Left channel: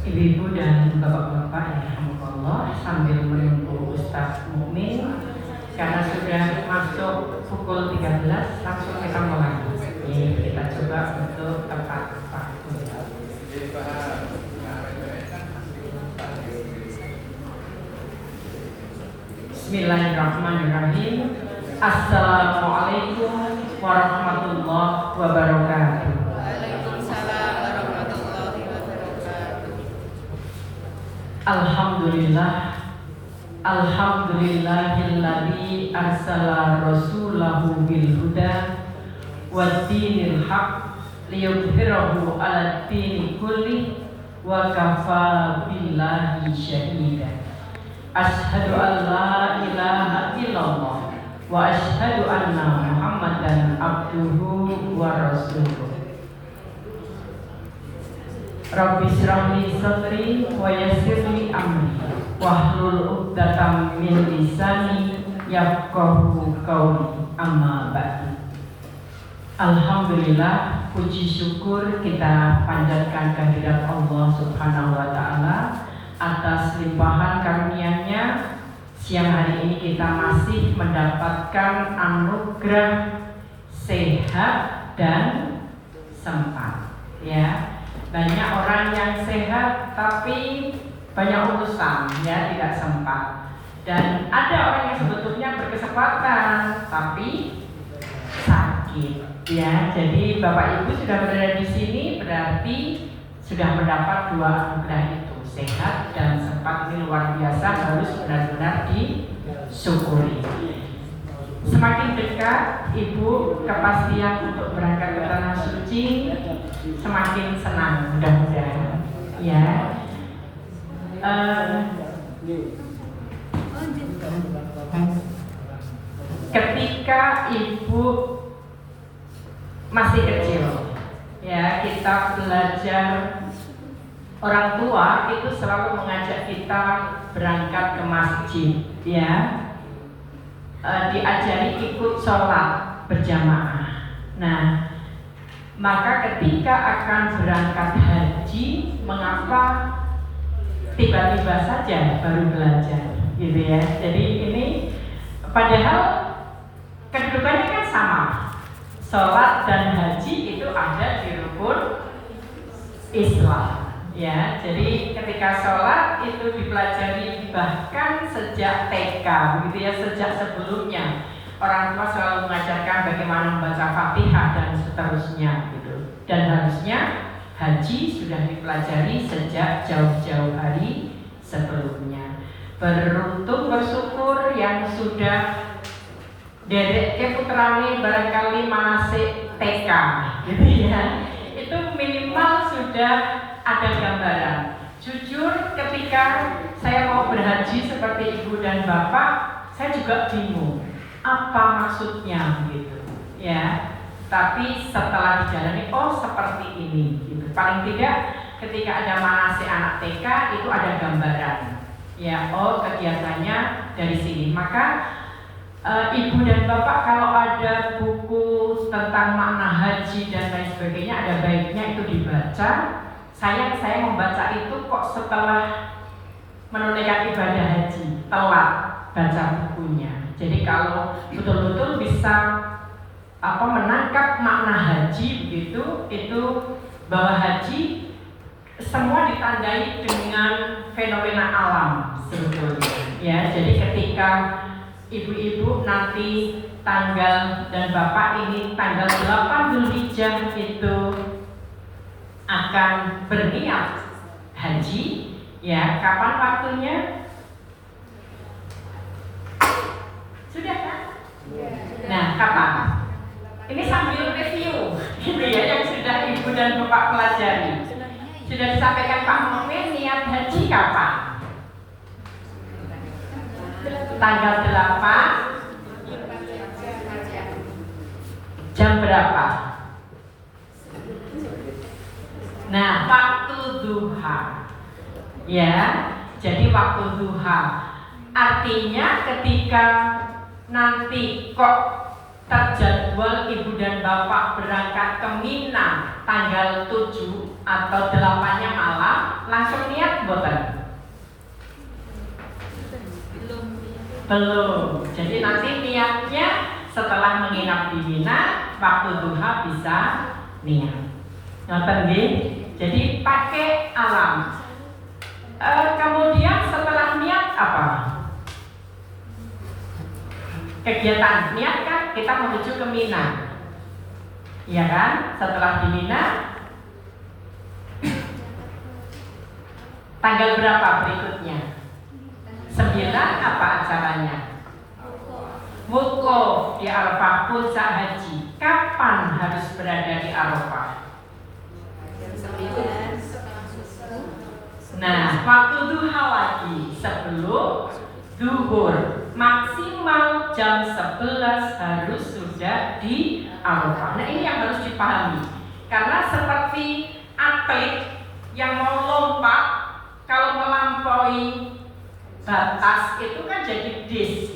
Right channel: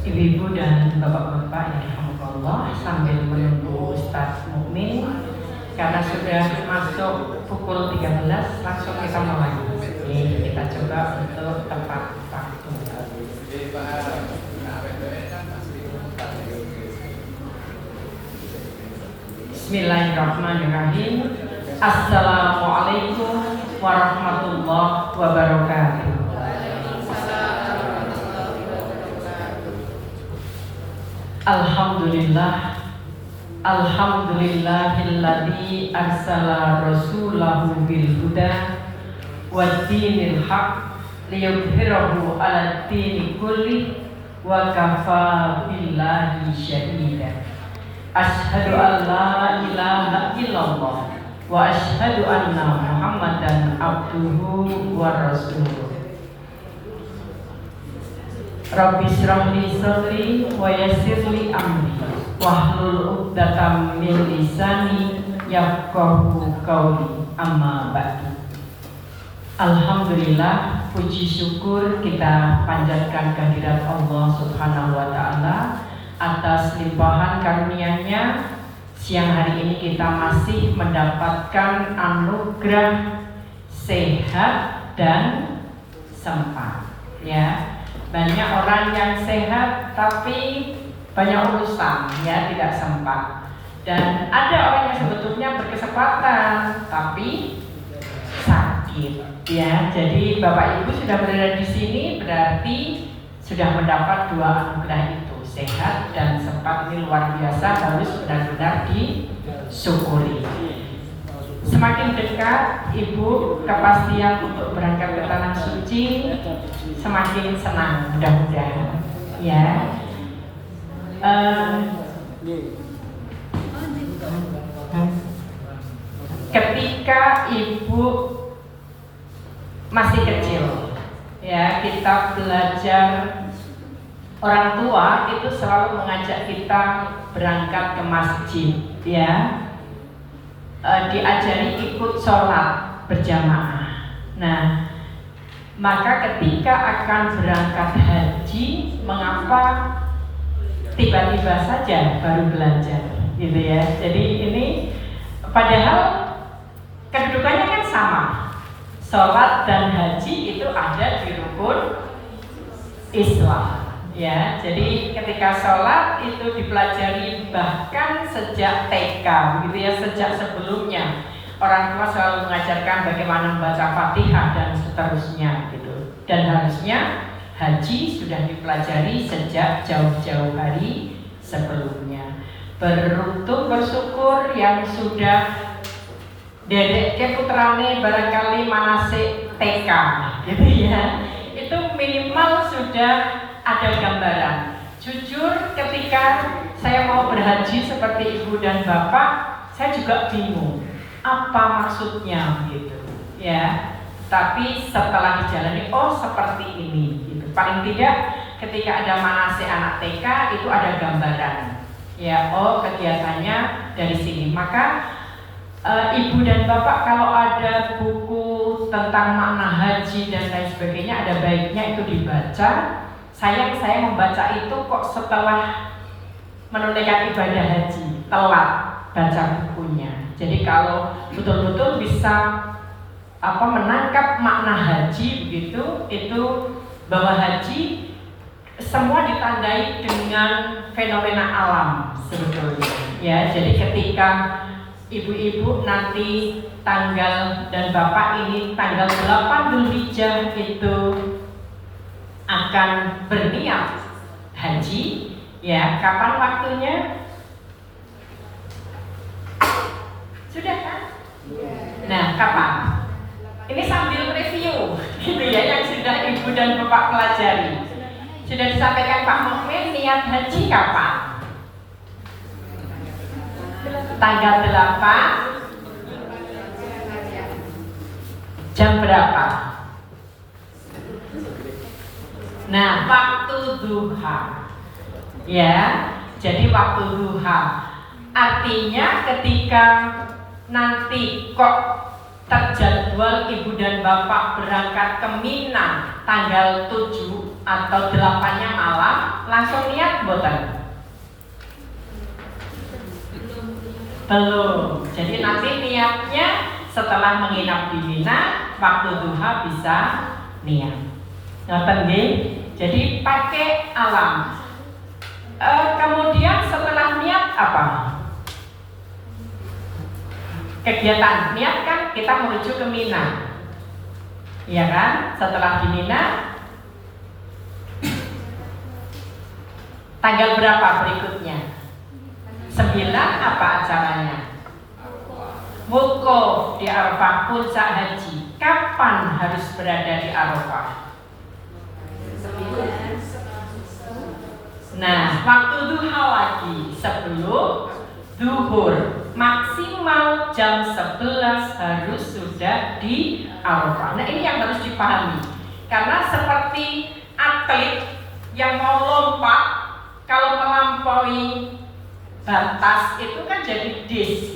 Ibu-ibu dan bapak-bapak yang rahmatullah, sambil menunggu Ustaz Mukmin karena sudah masuk pukul 13, langsung kita mulai. Ini kita coba untuk tepat waktu. Bismillahirrahmanirrahim. Assalamualaikum warahmatullahi wabarakatuh. Alhamdulillah, alhamdulillahilladzi arsala rasulahu bil huda waddinil haq liyudhhirahu 'alad dini kulli wa kafa billahi syahida. Asyhadu an la ilaha illallah wa asyhadu anna Muhammadan abduhu wa rasuluh. Rabbi shrah li sadri wa yassir li amri wahlul 'uqdatam min lisani yafqahu qawli, amma ba'du. Alhamdulillah, puji syukur kita panjatkan kehadirat Allah Subhanahu wa taala atas limpahan karunia-Nya. Siang hari ini kita masih mendapatkan anugerah sehat dan sempat, ya. Banyak orang yang sehat tapi banyak urusan, ya, tidak sempat. Dan ada orang yang sebetulnya berkesempatan tapi sakit, ya. Jadi Bapak Ibu sudah berada di sini berarti sudah mendapat dua anugerah itu, sehat dan sempat. Ini luar biasa, harus benar-benar disyukuri. Semakin dekat Ibu kepastian untuk berangkat ke tanah suci, semakin senang, mudah-mudahan, ya. Ketika Ibu masih kecil, ya, kita belajar, orang tua itu selalu mengajak kita berangkat ke masjid, ya. Diajari ikut sholat berjamaah. Nah, maka ketika akan berangkat haji, mengapa tiba-tiba saja baru belajar, gitu ya. Jadi ini padahal kedudukannya kan sama. Sholat dan haji itu ada di rukun Islam, ya. Jadi ketika sholat itu dipelajari bahkan sejak TK, begitu ya, sejak sebelumnya. Orang tua selalu mengajarkan bagaimana membaca Fatihah dan seterusnya, gitu. Dan harusnya haji sudah dipelajari sejak jauh-jauh hari sebelumnya. Beruntung, bersyukur yang sudah dedek putrane barangkali manasik TK, gitu ya. Itu minimal sudah ada gambaran. Jujur, ketika saya mau berhaji seperti ibu dan bapak, saya juga bingung apa maksudnya, gitu ya. Tapi setelah dijalani, oh seperti ini, gitu. Paling tidak ketika ada manasik anak TK itu ada gambaran, ya. Oh, kegiatannya dari sini. Maka ibu dan bapak kalau ada buku tentang makna haji dan lain sebagainya, ada baiknya itu dibaca. Sayang saya membaca itu kok setelah menunaikan ibadah haji, telat baca bukunya. Jadi kalau betul-betul bisa menangkap makna haji begitu, itu bahwa haji semua ditandai dengan fenomena alam sebetulnya, ya. Jadi ketika ibu-ibu nanti tanggal dan bapak ini tanggal 8 Dzulhijjah itu akan berniat haji, ya. Kapan waktunya? Sudah kan? Nah, kapan? Ini sambil review, gitu ya, yang sudah ibu dan bapak pelajari. Sudah disampaikan Pak Mukmin, niat haji kapan? Tanggal 8. Jam berapa? Nah, waktu duha, ya. Jadi waktu duha artinya ketika nanti kok terjadwal ibu dan bapak berangkat ke Mina tanggal 7 atau 8-nya malam, langsung Belum. Jadi nanti niatnya setelah menginap di Mina, waktu duha bisa niat. Ngoten nggih. Jadi pakai alam. Kemudian setelah niat apa? Kegiatan niat kan kita menuju ke Mina. Iya kan? Setelah di Mina, tanggal berapa berikutnya? 9 apa acaranya? Wukuf di Arafah, puncak haji. Kapan harus berada di Arafah? Nah, waktu duha lagi sebelum duhur, maksimal jam 11 harus sudah di Arafah. Nah, ini yang harus dipahami. Karena seperti atlet yang mau lompat, kalau melampaui batas itu kan jadi dis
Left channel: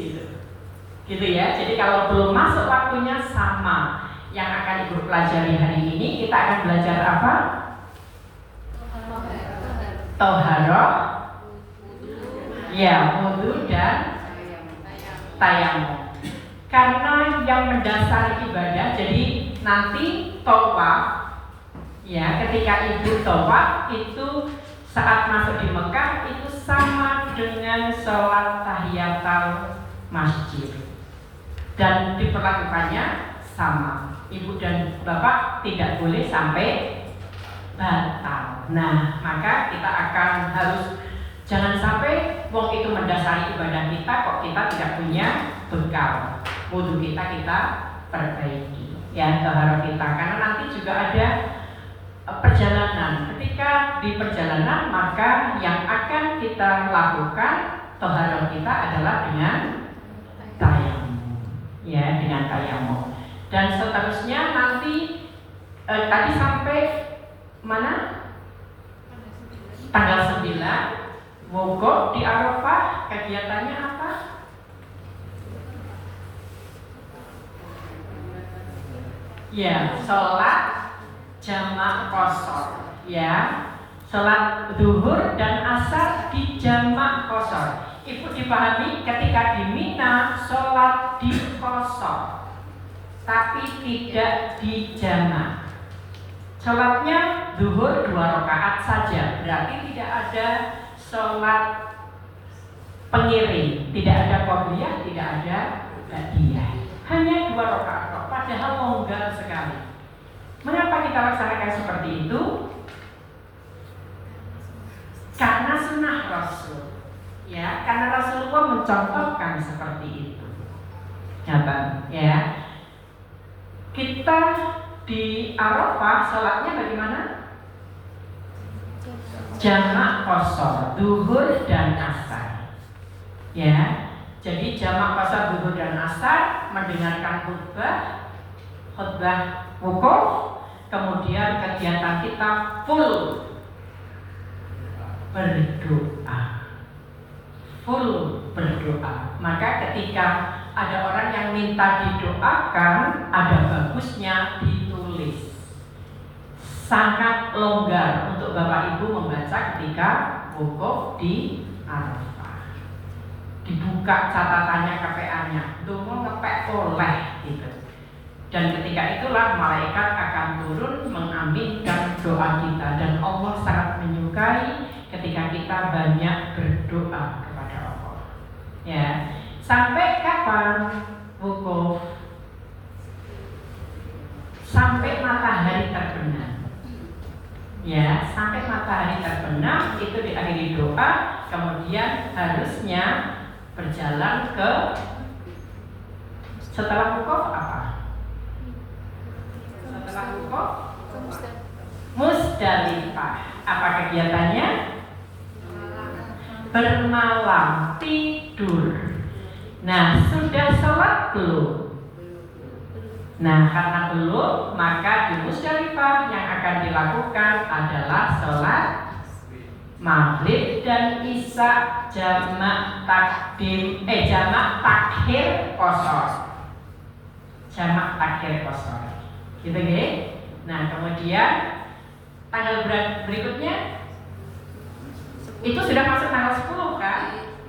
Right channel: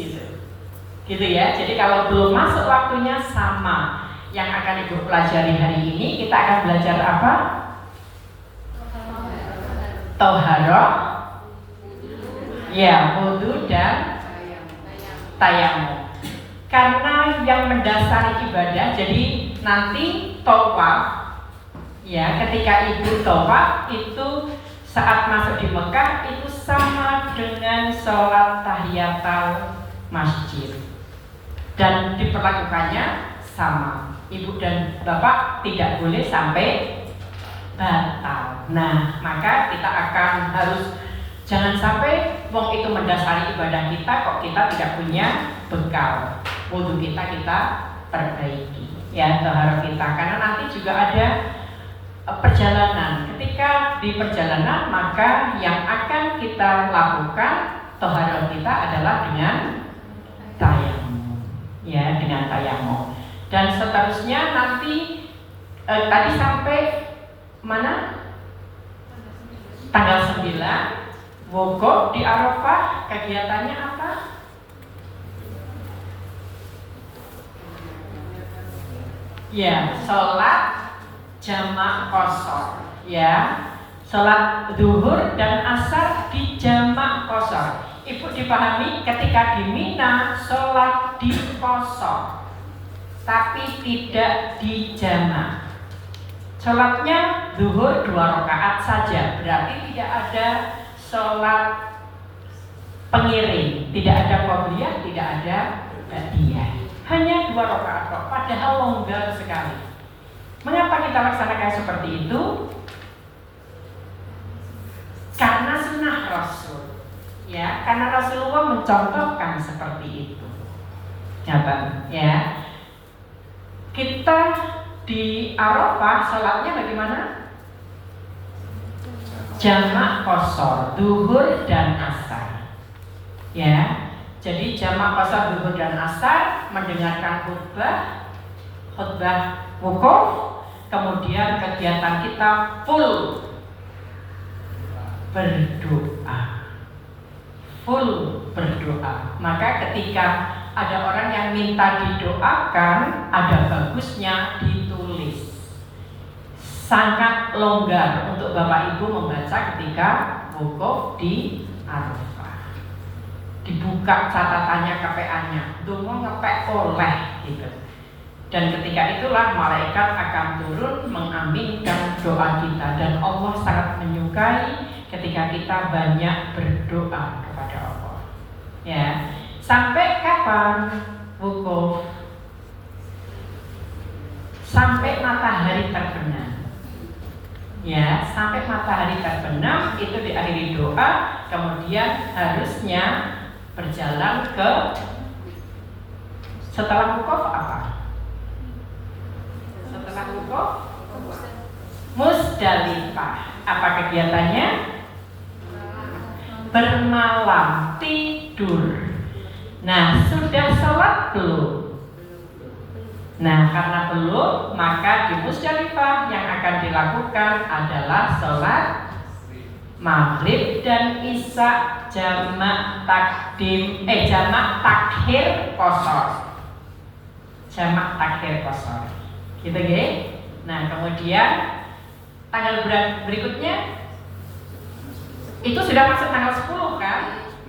gitu ya. Jadi kalau belum masuk waktunya sama. Yang akan Ibu pelajari hari ini, kita akan belajar apa? Toharoh, ya, wudu dan tayamum. Karena yang mendasari ibadah, jadi nanti tawaf, ya, ketika Ibu tawaf itu saat masuk di Mekah itu sama dengan sholat tahiyatul masjid dan diperlakukannya sama. Ibu dan Bapak tidak boleh sampai batal. Nah, maka kita akan harus jangan sampai wong itu mendasari ibadah kita kok kita tidak punya bekal. Wudu kita perbaiki, ya, taharah kita. Karena nanti juga ada perjalanan. Ketika di perjalanan maka yang akan kita lakukan taharah kita adalah dengan tayamum, ya, dengan tayamum. Dan seterusnya nanti tadi sampai mana? Tanggal 9 wukuf di Arafah. Kegiatannya apa? Ya, sholat jamak qashar, ya, sholat zuhur dan asar di jamak qashar. Ibu dipahami ketika di Mina sholat di qashar tapi tidak di jamak. Sholatnya zuhur 2 rakaat saja, berarti tidak ada sholat pengiring, tidak ada qobliyah, tidak ada ba'diyah. Hanya 2 rakaat, padahal longgar sekali. Mengapa kita laksanakan seperti itu? Karena sunnah Rasul, ya, karena Rasulullah mencontohkan seperti itu. Ya. Kita di Arafah sholatnya bagaimana? Jamak qashar, zuhur dan asar. Ya, jadi jamak qashar, zuhur dan asar, mendengarkan khutbah wukuf, kemudian kegiatan kita full berdoa. Maka ketika ada orang yang minta didoakan, ada bagusnya ditulis. Sangat longgar untuk Bapak Ibu membaca ketika wukuf di Arafah. Dibuka catatannya, KPA-nya, dungo ngepek oleh gitu. Dan ketika itulah malaikat akan turun mengaminkan doa kita. Dan Allah sangat menyukai ketika kita banyak berdoa kepada Allah. Ya. Sampai kapan wukuf? Sampai matahari terbenam. Ya, sampai matahari terbenam itu diakhiri doa, kemudian harusnya berjalan ke setelah wukuf apa? Setelah wukuf Musdalifah. Apa kegiatannya? Bermalam, tidur. Nah, sudah sholat belum? Nah, karena belum, maka di Musdalifah yang akan dilakukan adalah sholat maghrib dan isya jamak takhir qashar. Jamak takhir qashar. Gitu nggih? Nah, kemudian tanggal berikutnya itu sudah masuk tanggal 10 kan?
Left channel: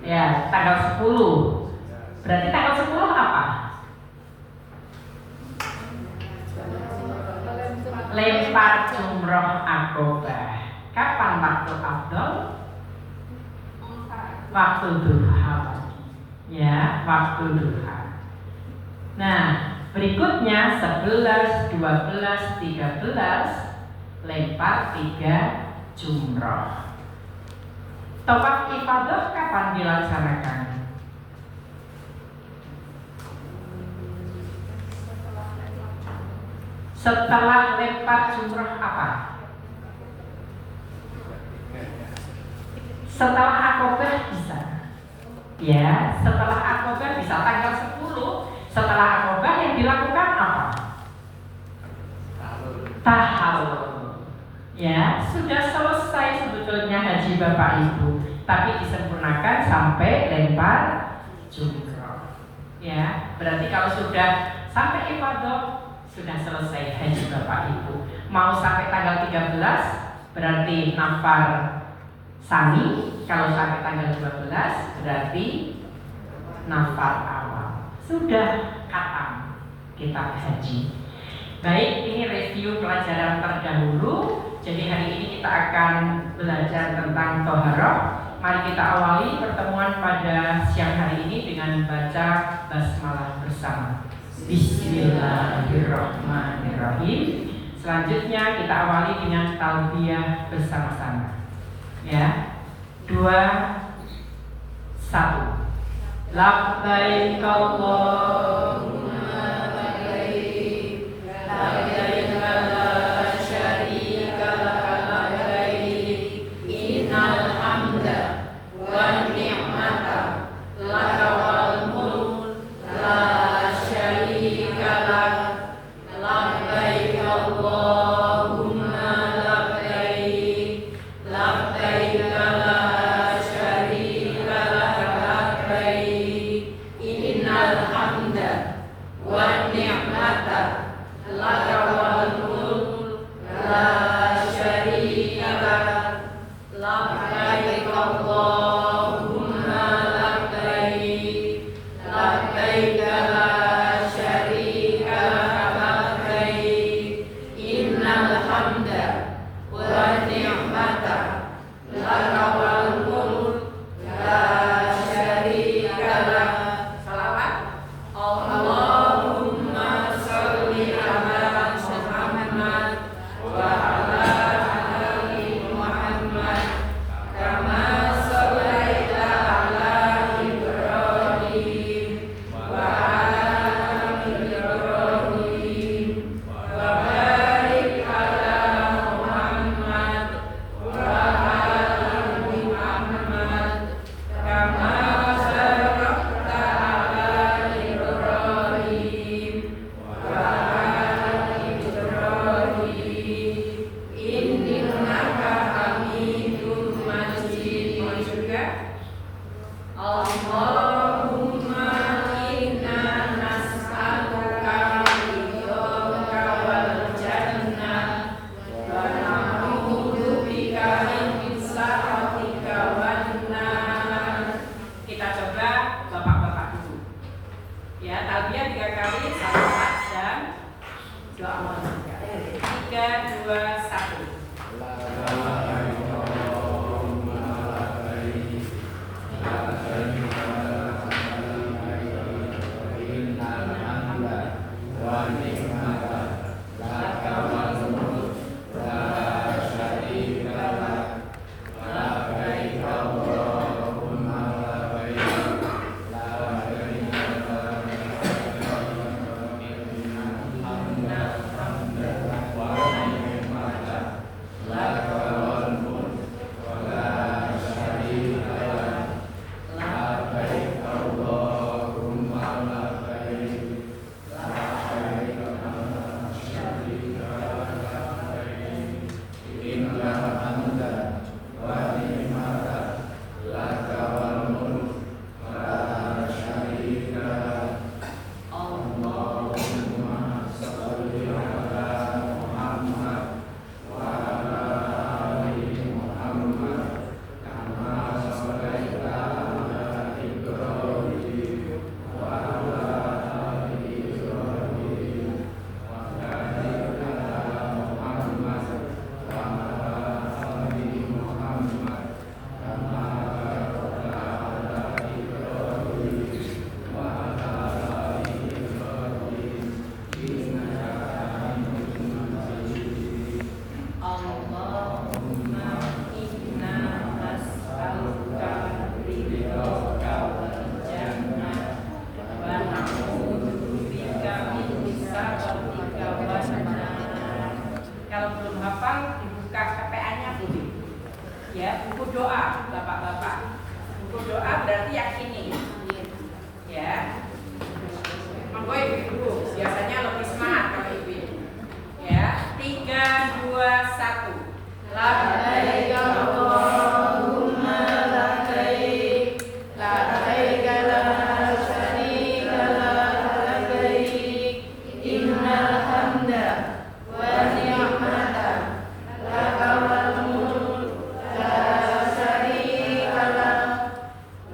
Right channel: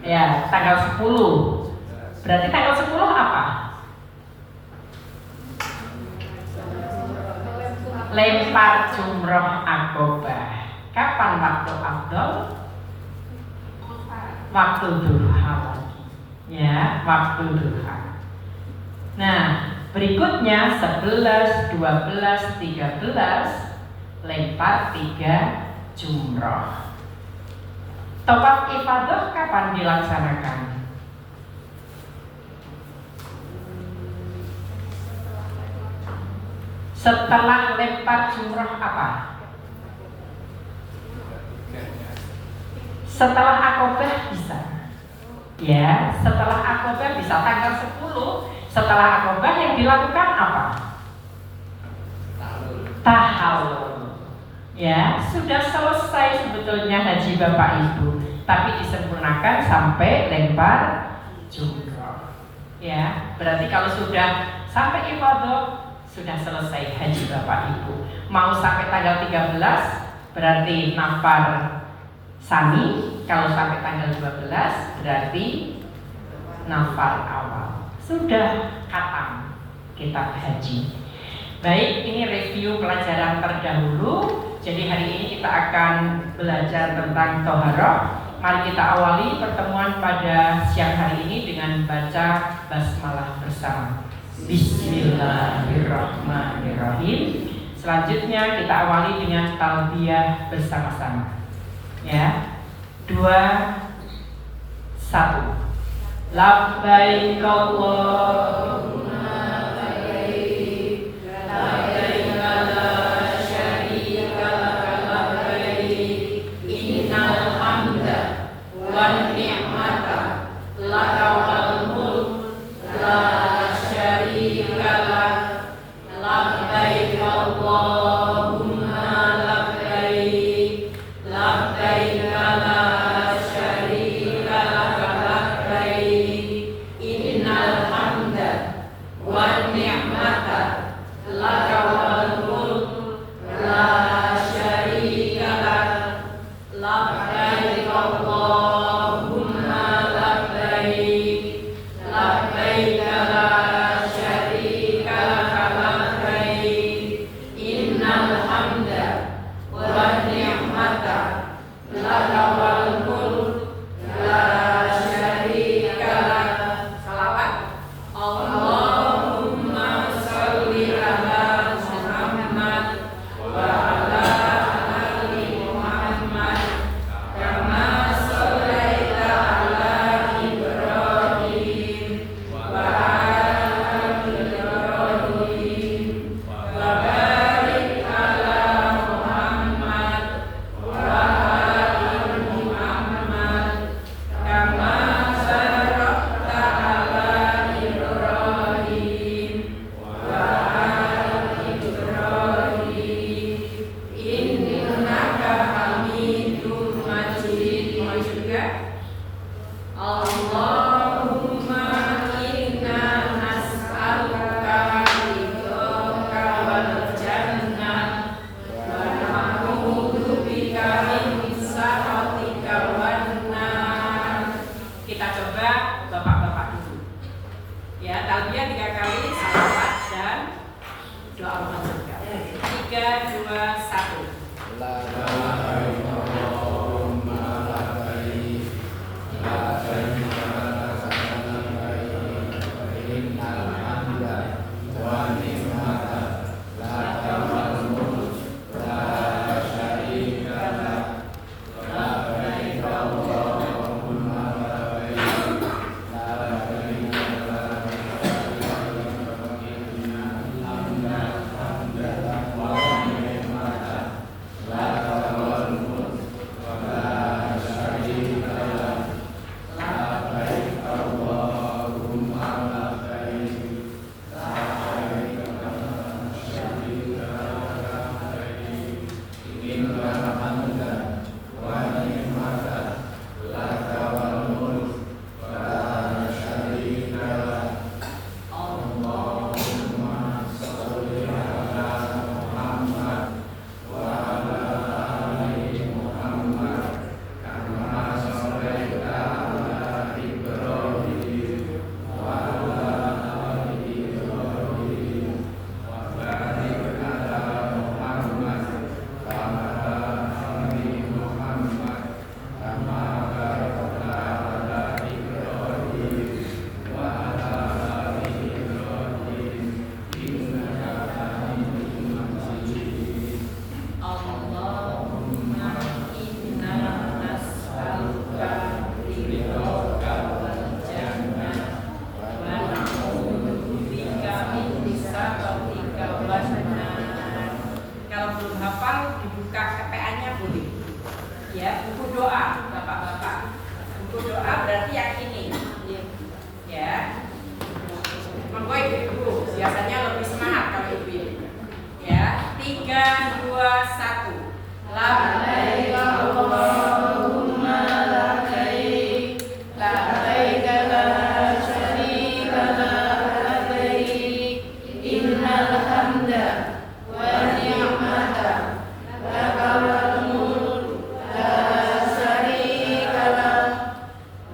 Ya, tanggal 10. Berarti tanggal 10 apa? Lempar jumroh akobah. Kapan waktu afdol? Waktu duha lagi. Ya, waktu duha. Nah, berikutnya 11, 12, 13 lempar 3 jumroh. Tawaf ifadah kapan dilaksanakan? Setelah lempar jumroh apa? Setelah akobah bisa. Ya, setelah akobah bisa tanggal 10. Setelah akobah yang dilakukan apa? Tahallul. Ya, sudah selesai sebetulnya haji Bapak Ibu, tapi disempurnakan sampai lempar jumroh. Ya, berarti kalau sudah sampai ifadah sudah selesai haji Bapak Ibu. Mau sampai tanggal 13 berarti nafar sani, kalau sampai tanggal 12 berarti nafar awal. Sudah khatam kitab haji. Baik, ini review pelajaran terdahulu. Jadi hari ini kita akan belajar tentang toharoh. Mari kita awali pertemuan pada siang hari ini dengan baca basmalah bersama. Bismillahirrahmanirrahim. Selanjutnya kita awali dengan talbiyah bersama-sama. Ya, 2, 1. Labbaik Allahumma labbaik, labbaik la syarika laka labbaik, innal hamda wan ni'mata laka wal mulk la syarika lak, labbaik Allahumma labbaik, labbaik la syarika laka labbaik, innal hamda buku doa, bapak-bapak. Buku doa berarti yang ini, ya. Monggo ibu-ibu, biasanya lebih semangat kalau ibu-ibu. Ya, 3, 2, 1. Labbaik Allahumma labbaik, labbaik la syarika laka labbaik, innal hamda wa ni'mata laka wal mulk la syarika lak,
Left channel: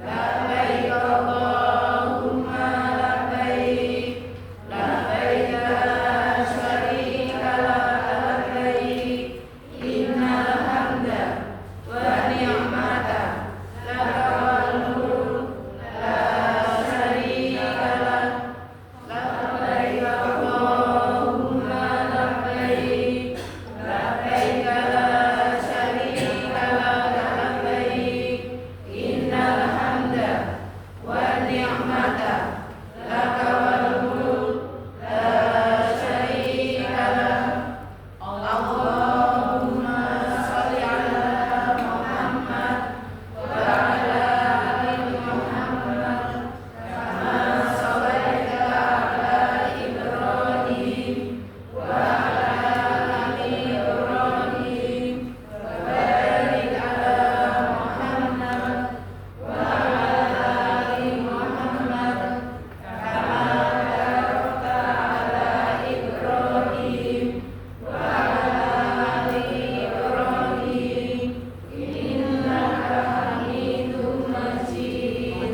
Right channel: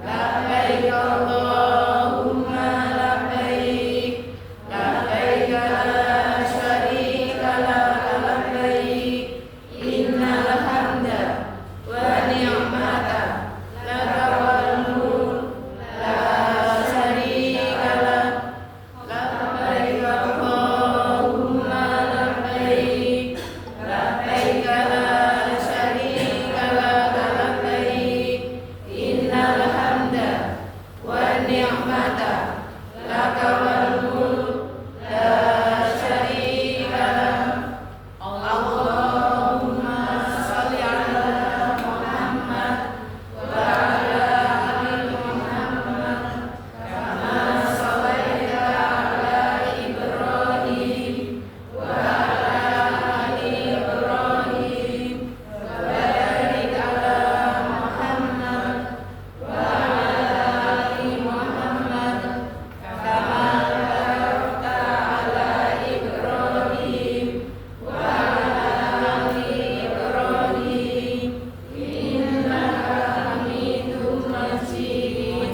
labbaik Allahumma labbaik, labbaik la syarika laka labbaik, innal hamda wa ni'mata laka wal mulk la syarika lak, labbaik Allahumma labbaik, labbaik la syarika laka labbaik, innal hamda wa ni'mata laka wal mulk la syarika lak. Allahumma sholli ala Muhammad wa ala ali Muhammad kama shallaita ala Ibrahim wa ala ali Ibrahim wa barik ala Muhammad wa ala ali Muhammad kama barakta ala Ibrahim wa ala ali Ibrahim innaka Hamidum Majid.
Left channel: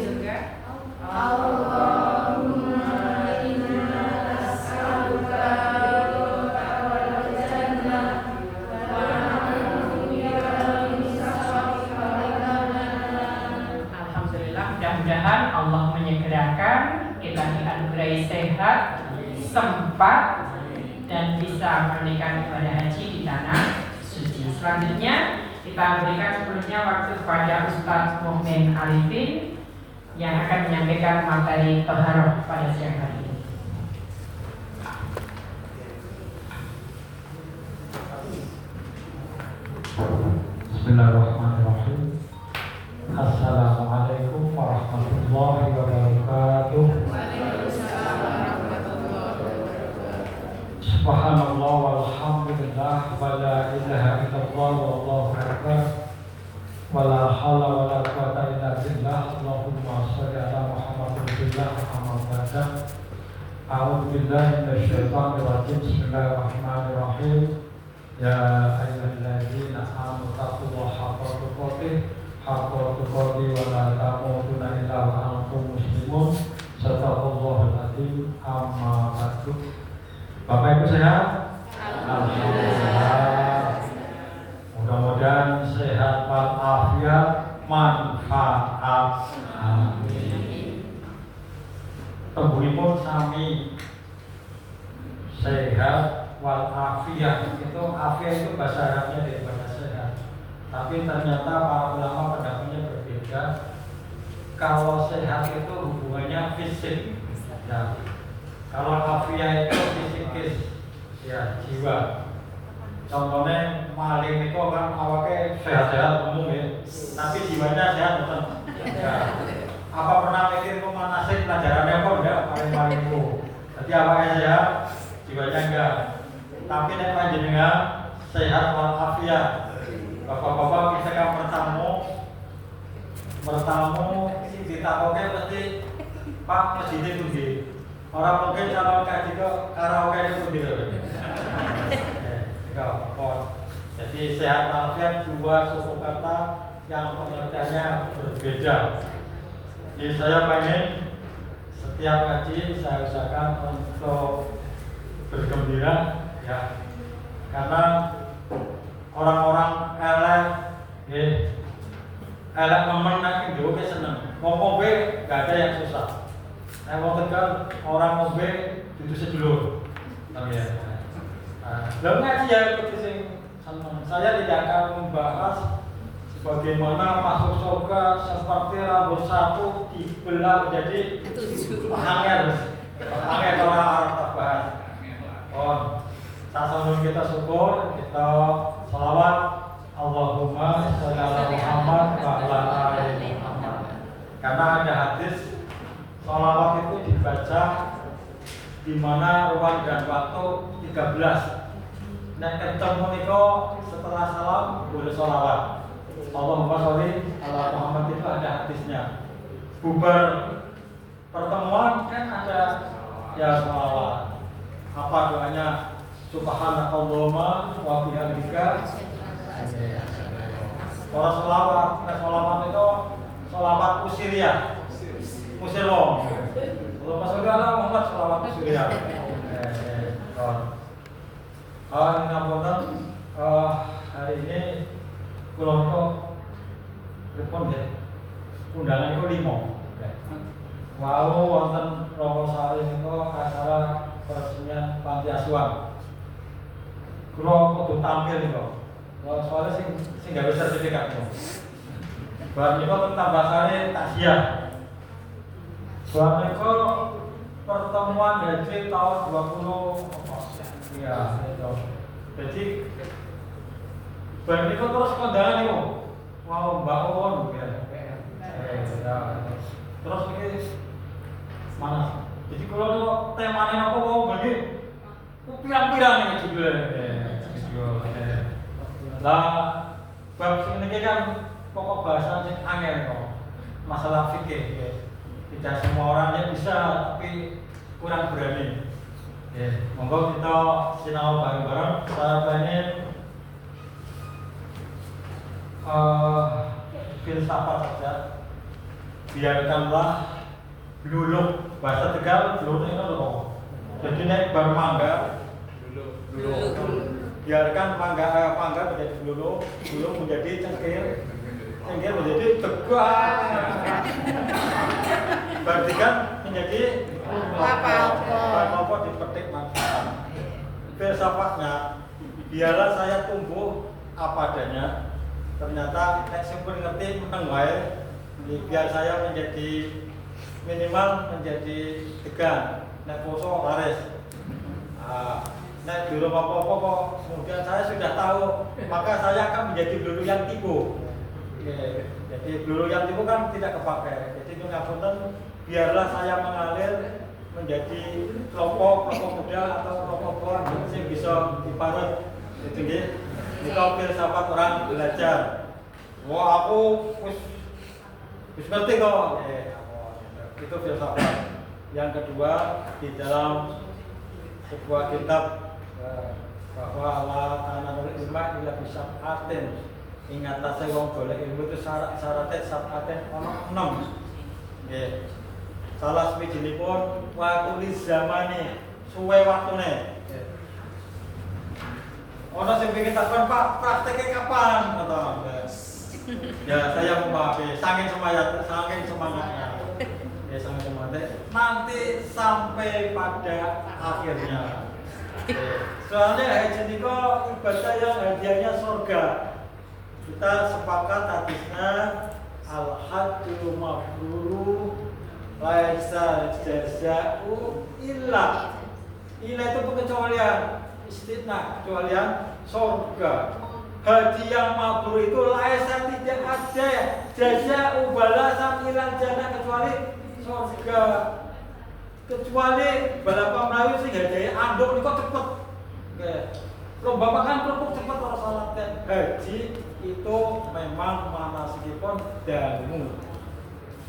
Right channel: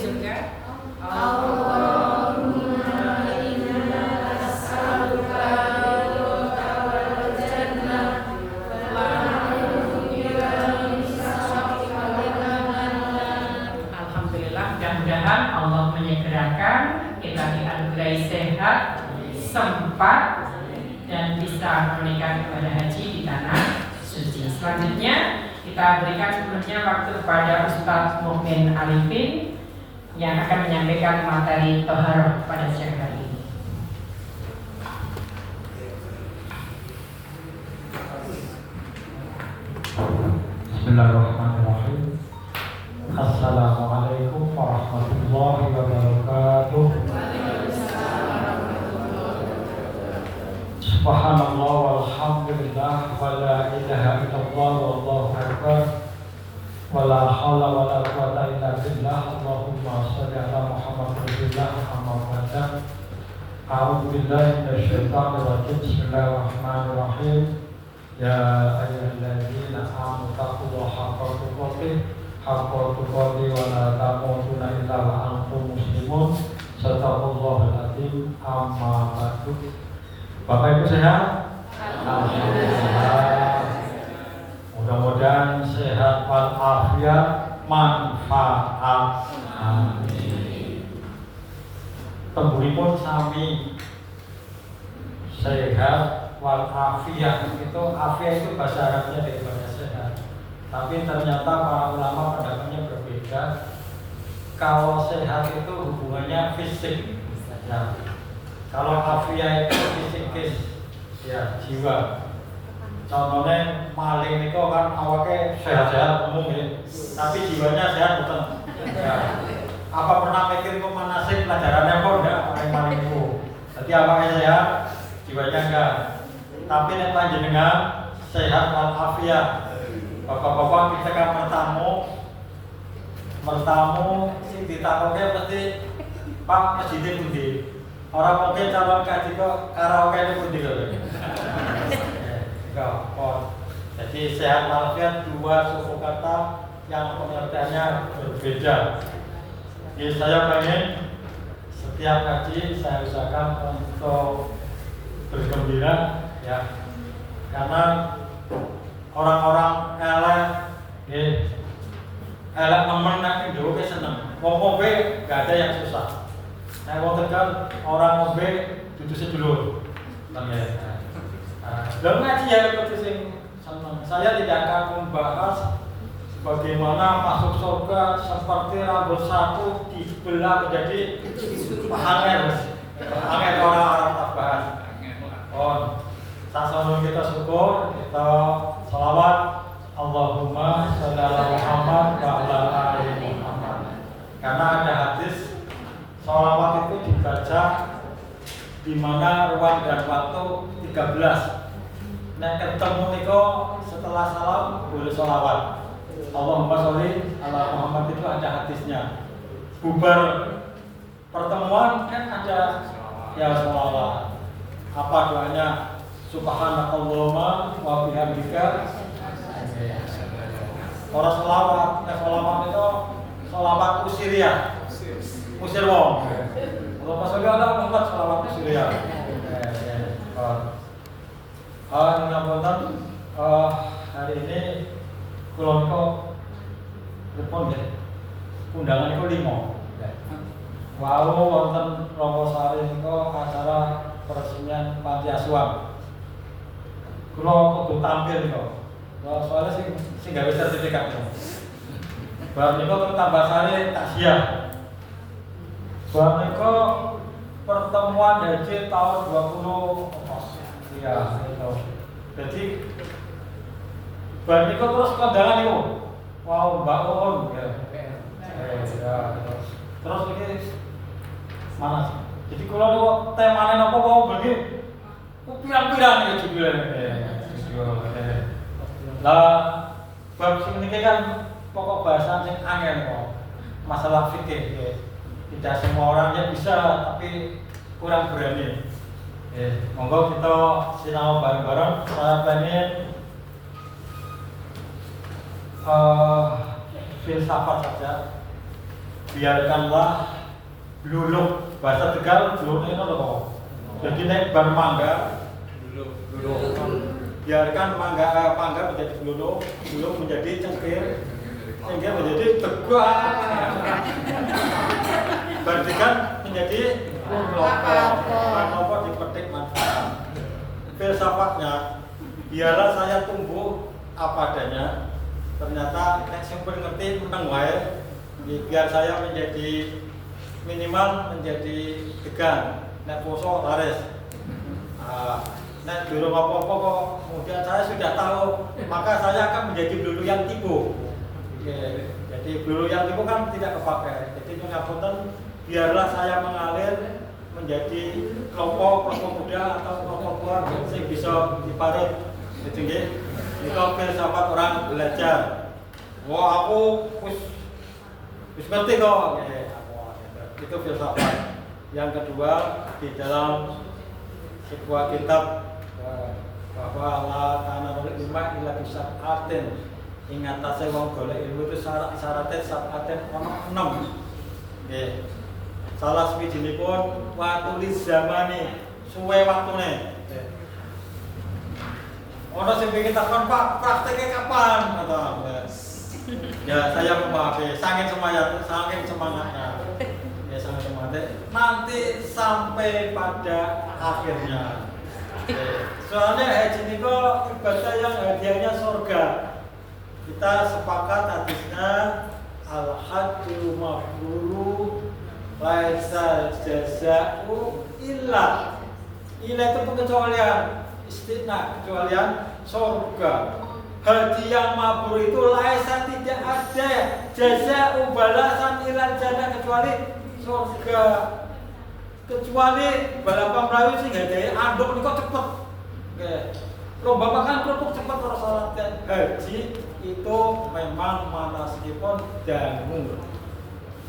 Allahumma inna nas'aluka ridhaka wal jannah wa na'udzu bika min sakhatika wal nar. Alhamdulillah, mudah-mudahan Allah menyegerakan kita dianugerahi sehat, sempat, dan bisa menunaikan ibadah haji di tanah suci. Selanjutnya kita berikan sebelumnya waktu kepada Ustaz Mukmin Arifin yang akan menyampaikan materi Toharoh pada siang hari ini. Bismillahirrahmanirrahim. Assalamualaikum warahmatullahi wabarakatuh. Subhanallah walhamdulillah wa la ilaha illallah wallahu akbar wa la hawla wa la quwwata illa billah. Allahumma shalli ala Muhammad rasulillah Muhammad wa sallam. A'udzu billahi minasy syaithanir rajim. Bismillahirrahmanirrahim. Ya ayyuhalladzina amanu taqullaha haqqa tuqatih wa la tamutunna illa wa antum muslimun. Shadaqallahul adzim. Amma ba'du. Bapak Ibu sehat? Alhamdulillah. Mudah-mudahan sehat walafiat, manfaat. Amin. Pemburipun sami sehat walafiat. Itu afiat itu bahasa Arabnya daripada sehat. Tapi ternyata para ulama pendapatnya berbeda. Kalau sehat itu hubungannya fisik, ya. Kalau afiat itu fisikis, ya jiwa. Contohnya maling itu kan awalnya sehat-sehat umum ya, tapi jiwanya sehat betul. Ya. Apa pernah mikir kok manasik pelajarannya kok enggak pakai maling itu? Jadi awalnya sehat, jiwanya enggak. Tapi nek panjenengan sehat walafiat. Bapak-bapak kita kan bertamu sing ditakoke pasti Pak masjidnya pundi. Orang mungkin calon kaji kok karaoke ini pundi lho. Jadi sehat walafiat dua suku kata yang pengertiannya berbeda. Jadi saya pengen setiap kaji saya usahakan untuk bergembira, ya, karena orang-orang elek nemen nak Indo ke seneng. Wong ngombe gak ada yang susah. Nah, wong Tegal orang ngombe dudu sedulur. Ya. Lalu ngaji ya itu sing seneng. Saya tidak akan membahas bagaimana masuk surga seperti rambut satu dibelah menjadi hanger orang Arab tabahan. Sasaran kita syukur, kita salawat Allahumma sholli ala Muhammad wa ala ali Muhammad. Karena ada hadis sholawat itu dibaca di mana ruang dan waktu 13. Nek ketemu niko setelah salam boleh sholawat. Allahumma sholli ala Muhammad itu ada hadisnya. Bubar pertemuan kan ada ya sholawat. Apa doanya? Subhanakallahumma wa bihamdika. Orang sholawat, sholawat itu sholawat usiriyah, usir wong. Allahumma sholli ala Muhammad sholawat usiriyah. Ngapunten, hari ini kula niku pripun nggih? Undangan niku 5. Wau wonten Romo Sari niku acara peresmian panti asuhan. Kula kudu tampil niku. Soalnya sing gawe sertifikat niku. Bar niku tambah sare takziah. Bar niku pertemuan haji tahun 20 iya itu. Jadi bar niku terus kondangan niku. Wow, Mbak Uun ya. Terus iki mana? Jadi kalau niku temane napa wau bagi pirang-pirang ya judulnya. Lah bab sing niki kan pokok bahasan sing angel kok. Masalah fikih ya. Tidak semua orangnya bisa tapi kurang berani. Monggo kita sinau bareng-bareng. Saya pengen filsafat saja. Biarkanlah bluluk bahasa Tegal bluluk itu apa? Jadi nek bar mangga bluluk. Biarkan mangga menjadi bluluk, bluluk menjadi cengkir, cengkir menjadi teguah. Bandikan menjadi apa dipetik manfaat. Filsafatnya biarlah saya tumbuh apa adanya. Ternyata nek sing ngerti meneng wae. Biar saya menjadi minimal menjadi tegang, nek poso laris. Nek dulu apa-apa kok kemudian saya sudah tahu, maka saya akan menjadi blulu yang tipu. Jadi blulu yang tipu kan tidak kepakai. Jadi ngapunten, biarlah saya mengalir menjadi kelompok muda atau kelompok tua sing bisa diparut. Jadi nggih, nika filsafat orang belajar. Wah, aku wis ngerti kok. Itu filsafat. Yang kedua, di dalam sebuah kitab bahwa la tanamul ilma illa bisab'atin. Ingat tasih wong golek ilmu itu syarat-syaratnya sab'atin ono 6. Nggih. Salah sawijinipun waktu zamane, suwe waktune. Ono sing pengen takon, Pak, prakteknya kapan? Kata. Ya saya memahami, saking semangatnya. Ya saking semangatnya. Nanti sampai pada akhirnya. Soalnya haji niku ibadah yang hadiahnya surga. Kita sepakat hadisnya al-hajju mabruru laisa jazaa'u illa itu pengecualian istisna, kecualian surga. Haji yang mabrur itu laisa tidak ada jazaa'u balasan illa jannah kecuali surga. Kecuali balapan melayu sing gadahe anduk niku cepet. Nggih. Lomba makan kerupuk cepet ora salah. Haji itu memang manasikipun dangu.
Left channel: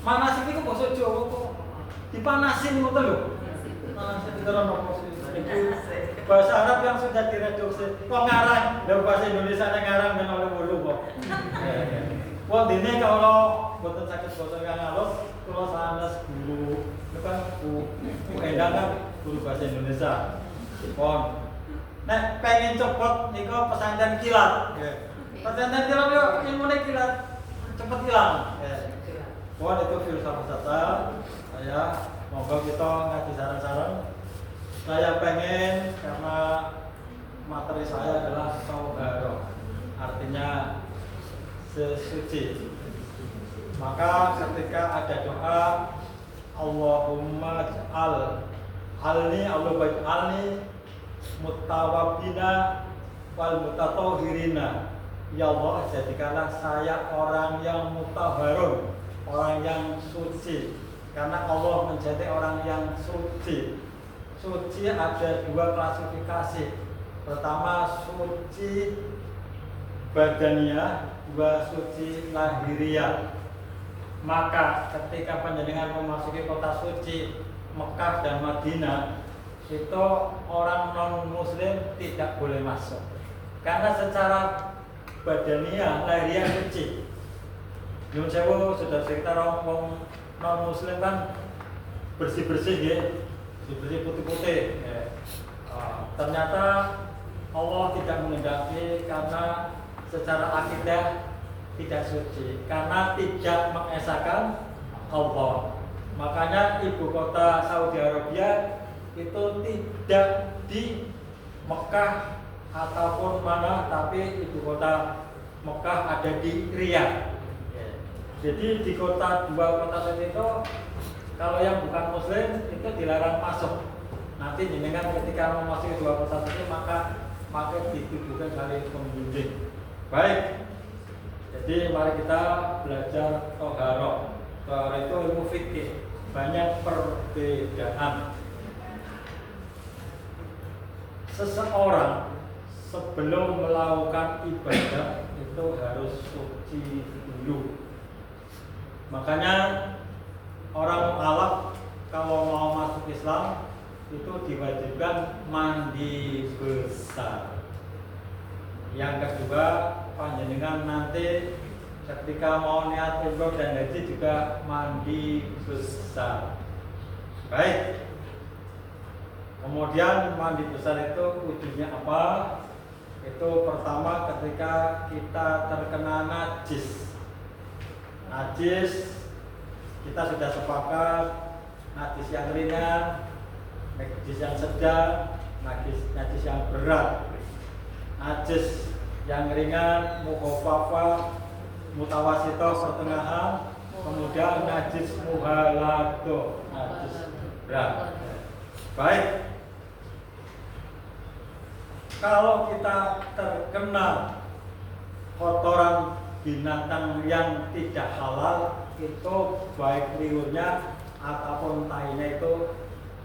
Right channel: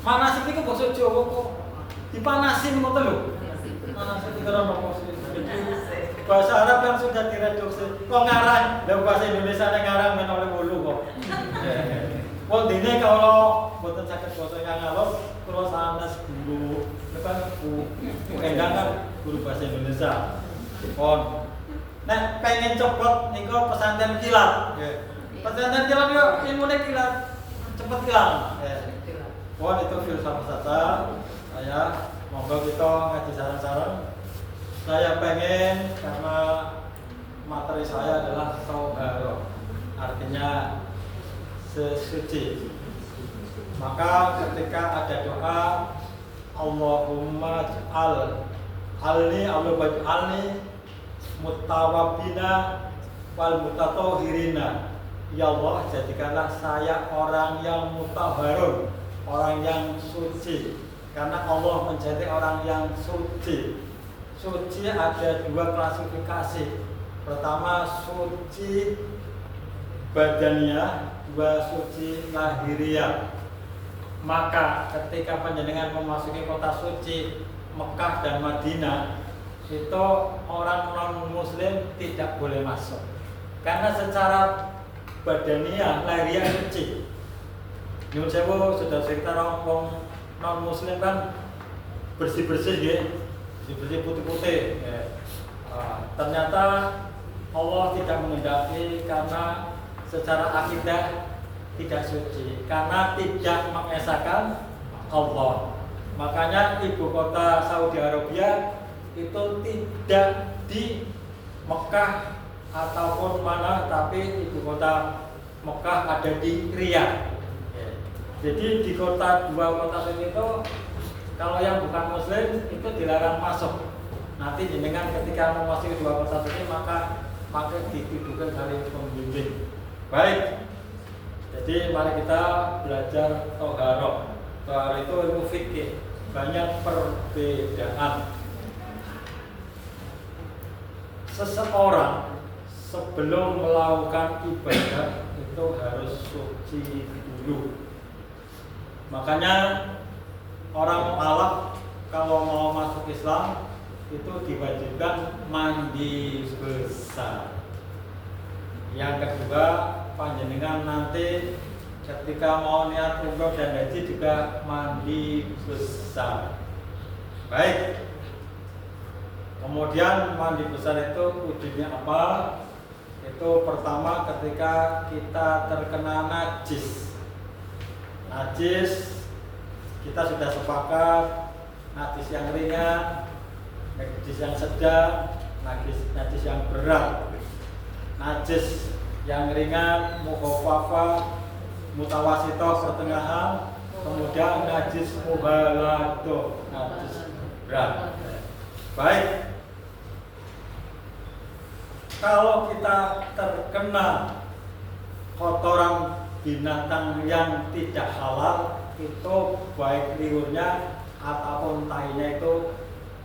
Manasik niku basa Jawa kok dipanasin ngoten lho. Manasik itu ora nopo sih. Bahasa Arab yang sudah direduksi. Kok ngarang, lha bahasa Indonesia nek ngarang men oleh 8 kok. Wong dene kalau mboten saged basa kang alus, kula sanes guru, tekan Bu Endang kan guru bahasa Indonesia. Pon. Nek pengen cepet niku pesantren kilat. Nggih. Pesantren kilat yo ilmune kilat. Cepet hilang. Wah itu filsafat saja. Saya monggo kita ngaji sareng-sareng. Saya pengen karena materi saya adalah tauharo, artinya sesuci. Maka ketika ada doa Allahumma alni Allah baj'alni mutawabina wal mutatahhirina ya Allah jadikanlah saya orang yang mutahharun, orang yang suci. Karena Allah menjadi orang yang suci. Suci ada dua klasifikasi. Pertama suci badaniah, dua suci lahiriah. Maka ketika panjenengan memasuki kota suci Mekah dan Madinah, itu orang non muslim tidak boleh masuk. Karena secara badaniah lahiriah suci. Nyun sewu sudah cerita orang non muslim kan bersih-bersih ya, bersih putih-putih ya. Ternyata Allah tidak menghendaki karena secara akidah tidak suci, karena tidak mengesahkan Allah. Makanya ibu kota Saudi Arabia itu tidak di Mekah ataupun mana, tapi ibu kota Mekah ada di Riyadh. Jadi di dua kota itu kalau yang bukan muslim itu dilarang masuk. Nanti jenengan ketika memasuki dua kota suci maka dituduhkan kali pembimbing. Baik. Jadi mari kita belajar toharoh. Toharoh itu ilmu fikih, banyak perbedaan. Seseorang sebelum melakukan ibadah itu harus suci dulu. Makanya orang mualaf kalau mau masuk Islam itu diwajibkan mandi besar. Yang kedua, panjenengan nanti ketika mau niat umroh dan haji juga mandi besar. Baik. Kemudian mandi besar itu wujudnya apa? Itu pertama ketika kita terkena najis. Najis kita sudah sepakat, najis yang ringan, najis yang sedang, najis yang berat. Najis yang ringan, mukhafafah, mutawasithah pertengahan, kemudian najis mughalathah, najis berat. Baik. Kalau kita terkena kotoran binatang yang tidak halal, itu baik liurnya ataupun tahinya itu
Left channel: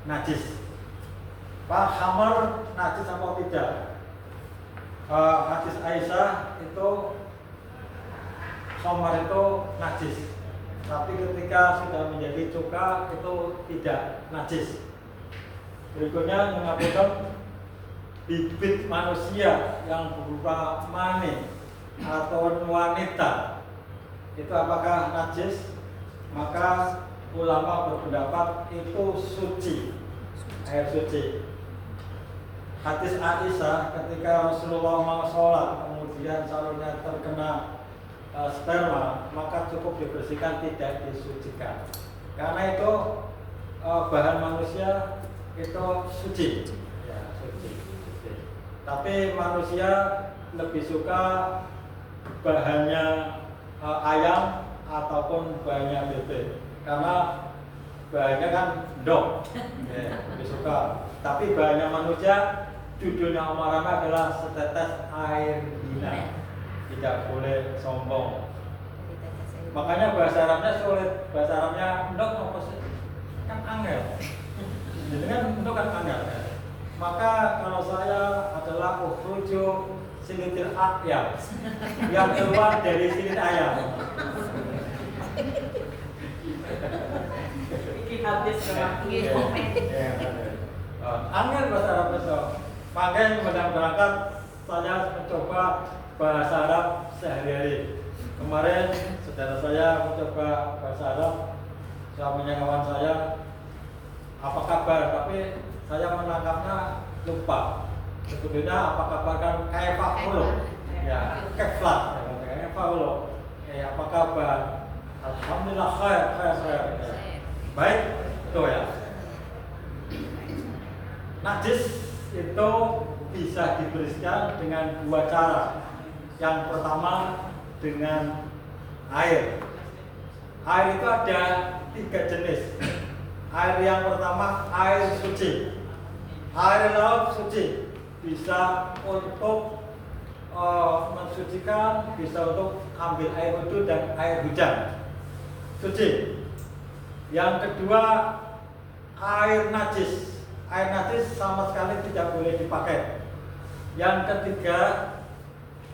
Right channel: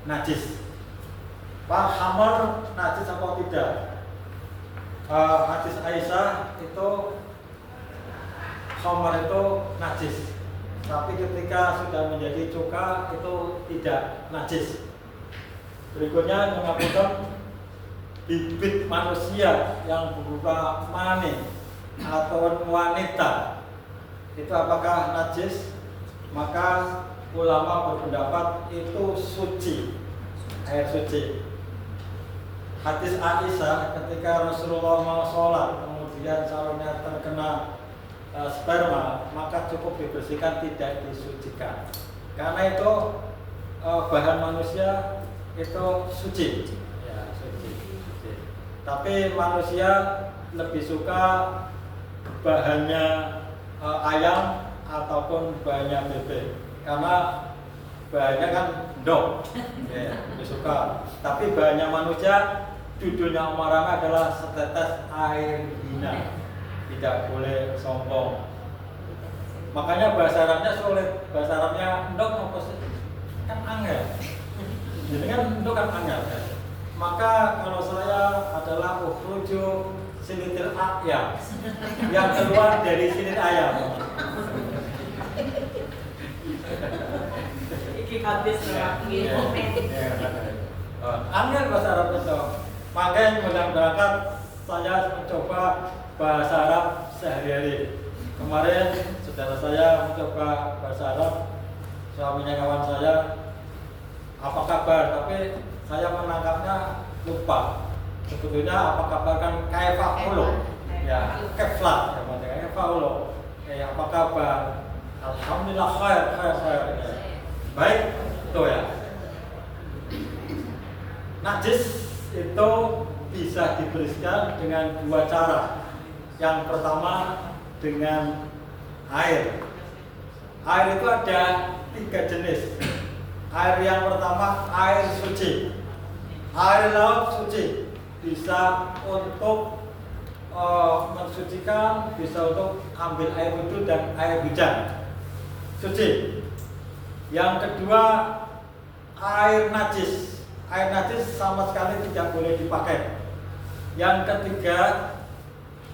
najis. Pak hamar najis apa tidak? Hadis Aisyah itu hamar itu najis, tapi ketika sudah menjadi cuka itu tidak najis. Berikutnya mengakukan bibit manusia yang berupa mani atau wanita itu apakah najis? Maka ulama berpendapat itu suci, air suci. Hadis Aisyah ketika Rasulullah mau sholat kemudian sarungnya terkena sperma, maka cukup dibersihkan, tidak disucikan, karena itu bahan manusia itu suci, ya, suci. Tapi manusia lebih suka bahannya ayam ataupun bahannya bebek, karena bahannya kan dok, ya, lebih suka. Tapi bahannya manusia, judulnya umarana adalah setetes air hina, tidak boleh sombong. Makanya bahasa Arabnya sulit, bahasa Arabnya dok apa sih? Kan angel, jadi kan dok kan angel. Maka kalau saya adalah ukhruju sinitil ayam, yang keluar dari silit ayam. Iki habis lagi. Angel bahasa Arab itu. Makanya mudah berangkat saya mencoba bahasa Arab sehari-hari. Kemarin saudara saya mencoba bahasa Arab, suaminya kawan saya, apa kabar? Tapi saya menangkapnya lupa. Sebetulnya apa kabar kan kaifahulo, ya keflat, ya kaifahulo. Ya apa kabar? Alhamdulillah khair. Ya. Baik, itu ya. Najis itu bisa dibersihkan dengan dua cara. Yang pertama dengan air. Air itu ada 3 jenis. Air yang pertama air suci. Air laut suci, bisa untuk mensucikan, bisa untuk ambil air wudhu dan air hujan, suci. Yang kedua, air najis. Air najis sama sekali tidak boleh dipakai. Yang ketiga,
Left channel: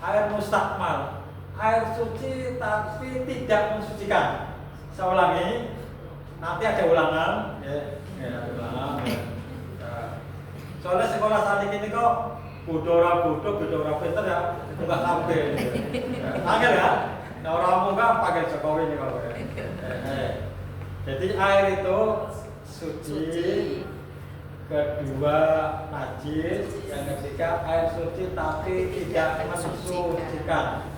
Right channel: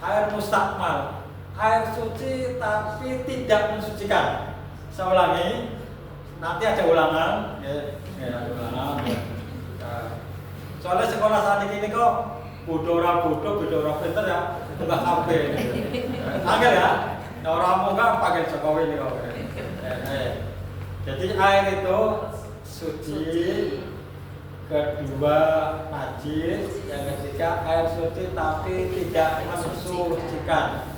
air mustakmal, air suci tapi tidak mensucikan. Saya ulangi, nanti ada ulangan, ada ulangan. Soalnya sekolah saat ini kok bodoh orang pinter ya, enggak kabeh. Angel ya, orang muka pakai Jokowi ini kok. Jadi air itu suci, kedua najis, yang ketiga air suci tapi tidak mensucikan.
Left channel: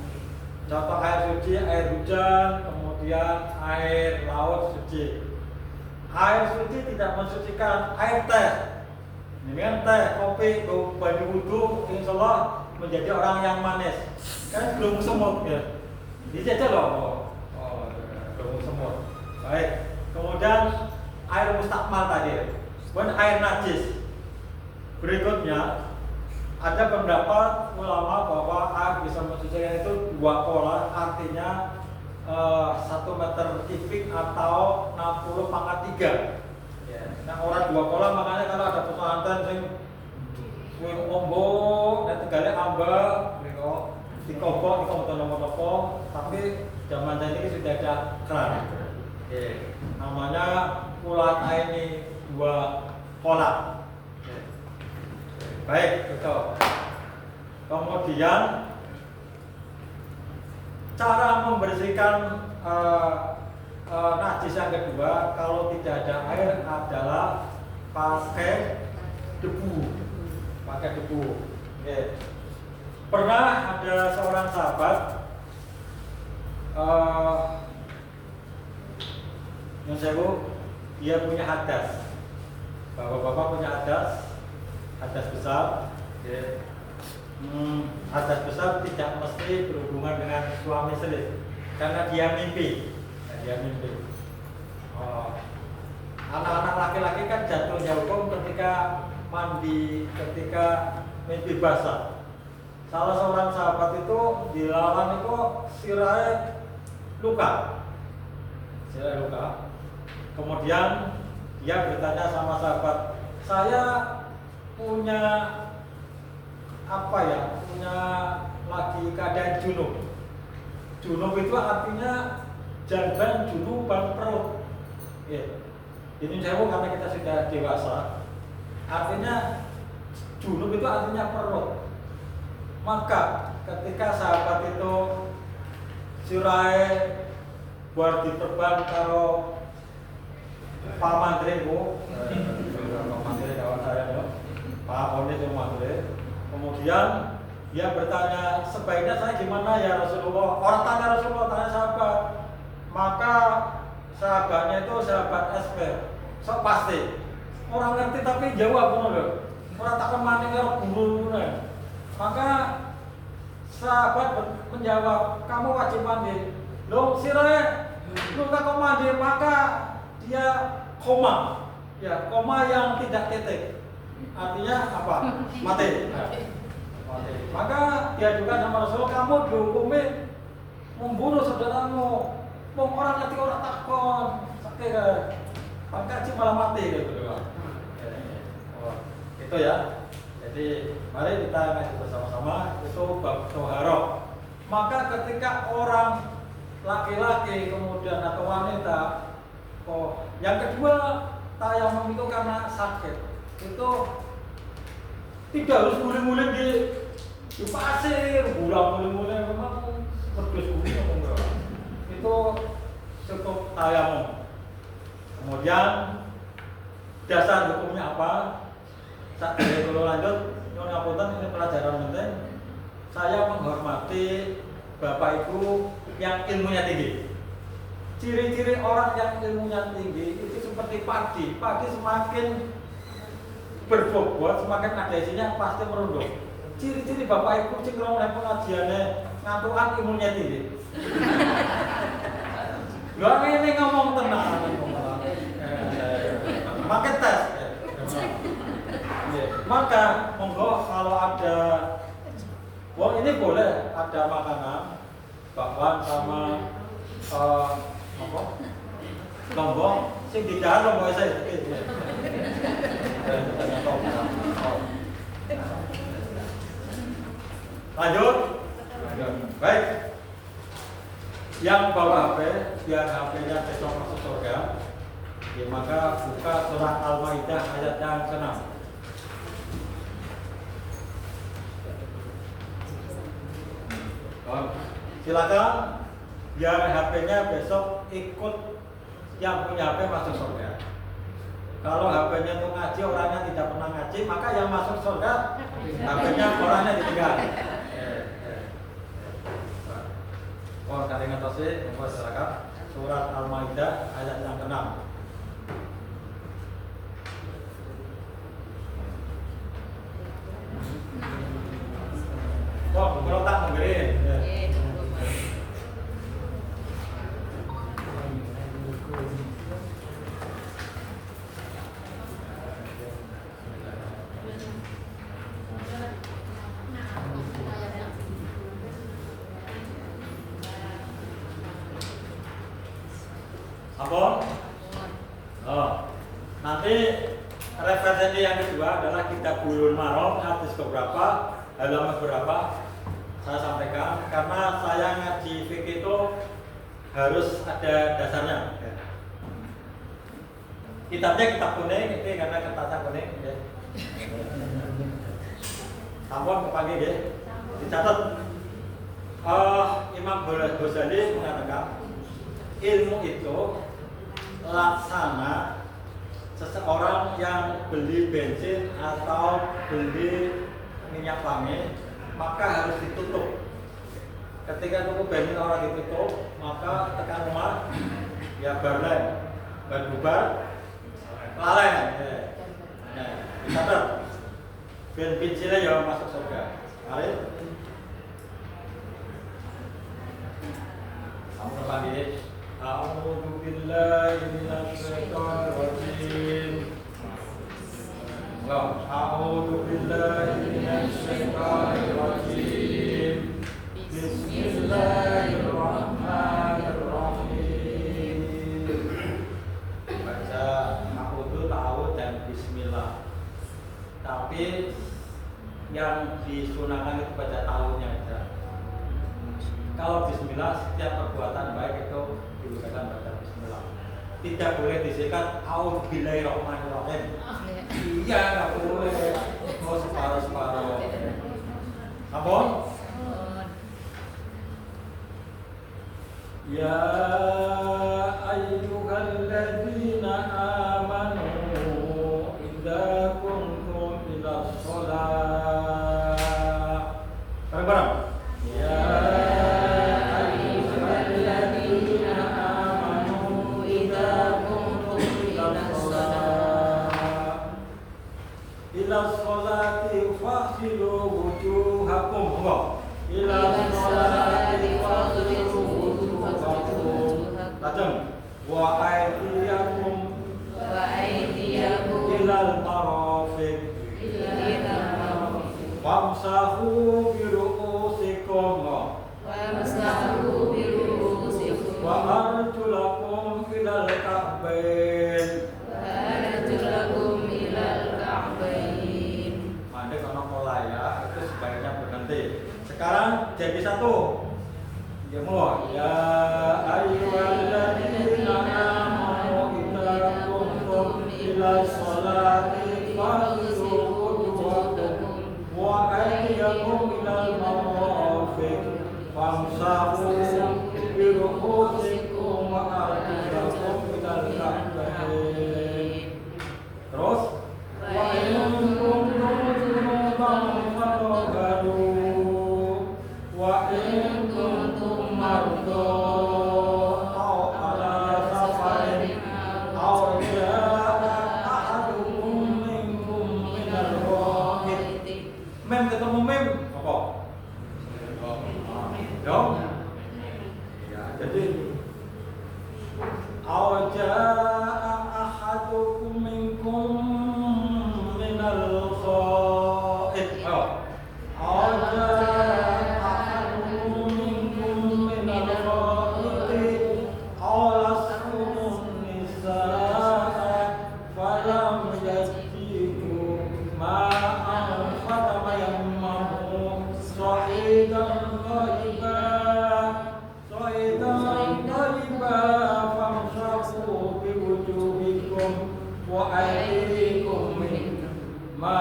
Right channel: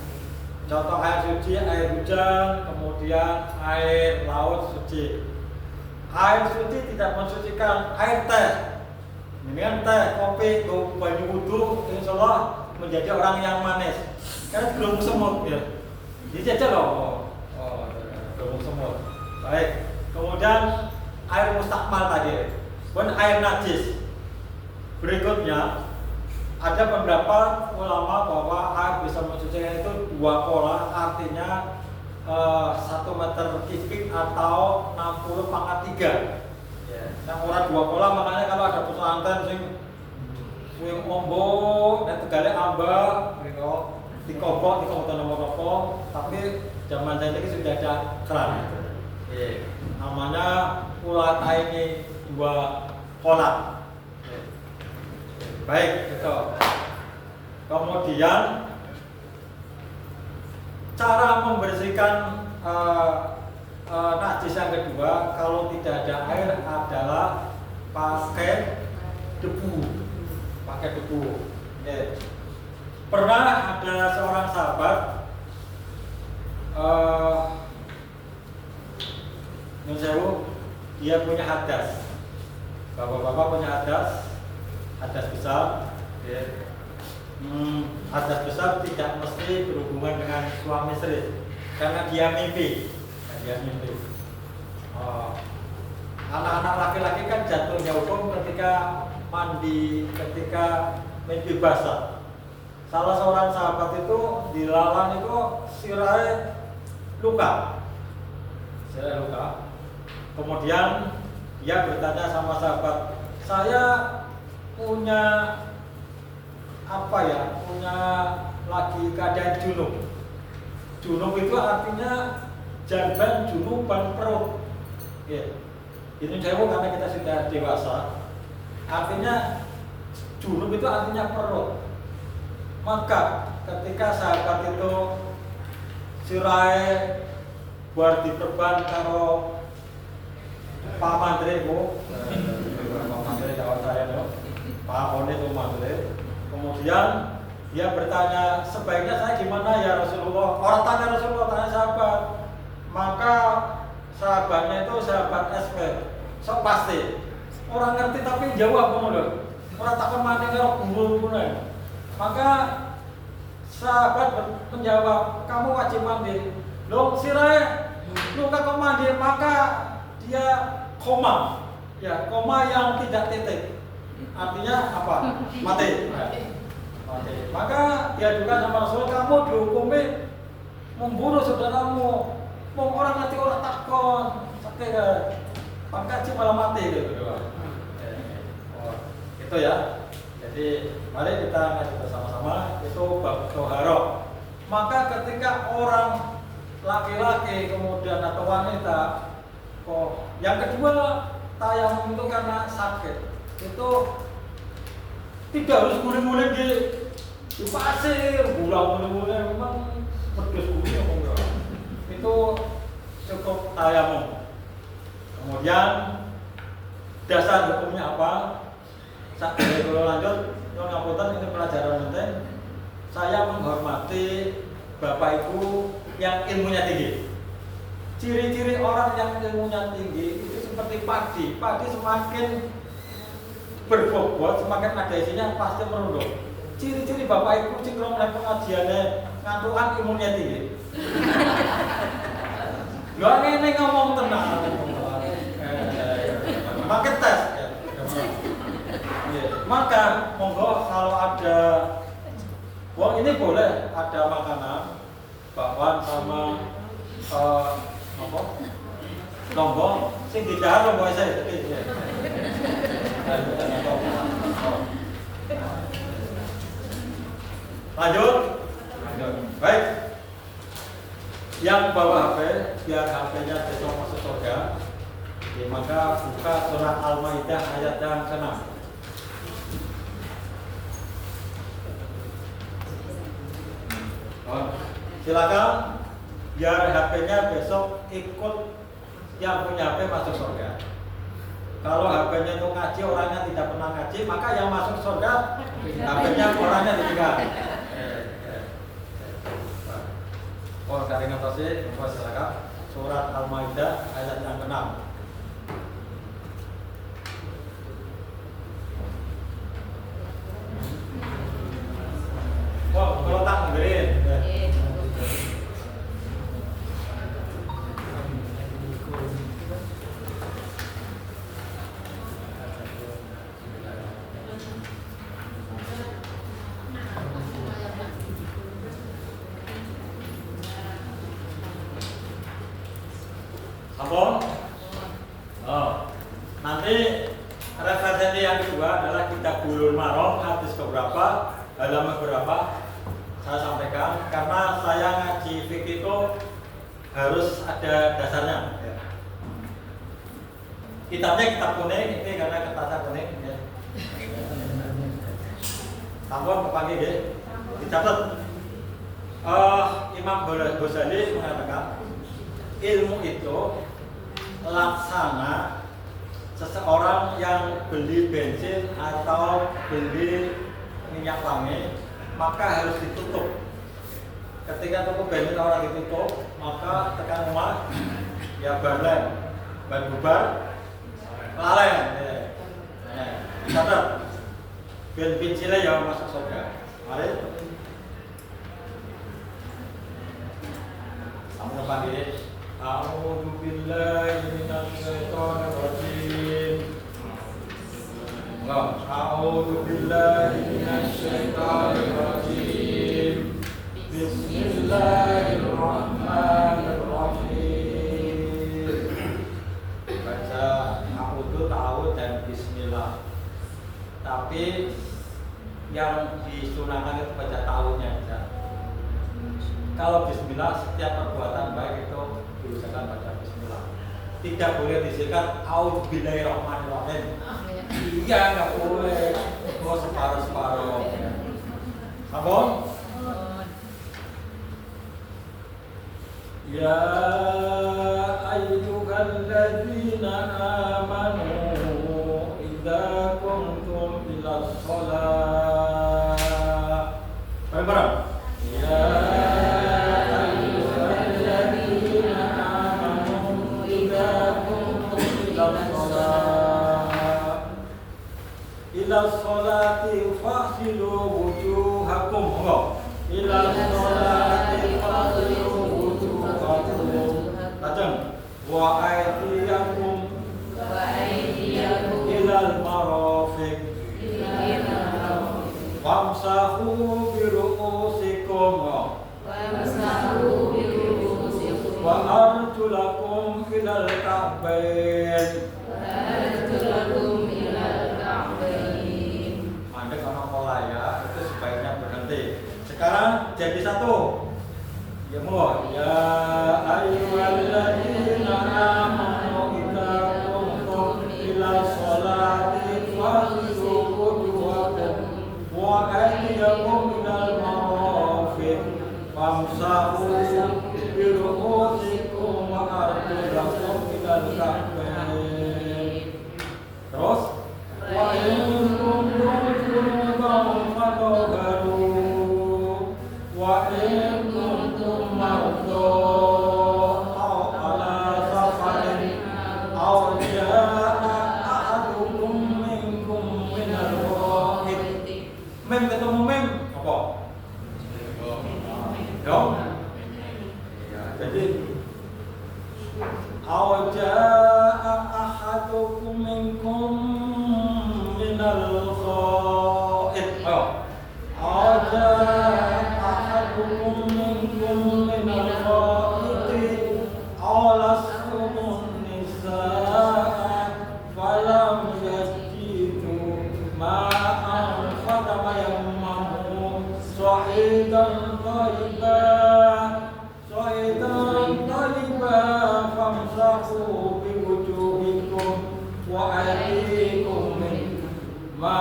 Contoh air suci, air hujan, kemudian air laut suci. Air suci tidak mensucikan, air teh. Ini kan teh, kopi, banyu wudhu, insya Allah menjadi orang yang manis. Kan belum semut ya. Ini aja loh. Belum semut. Baik. Kemudian air mustakmal tadi. Kemudian air najis. Berikutnya ada beberapa ulama bahwa air bisa mensucikan itu 2 pola, artinya 1 meter kubik atau 60/3. Yang orang 2 pola, makanya kalau ada pesantren sing swing ombo dan tegale ambak, dikobok nomor-nomor, tapi zaman saya ini sudah ada keran. Namanya ulat ini 2 pola. Baik, itu. Kemudian cara membersihkan najis yang kedua, kalau tidak ada air adalah pakai debu. Pernah ada seorang sahabat dia punya hadas. Bapak-bapak punya hadas besar. Hadas besar tidak mesti berhubungan dengan suami istri, karena dia mimpi. Anak-anak laki-laki kan jatuhnya hukum ketika mandi, ketika mimpi basah. Salah seorang sahabat itu dilalang itu sirahnya luka. Kemudian dia bertanya sama sahabat, saya punya punya lagi keadaan junub. Junub itu artinya jangan junuban perut. Ini jauh karena kita sudah dewasa. Artinya junub itu artinya perut. Maka ketika sahabat itu sirai buat diterbang karo Pak Menteri Pak Menteri kawan saya itu, Pak Oni itu Menteri. Kemudian dia bertanya, sebaiknya saya gimana ya Rasulullah? Orang tanya Rasulullah, tanya sahabat. Maka sahabatnya itu sahabat SP, sok pasti. Orang ngerti tapi jawab loh. Orang takkan mandi karo bumbu. Maka sahabat menjawab, kamu wajib mandi. Loh sirai, luka kau mandi, maka dia koma. Ya, koma yang tidak titik. Artinya apa? Mati. Maka dia juga sama Rasul, kamu dihukumi membunuh saudaramu. Orang ngerti orang takon, sakit kan? Pangkaji malah mati gitu. Itu ya. Jadi mari kita ngaji bersama-sama itu bab toharo. Maka ketika orang laki-laki kemudian atau wanita, yang kedua tayamum itu karena sakit, itu tidak harus guling-guling di pasir, guling-guling memang berdus-guling itu cukup tayamum. Kemudian dasar hukumnya apa? Kalau lanjut, ngapunten ini pelajaran penting. Saya menghormati Bapak Ibu yang ilmunya tinggi. Ciri-ciri orang yang ilmunya tinggi itu seperti padi. Padi semakin berbobot, semakin ada isinya pasti merunduk. Ciri-ciri Bapak Ibu cingkrong oleh pengajiannya ngantukan ilmunya tinggi. Gak ngene ngomong tenang. Makin tes. Maka monggo kalau ada Wong ini boleh ada makanan, bakwan sama apa? Lombok, sing didahar lombok saya tadi. Lanjut. Baik. Yang bawa HP, biar HP-nya besok masuk surga. Ya, maka buka surat Al-Maidah ayat yang ke-6. Silakan biar HP-nya besok ikut yang punya HP masuk surga. Kalau HP-nya untuk ngaji, orangnya tidak pernah ngaji, maka yang masuk surga HP-nya orangnya ditinggal. Oh, kalian ngerti? Silakan surat Al-Maidah ayat yang ke-6. Wah, kalau tak ngerin. Apa? Oh. Nanti referensi yang kedua adalah kitab Bulughul Maram, hadis beberapa, halaman berapa saya sampaikan, karena saya ngaji fikih itu harus ada dasarnya. Kitabnya kitab kuning, ini karena kertasnya kuning. Sampun kepanggil ya, dicatat. Imam Ghazali mengatakan ilmu itu laksana seseorang yang beli bensin atau beli minyak wangi, maka harus ditutup. Ketika toko bensin orang ditutup, maka tekan rumah ya barlen, ban bubar, laleng. Catat, bensinnya ya masuk surga. Mari, kamu panggil. A'udzu billahi minasy syaithanir rajim. A'udzu billahi minasy syaithanir rajim. Bismillahirrahmanirrahim. Baca a'udzu, ta'awudz dan bismillah. Tapi yang disunahkan itu baca ta'awudznya aja. Kalau bismillah, setiap perbuatan baik itu diusahakan baca bismillah. Tidak boleh disikat a'udzubillahirrahmanirrahim. Iya, nggak boleh. Oh, separuh-separuh. Ampun. Ya ayyuhalladzina amanu idza qumtum ilas shalah. Bareng-bareng. Ya ila sholati fasilu wujuhakum. Ila sholati fasilu wujuhakum. Lajeng wa aydiyakum ilal marafiq. Wamsahu biru'usikum. Wa arjulakum ilal ka'bain. Mandek sama polaya itu sebaiknya berhenti. Sekarang jadi satu. Ya mo, ya ayyuhalladzina amanu idza qumtum ila sholati faghsilu wujuhakum wa aydiyakum ilal marafiq famsahu bi ru'usikum wa arjulakum ilal ka'bain. Terus wa in kuntum junuban fatahharu wa in kuntum marda aw ala safarin aw jaa'a ahadukum minkum minal ghaid. Mem ketemu mem apa? Ya. Ya, jadi aw jaa'a ahadukum minkum minal ghaid. Aw jaa'a منكم من الغائط أو لستم النساء فلم تجدوا ماء فتيمموا صعيدا طيبا فامسحوا بوجوهكم وأيديكم منه ما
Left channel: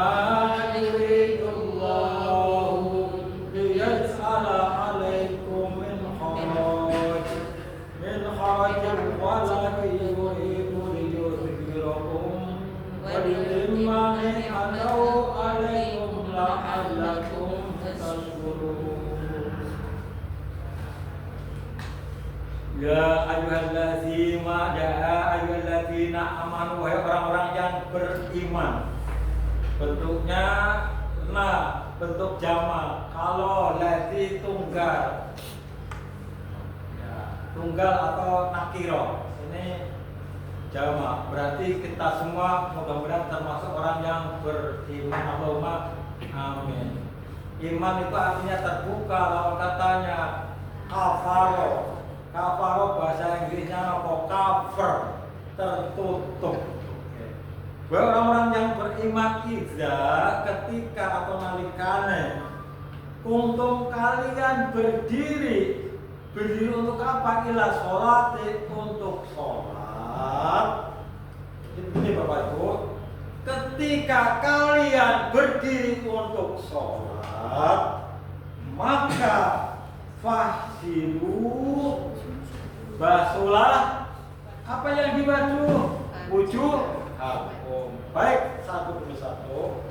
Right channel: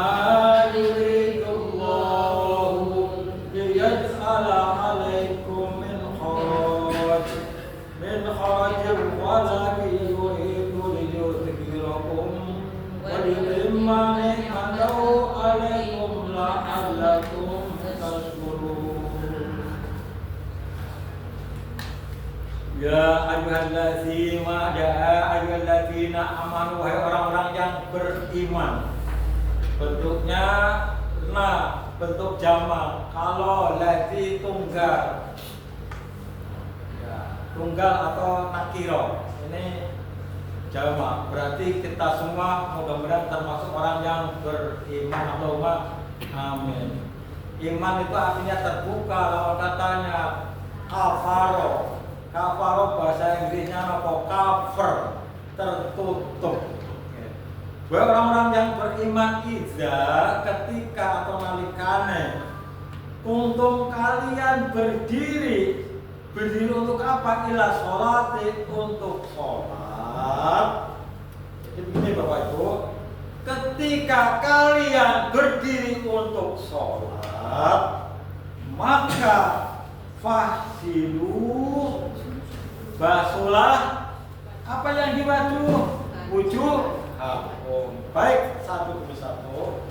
يريد الله ليجعل عليكم من حرج ولكن يريد ليطهركم وليتم نعمته عليكم لعلكم تشكرون. Ya ayyuhalladzina amanu, wahai orang-orang yang beriman. Bentuknya bentuk jamak. Kalau lati tunggal, ya, tunggal atau nakiro, ini jamak. Berarti kita semua mudah-mudahan termasuk orang yang beriman. Allahumma amin. Iman itu artinya terbuka. Lawan katanya kafaro. Kafaro bahasa Inggrisnya apa? Cover, tertutup. Bahwa orang-orang yang beriman ketika atau nalikane kuntum kalian berdiri untuk apa? Ila sholat, untuk sholat. Ini Bapak Ibu, ketika kalian berdiri untuk sholat, maka fahsilu, basuhlah apa yang dibasuh? Wujud. Baik, satu demi satu.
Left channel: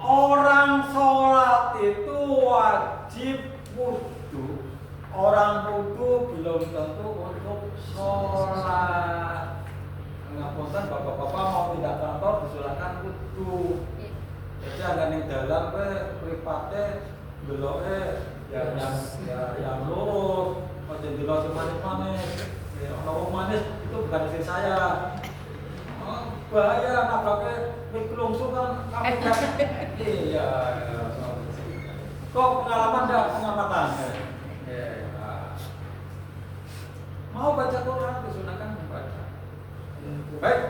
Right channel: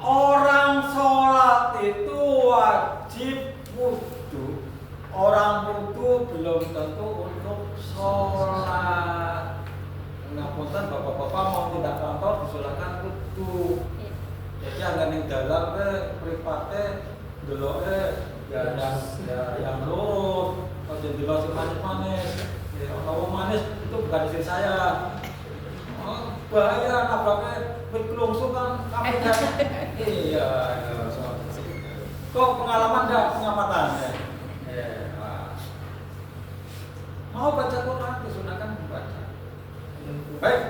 Orang sholat itu wajib wudu. Orang wudu belum tentu untuk sholat. Ngapunten bapak-bapak mau tidak kantor disulahkan wudu. Jadi agak ning dalam private deloke ya yang lurus, aja delok sing manis-manis. Kalau manis itu bukan istri saya. Bahaya nabraknya berkelungsu kan kami kan. Iya. Kok pengalaman enggak pengamatannya? Mau baca Quran disunahkan membaca. Baik.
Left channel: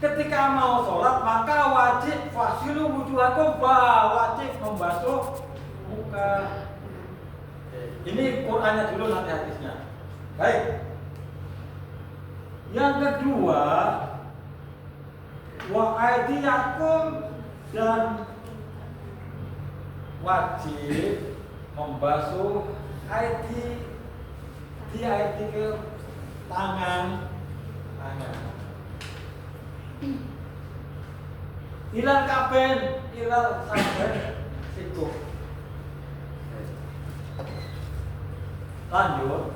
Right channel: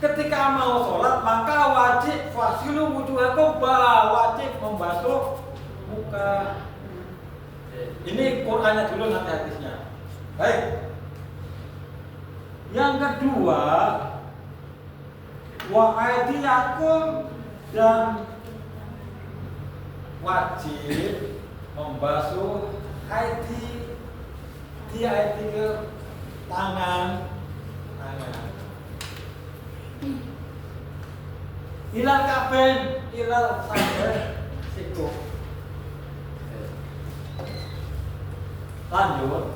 Ketika mau sholat maka wajib fasilu wujuhakum, wajib membasuh muka. Ini Qurannya dulu, nanti hadisnya. Baik. Yang kedua, wa aydiyakum, dan wajib membasuh aidi, ke tangan. Ilal kaben, ilal sampai siku. Lanjut.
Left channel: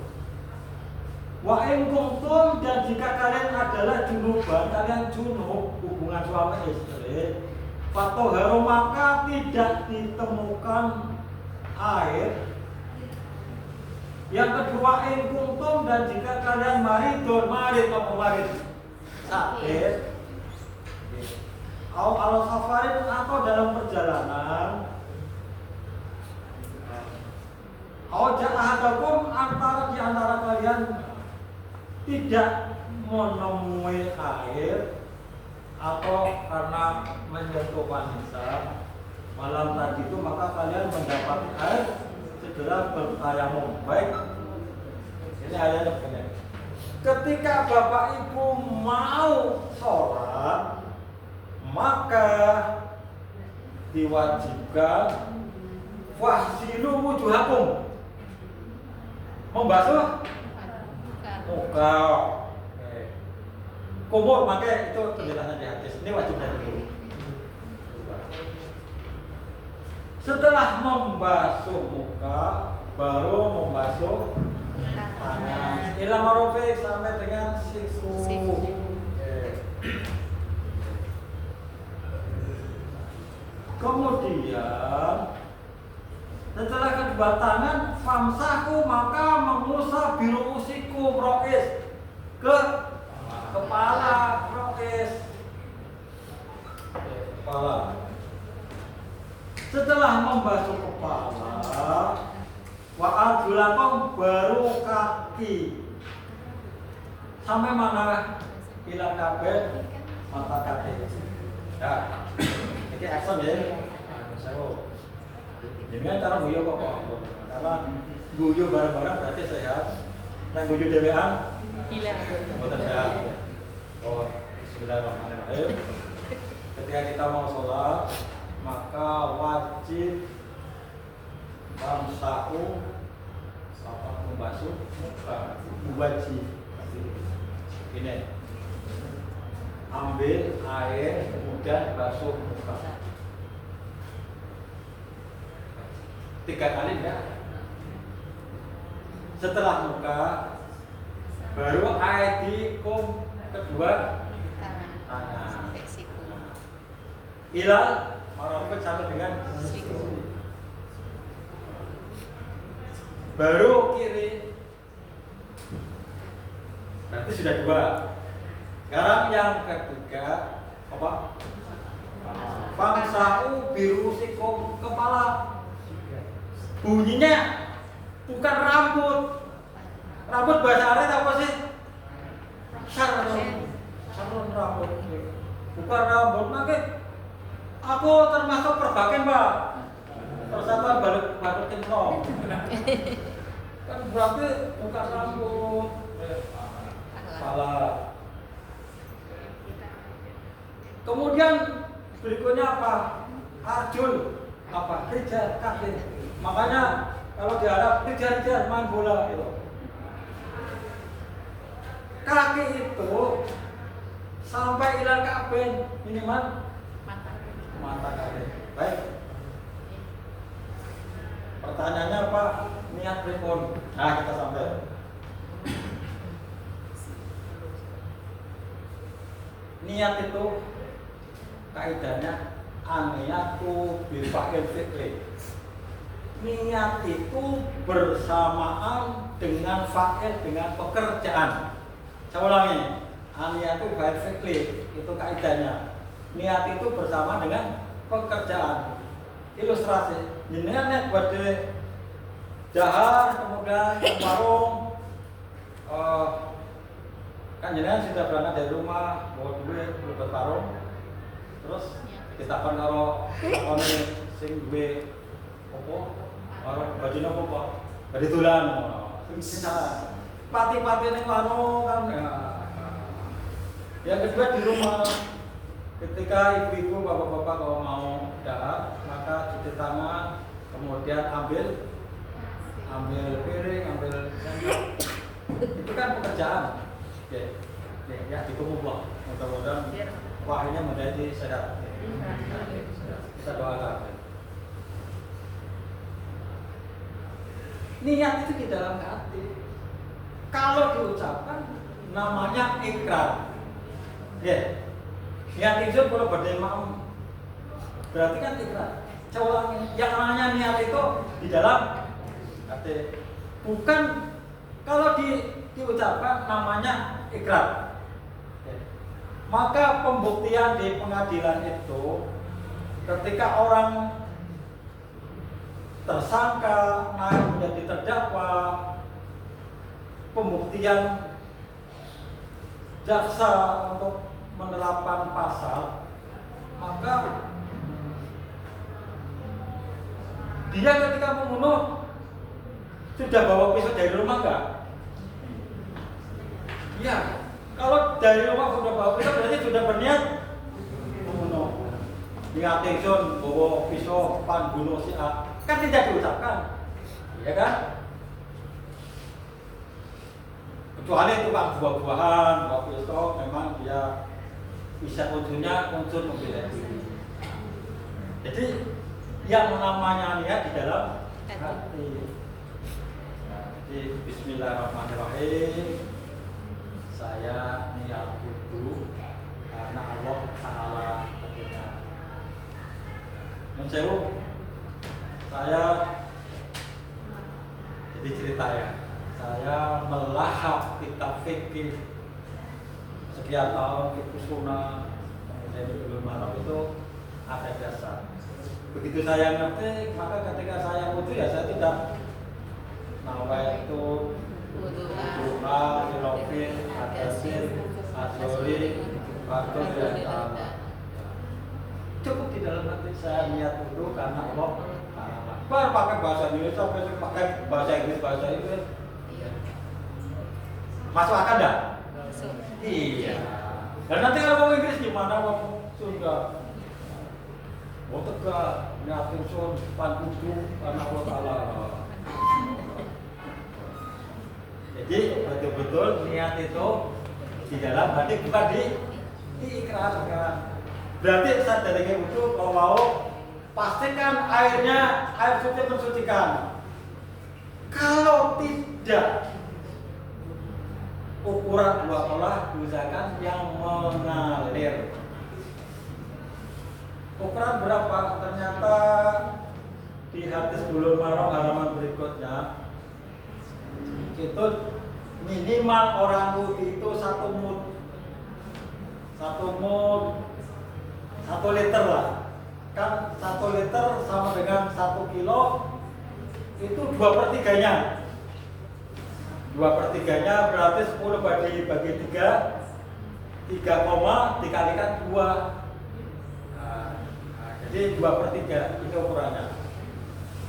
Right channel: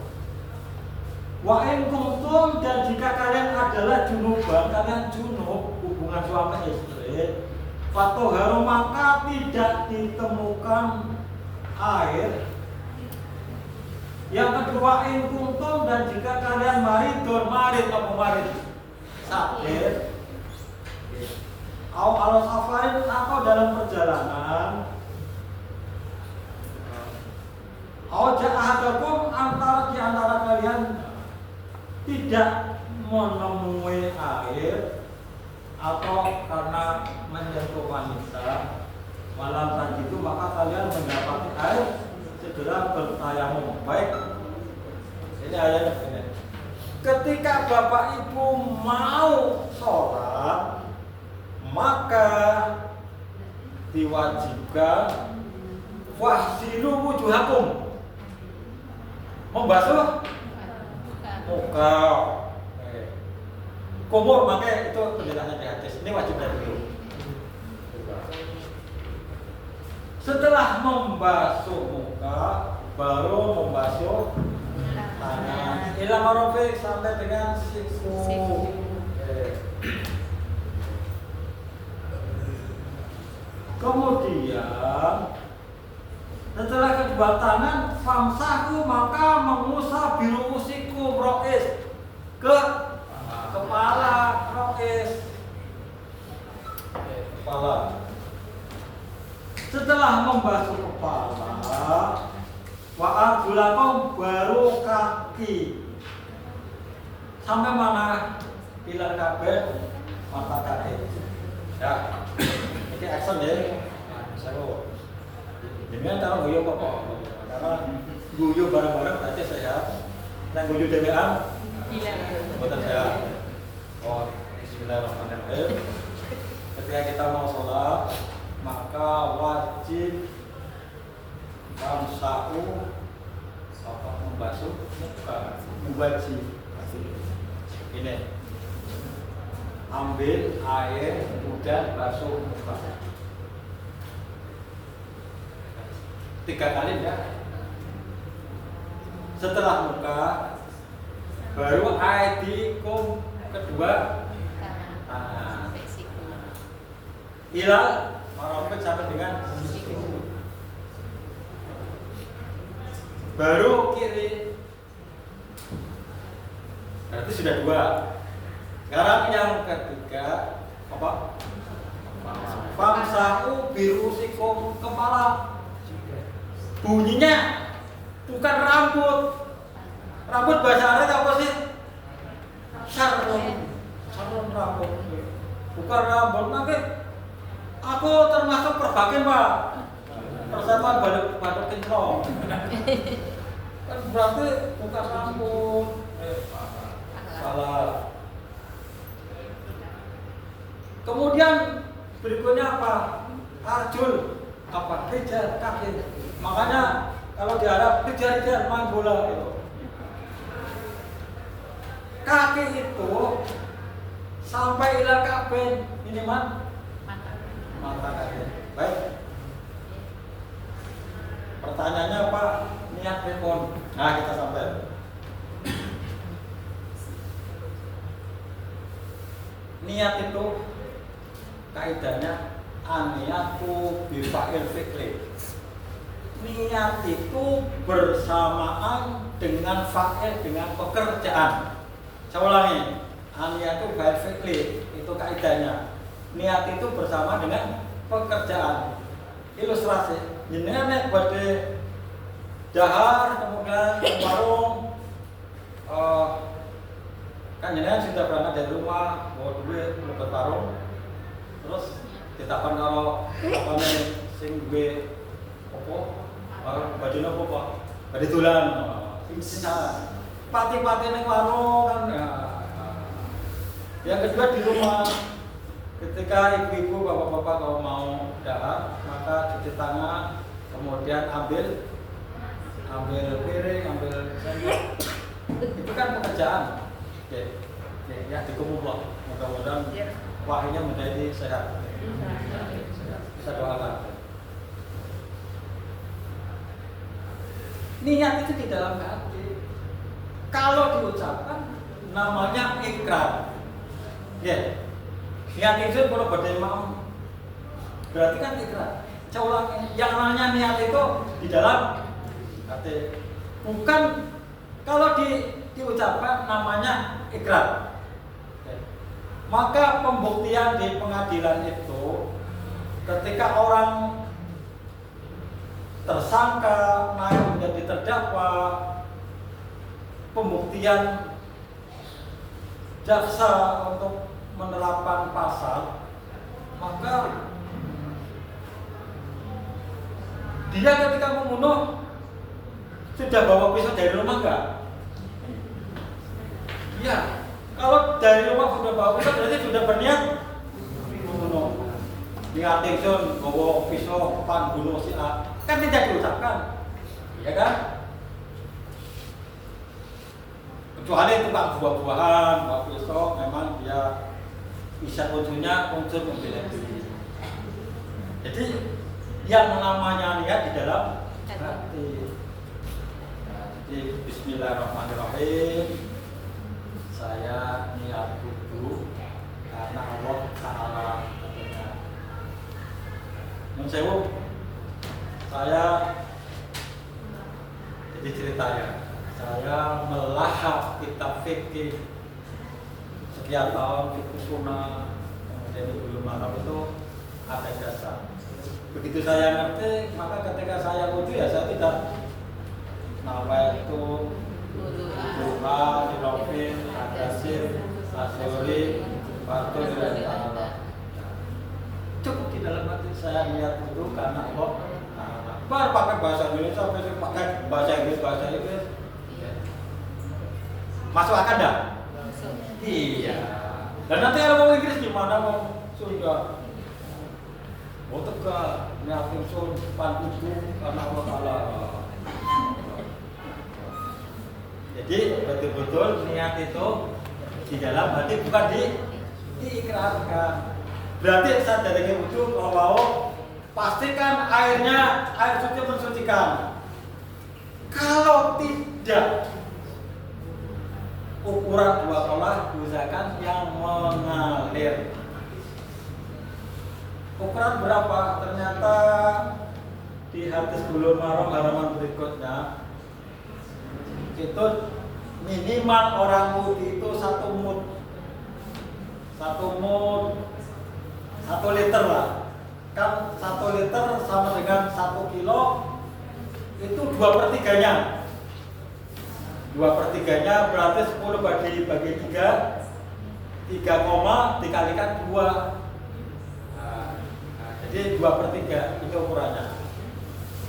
Wa in kuntum, dan jika kalian adalah junuban, kalian junub, hubungan suami istri, fatoharu, maka tidak ditemukan air. Yang kedua, in kuntum, dan jika kalian marid sakit, al safarin, atau dalam perjalanan, ja'ahadakum, di antara kalian tidak menemui air, atau karena menyentuh wanita, malam tadi itu maka kalian mendapati air, segera bertayamum. Baik, ini ayatnya begini. Ketika Bapak Ibu mau sholat, maka diwajibkan wahsilu wujuhakum, membasuh muka. Kumur, makanya itu penjelasan di hadis. Ini wajib dari dulu. Setelah membasuh muka, baru membasuh tangan. Ila marofe, sampai dengan siku. Kemudian setelah kedua tangan, famsahu, maka mengusap biru usiku, rois, ke kepala, rois, kepala. Setelah membasuh kepala, kaki. Sampai mana pilar kabeh mata kaki. Ya, ini action ya. Saya jangan kalau guyu apa? Karena guyu bareng-bareng berarti sehat. Yang guyu dewean? Iya. Betul sehat. Oh, bismillahirrahmanirrahim. Ketika kita mau sholat, maka wajib bamsa'u membasuh muka, mubaji. Ini ambil air kemudian basuh muka 3 kali ya. Setelah muka baru aidikum kedua tangan. Ila marofit sampai dengan siku. Baru kiri. Berarti sudah 2. Sekarang yang ketiga apa? Famsa'u birusikum, kepala. Bunyinya bukan rambut. Rambut bahasa Arab apa sih? Sarung rambut. Bukan rambut. Maka aku termasuk perbakin, Pak. Persatuan Batuk Kinclong. Kan berarti bukan rambut. Salah. Kemudian berikutnya apa? Arjul, apa? Rijal, kaki. Makanya kalau di Arab rijal main bola itu. Kaki itu sampai ila Ka'bain minimal mata kaki. Baik. Pertanyaannya apa? Niat rekon. Nah, kita sampai. Niat itu kaidahnya aniyatu bifa'il fi'li. Niat itu bersamaan dengan fa'il, dengan pekerjaan. Saya ulangi, aniyatu bifa'il fi'li itu kaidahnya. Niat itu bersama dengan pekerjaan. Ilustrasi, jenengan buat dahar, kemudian warung, kan jenengan sudah berangkat dari rumah, bawa duit, berangkat warung, terus ditapan kalau apa nih, sing duit, opo, baju nopo kok, baju tulan, sisa, pati-pati neng warung kan, ya. Yang kedua di rumah. Ketika ibu-ibu, bapak-bapak kalau mau dahar, maka cuci tangan, kemudian ambil piring, ambil sendok. Itu kan pekerjaan. Oke, ya dikumpulah. Mudah-mudahan wahnya menjadi sehat. Kita doakan. Niat itu di dalam hati. Kalau diucapkan, namanya ikrar. Ya. Niat itu kalau badai maaf berarti kan ikrar. Saya ulangi, yang namanya niat itu di dalam hati. Bukan kalau diucapkan namanya ikrar. Maka pembuktian di pengadilan itu ketika orang tersangka naik menjadi terdakwa, pembuktian jaksa untuk menerapkan pasal, maka dia ketika membunuh sudah bawa pisau dari rumah enggak? Iya. Kalau dari rumah sudah bawa pisau berarti sudah berniat membunuh. Niat ingsun bawa pisau pan bunuh si A, kan tidak diucapkan, ya kan? Kecuali tukang buah-buahan, bawa pisau, memang dia bisa unsurnya unsur membela diri. Jadi yang namanya niat di dalam hati. Jadi bismillahirrahmanirrahim. Saya niat wudu karena Allah Ta'ala katanya. Saya jadi cerita ya. Saya melahap kitab fikih sekian tahun itu sunnah, kemudian dulu malam itu ada dasar. Begitu saya ngerti, maka ketika saya wudu ya saya tidak nawaitu Duha, Silofin, Adasin, Asori, Fatul, dan Ta'ala. Cukup di dalam hati saya niat itu karena Allah Ta'ala. Baru pakai bahasa Indonesia, pakai bahasa Inggris. Masuk akal dah? Iya. Dan nanti kalau mau Inggris gimana mau Sunda? Mau Tegal, Nyakin Sun, Pantuju, karena Allah Ta'ala. Jadi betul-betul niat itu di dalam hati, bukan diikrarkan. Berarti saat dari itu kalau mau pastikan air suci mensucikan. Kalau tidak, ukuran dua kolah diusahakan yang mengalir. Ukuran berapa? Ternyata di hadis Bulughul Maram halaman berikutnya itu minimal orang wudhu itu 1 mud, 1 liter lah. Kan 1 liter sama dengan 1 kilo itu 2/3-nya. 2/3-nya berarti 10 bagi 3 koma dikalikan 2. Jadi 2/3 itu ukurannya.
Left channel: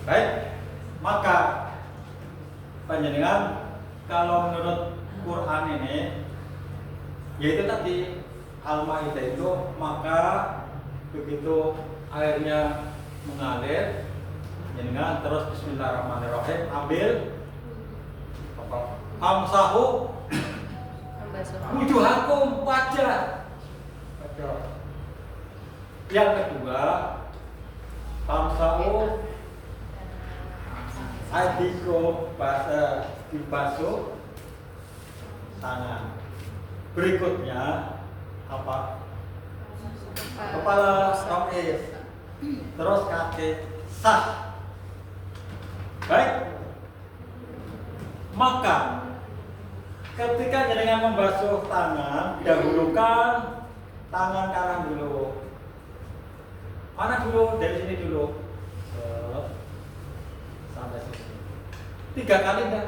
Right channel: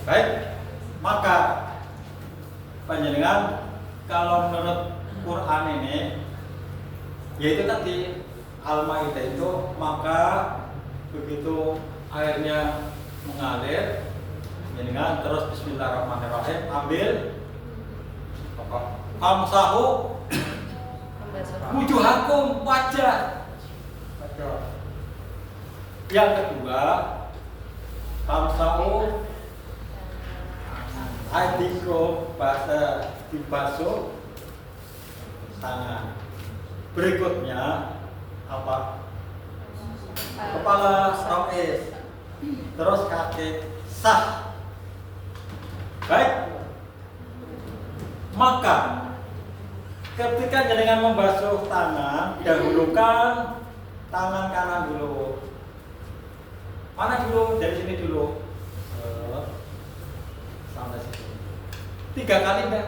Baik, maka panjenengan kalau menurut Quran ini, yaitu tadi Al-Maidah itu, maka begitu airnya mengalir, panjenengan terus Bismillahirrahmanirrahim ambil apa? Amsahu wujuhakum, wajah. Yang kedua, amsahu aidikum, bahasa dibasuh tangan. Berikutnya apa? Kepala rois, terus kaki sah. Baik. Maka ketika jenengan membasuh tangan, dahulukan tangan kanan dulu. Mana dulu? Dari sini dulu. Sampai sini. 3 kali enggak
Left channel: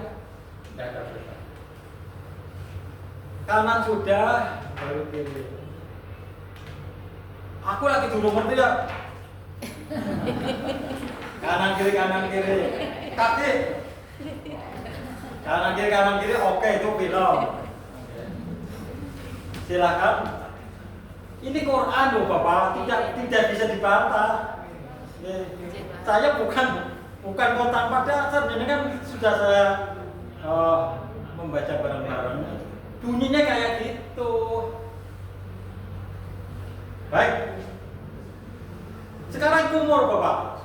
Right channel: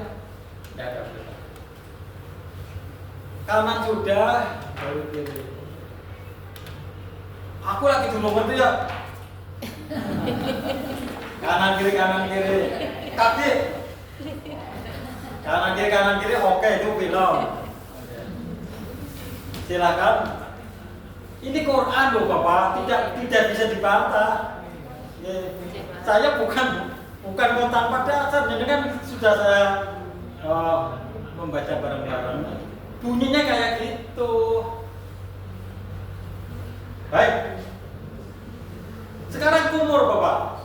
ada berapa. Kanan sudah, baru kiri. Aku lagi dulu ngerti ya. Kanan kiri. Kaki. Kanan kiri, oke, itu film. Silakan. Ini Quran loh Bapak, tidak bisa dibantah. Saya bukan kontan pada dasar, jadi kan sudah saya membaca bareng-bareng. Bunyinya kayak gitu. Baik. Sekarang kumur Bapak.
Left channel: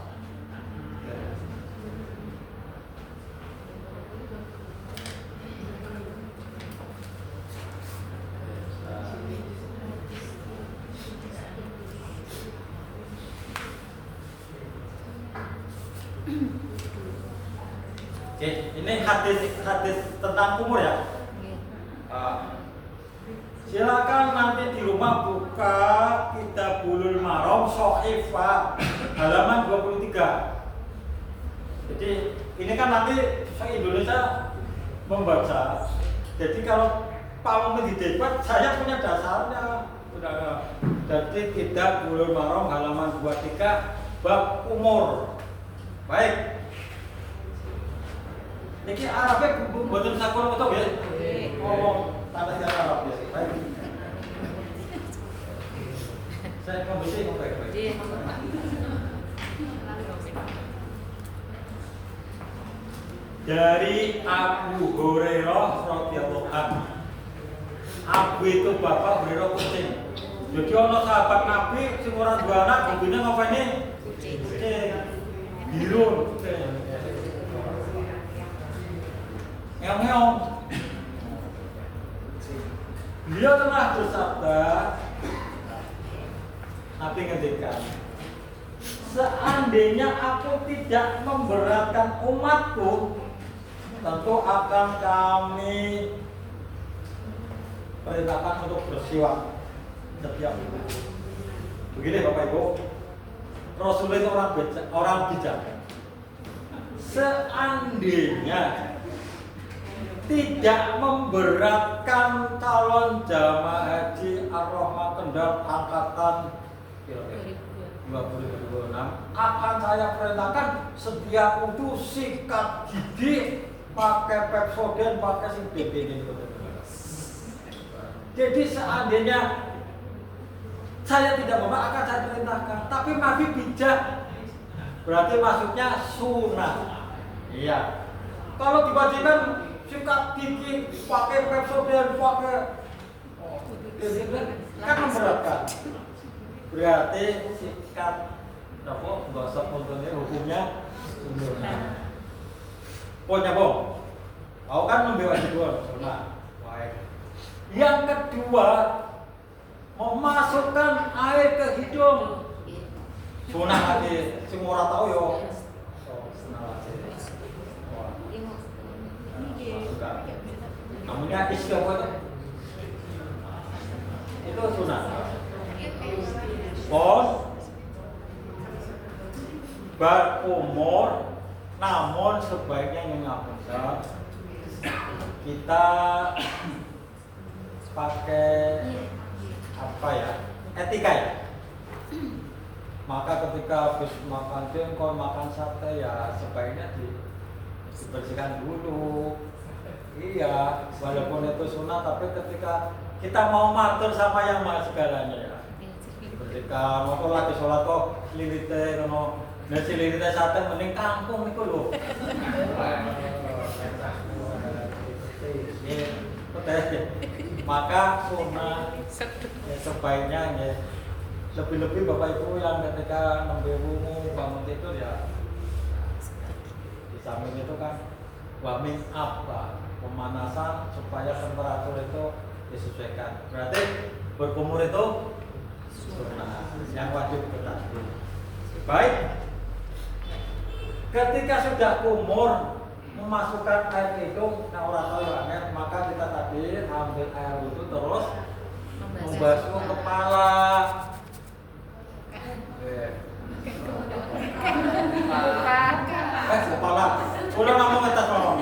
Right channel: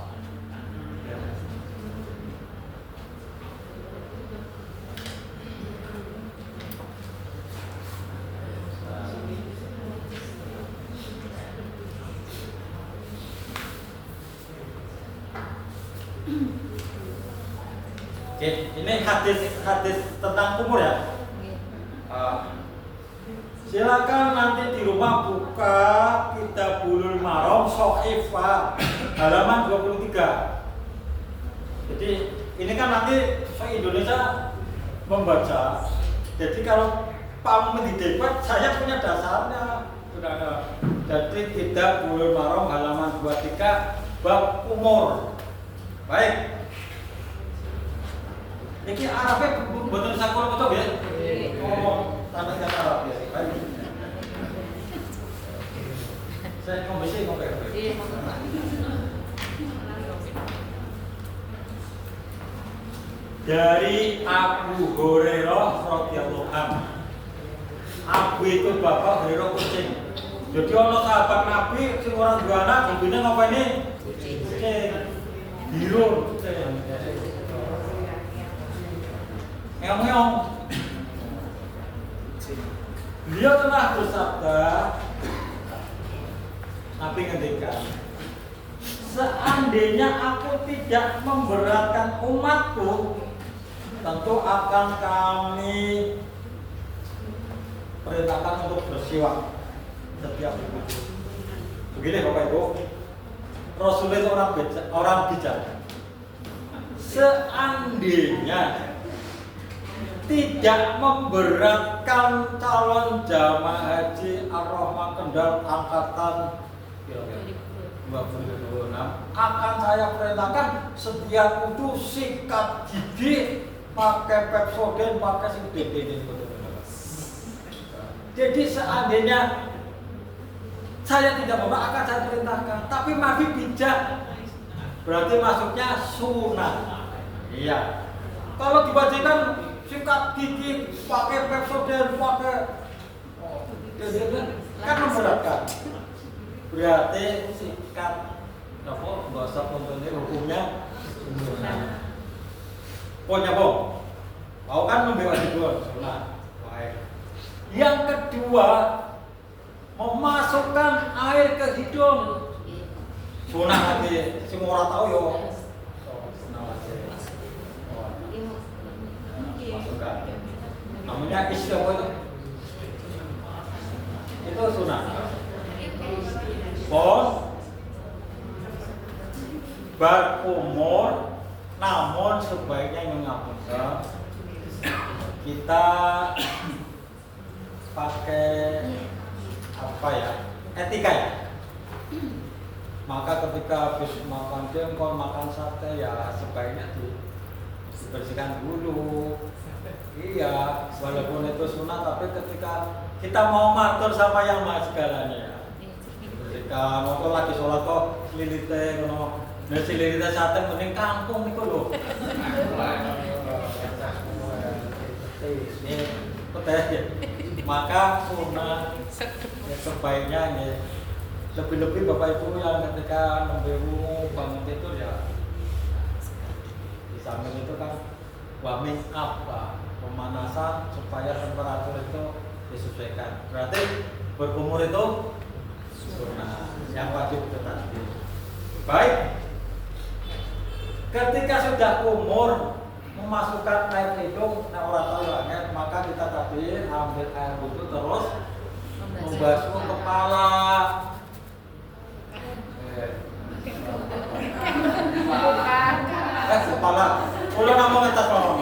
Oke, ini hadis tentang kumur ya. Silakan nanti di rumah buka Kitab Bulughul Maram Sohifah halaman 23. Jadi ini kan nanti se-Indonesia membaca. Jadi kalau Pak Muhammad di debat, saya punya dasarnya. Sudah ada. Jadi Kitab Bulughul Maram halaman 23 bab umur. Baik. Ini Arabnya buatan sakul betul ya? Ngomong tanah kata Arab ya. Baik. Saya kondisi baik. Dari Abu Hurairah radhiyallahu anhu. Abu itu bapak, Hurairah kucing. Jadi ono sahabat Nabi sing ora duwe anak, hobinya ngapain? Kucing. Biru. Ngeong. Beliau telah bersabda, Nabi ngendikan, seandainya aku tidak memberatkan umatku, tentu akan kami perintahkan untuk bersiwak setiap itu. Begini Bapak Ibu, Rasul itu orang bijak. Seandainya tidak memberatkan calon jamaah haji Ar-Rahman Kendal angkatan 2026, akan saya perintahkan setiap kudu sikat gigi, pakai Pepsodent, pakai sing ini. Jadi seandainya saya tidak mau, akan saya perintahkan. Tapi Nabi bijak, berarti maksudnya sunnah. Iya. Kalau diwajibkan sikat gigi, pakai Pepsodent, pakai kan memberatkan. Berarti sikat gosok untungnya hukumnya sunnah. Pokoknya bong, mau kan membela hidung sunnah. Baik. Yang kedua, memasukkan air ke hidung sunnah lagi. Sing ora tau yo sunnah lagi. Masukkan. Namanya istiwa itu sunnah. Pon berumur, namun sebaiknya ngapunten kita pakai apa ya, etika ya. Maka ketika habis makan jengkol, makan sate ya sebaiknya dibersihkan dulu. Iya, walaupun itu sunnah, tapi ketika kita mau matur sama yang maha segalanya ya, bersihkan. Mau lagi sholat kok sililite ngono, nah sililite sate mending kangkung niku lho. Maka sunnah ya sebaiknya ya, lebih-lebih Bapak Ibu yang ketika nembe wungu bangun tidur ya di samping itu kan warming up, pemanasan supaya temperatur itu disesuaikan. Berarti berkumur itu sunnah yang wajib ditepati. Baik, ketika sudah kumur memasukkan air hidung, nah orang tahu ya, maka kita tadi ambil air wudhu terus membasuh kepala. Kepala, udah ngomong atas ngomong.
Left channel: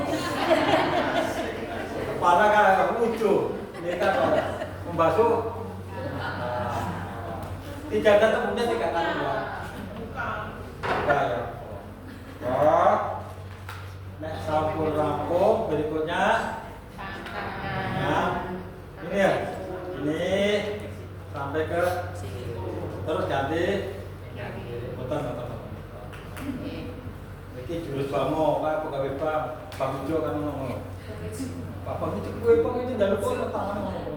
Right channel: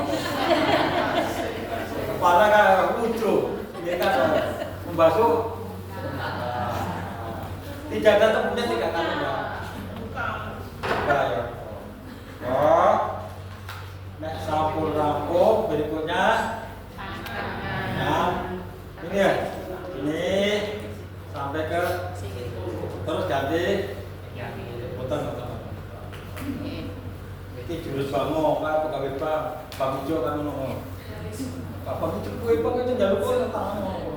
Kepala kan wudhu, ini kan membasuh. Tidak ada tepungnya, tidak kali ya. Buka ya. Oh. Nek sampul rampung, berikutnya nah, ini ya, ini sampai ke terus ganti putar. Ini jurus bango, kan pegawai bang hijau kan ngono. Pak bang hijau kue bang itu jangan lupa tangannya ngono.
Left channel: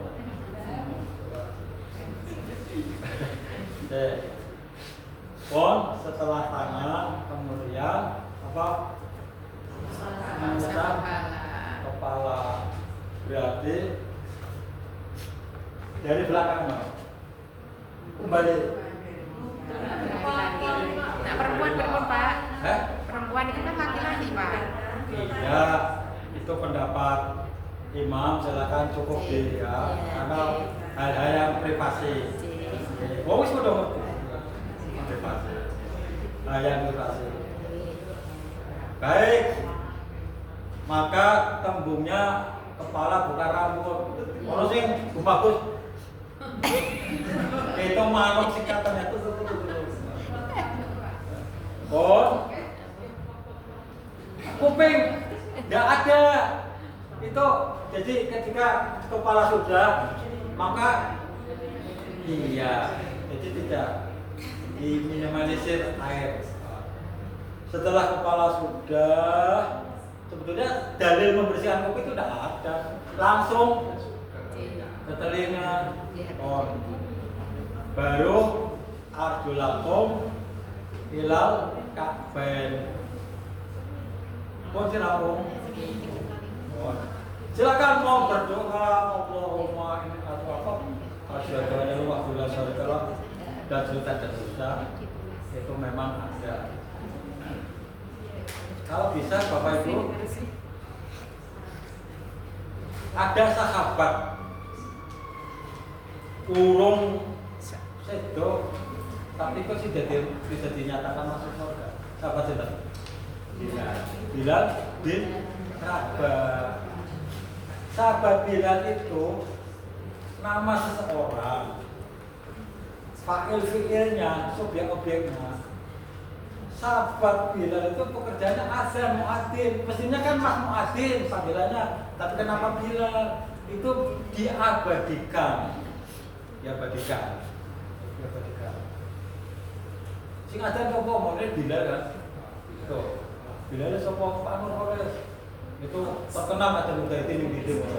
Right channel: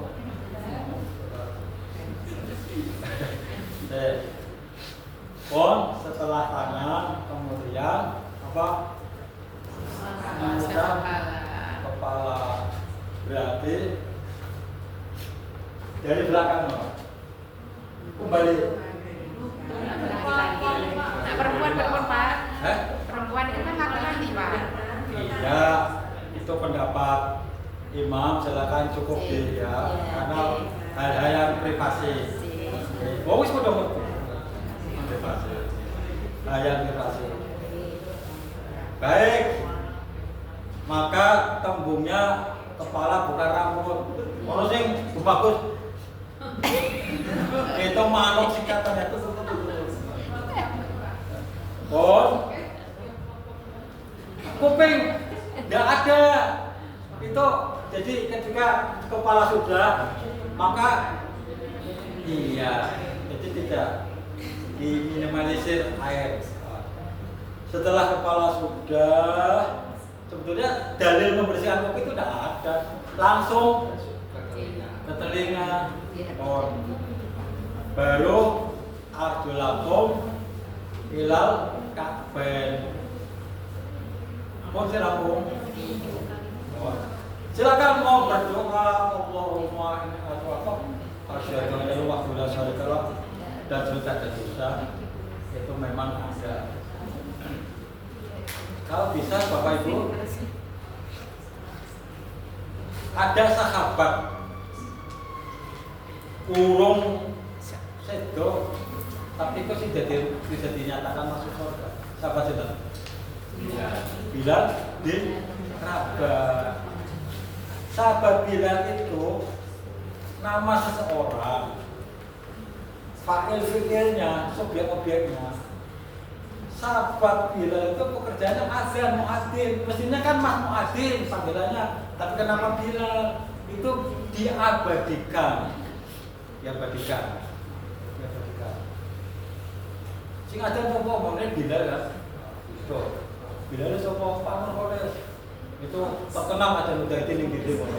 Pon setelah tangan kemudian apa? Kepala. Berarti dari belakang no. Kembali. Nah, perempuan Pak. Perempuan itu kan laki-laki Pak. Iya, itu pendapat imam, silakan cukup di ya, karena hal-hal yang privasi. Wis kudu privasi. Hal yang privasi. Baik. Maka tembungnya kepala bukan rambut. Ono sing bagus. Itu manuk sikatannya tuh. Kuping enggak ada. Itu jadi ketika kepala sudah, maka iya, jadi tidak diminimalisir air. Setelah kepala sudah, sebetulnya dalil membersihkan kuping itu tidak ada, langsung ke telinga, baru arjulakum ilal ka'bain. Silakan. Silakan mau berdoa, Allahumma inni atau asyhadu an la ilaha illallah dan cerita itu memang ada. Kalau bisa Bapak Ibu, ada sahabat urung sedo tapi kok tidak dinyatakan masuk surga. Sahabat itu bilang bin Rabah. Sahabat Bilal itu nama seseorang, fa'il fi'ilnya, subjek objeknya. Sahabat Bilal itu pekerjaannya azan, muadzin. Mestinya kan Mas Muadzin panggilannya, tapi kenapa Bilal? Itu diabadikan. Sing azan apa ngomongnya Bilal kan? Itu. Bilal sapa Pak Nurholis? Itu terkenal azan Mujahidin yang di Timur.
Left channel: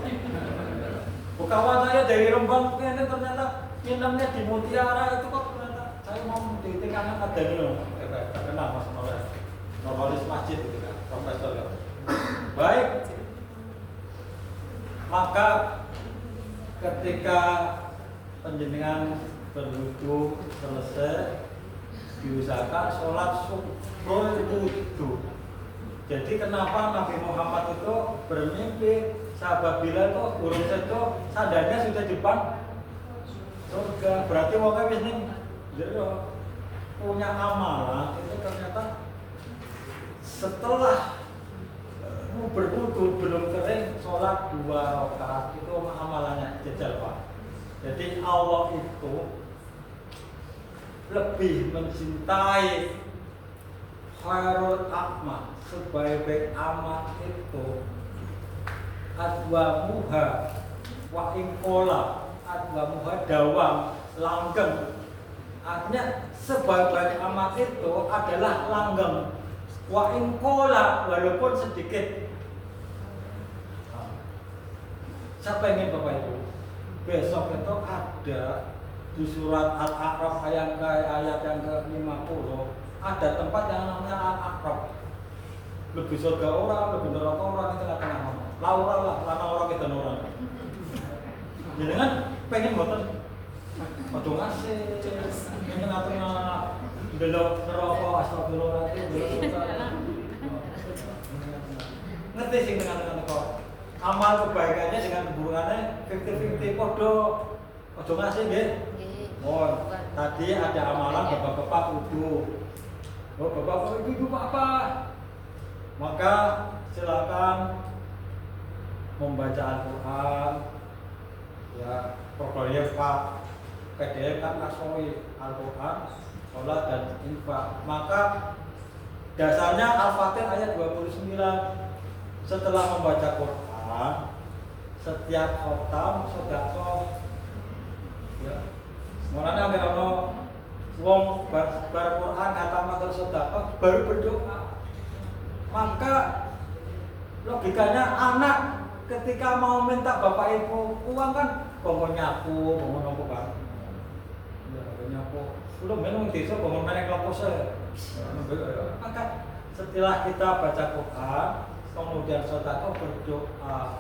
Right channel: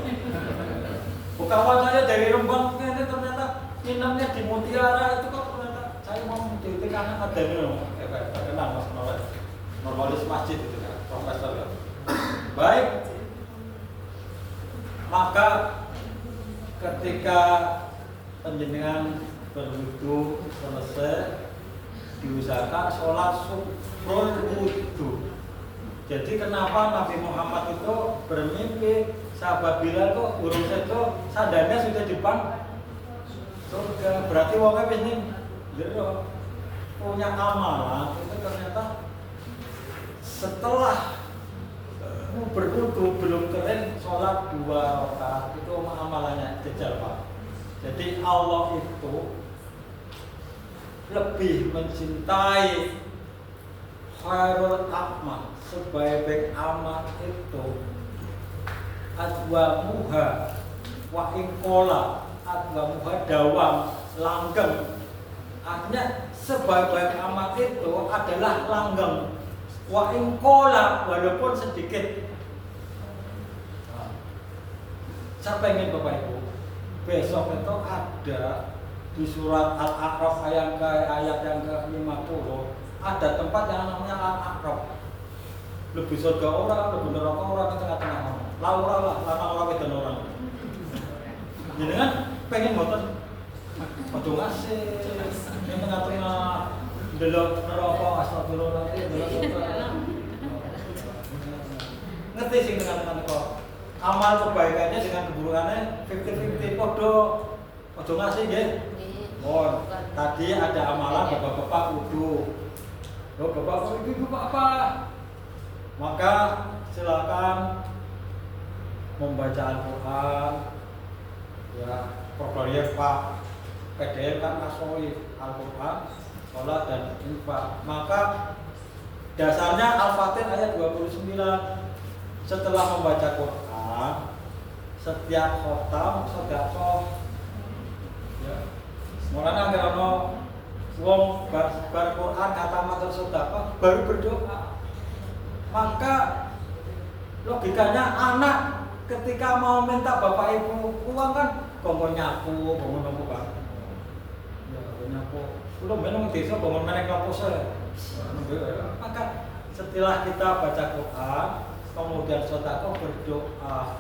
Kawan saya dari Rembang ini ternyata nginepnya di Mutiara itu kok ternyata saya mau di kanan ada nih terkenal Mas Nurholis masjid itu kan, profesor ya. Baik, maka ketika penjenengan berwudu selesai diusahakan sholat subrul wudu. Jadi kenapa Nabi Muhammad itu bermimpi sahabat Bilal kok burung itu sandalnya sudah depan surga, berarti wongnya wis ning jero punya amalan itu ternyata setelah berwudu belum kering sholat 2 rakaat itu amalannya jejal Pak. Jadi Allah itu lebih mencintai khairul a'mal, sebaik-baik amal itu adwamuha wa ingkola, adwamuha dawam, langgeng. Artinya sebaik-baik amal itu adalah langgeng, wa ingkola walaupun sedikit. Saya pengen Bapak Ibu besok itu ada di surat Al-A'raf ayat yang ke-50 ada tempat yang namanya Al-A'raf. Lebih surga orang, lebih neraka orang di tengah-tengah orang. Laura lah, lana orang itu orang. Jadi kan pengen motor, motor ngasih, yang tengah-tengah delok neraka, astagfirullahaladzim, delok surga. Ngerti sih tengah-tengah neraka. Amal kebaikannya dengan keburukannya 50-50 podo, ojo ngasih nggih. Oh, tadi ada amalan bapak-bapak wudu. Oh, bapak itu apa? Maka silakan membaca Al-Quran. Ya, programnya Pak PDF kan asoi Al-Quran, sholat dan infak. Maka dasarnya Al-Fatih ayat 29. Setelah membaca Quran, setiap khotam sedekah. Ya. Mulanya anggar ono wong bar Quran kata matur sedekah baru berdoa. Maka logikanya anak ketika mau minta bapak ibu uang kan kongkon nyapu, kongkon nopo kan. Ya, nyapu. Kulo men wong desa kongkon meneh klopose. Maka setelah kita baca Quran, kemudian sedekah berdoa.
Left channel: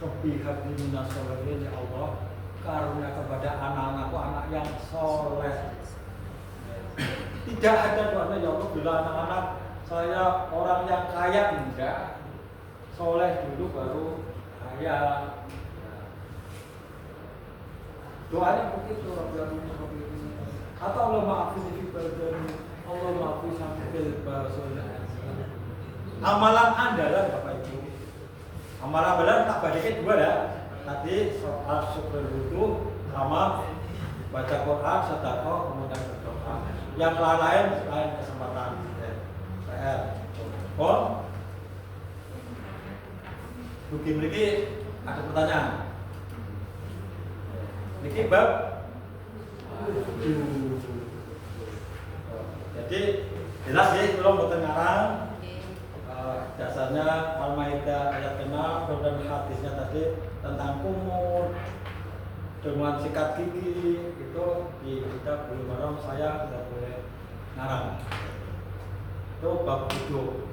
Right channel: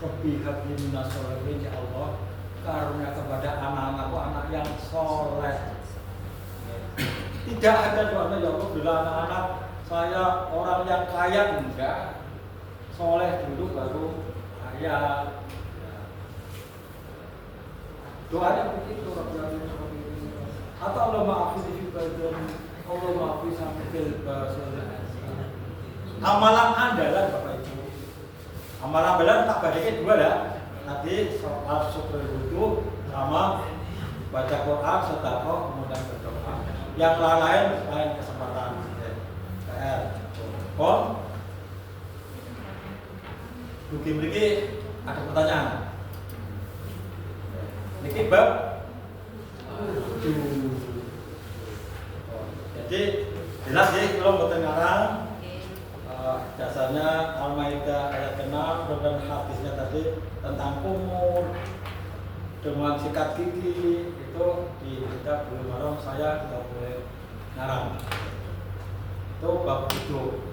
Rabbi habli minas sholihin, ya Allah, karunia kepada anak-anakku anak yang soleh. Tidak ada doanya ya Allah bila anak-anak saya orang yang kaya, enggak. Soleh dulu baru kaya. Doanya begitu atau Allah maafin fi badani, Allah maafin sambil basolah. Amalan andalan Bapak Ibu. Amalan andalan tak badike 2 ya. Tadi soal syukur wudu sama baca Quran, sedekah, kemudian berdoa. Yang lain kesempatan. PR. Kon. Dugi mriki ada pertanyaan. Niki bab jadi jelas ya kalau mboten ngarang dasarnya Al-Maidah ayat ke-6 dan hadisnya tadi tentang kumur dengan sikat gigi itu di kitab Bulughul Maram saya tidak boleh ngarang. Itu bab wudu.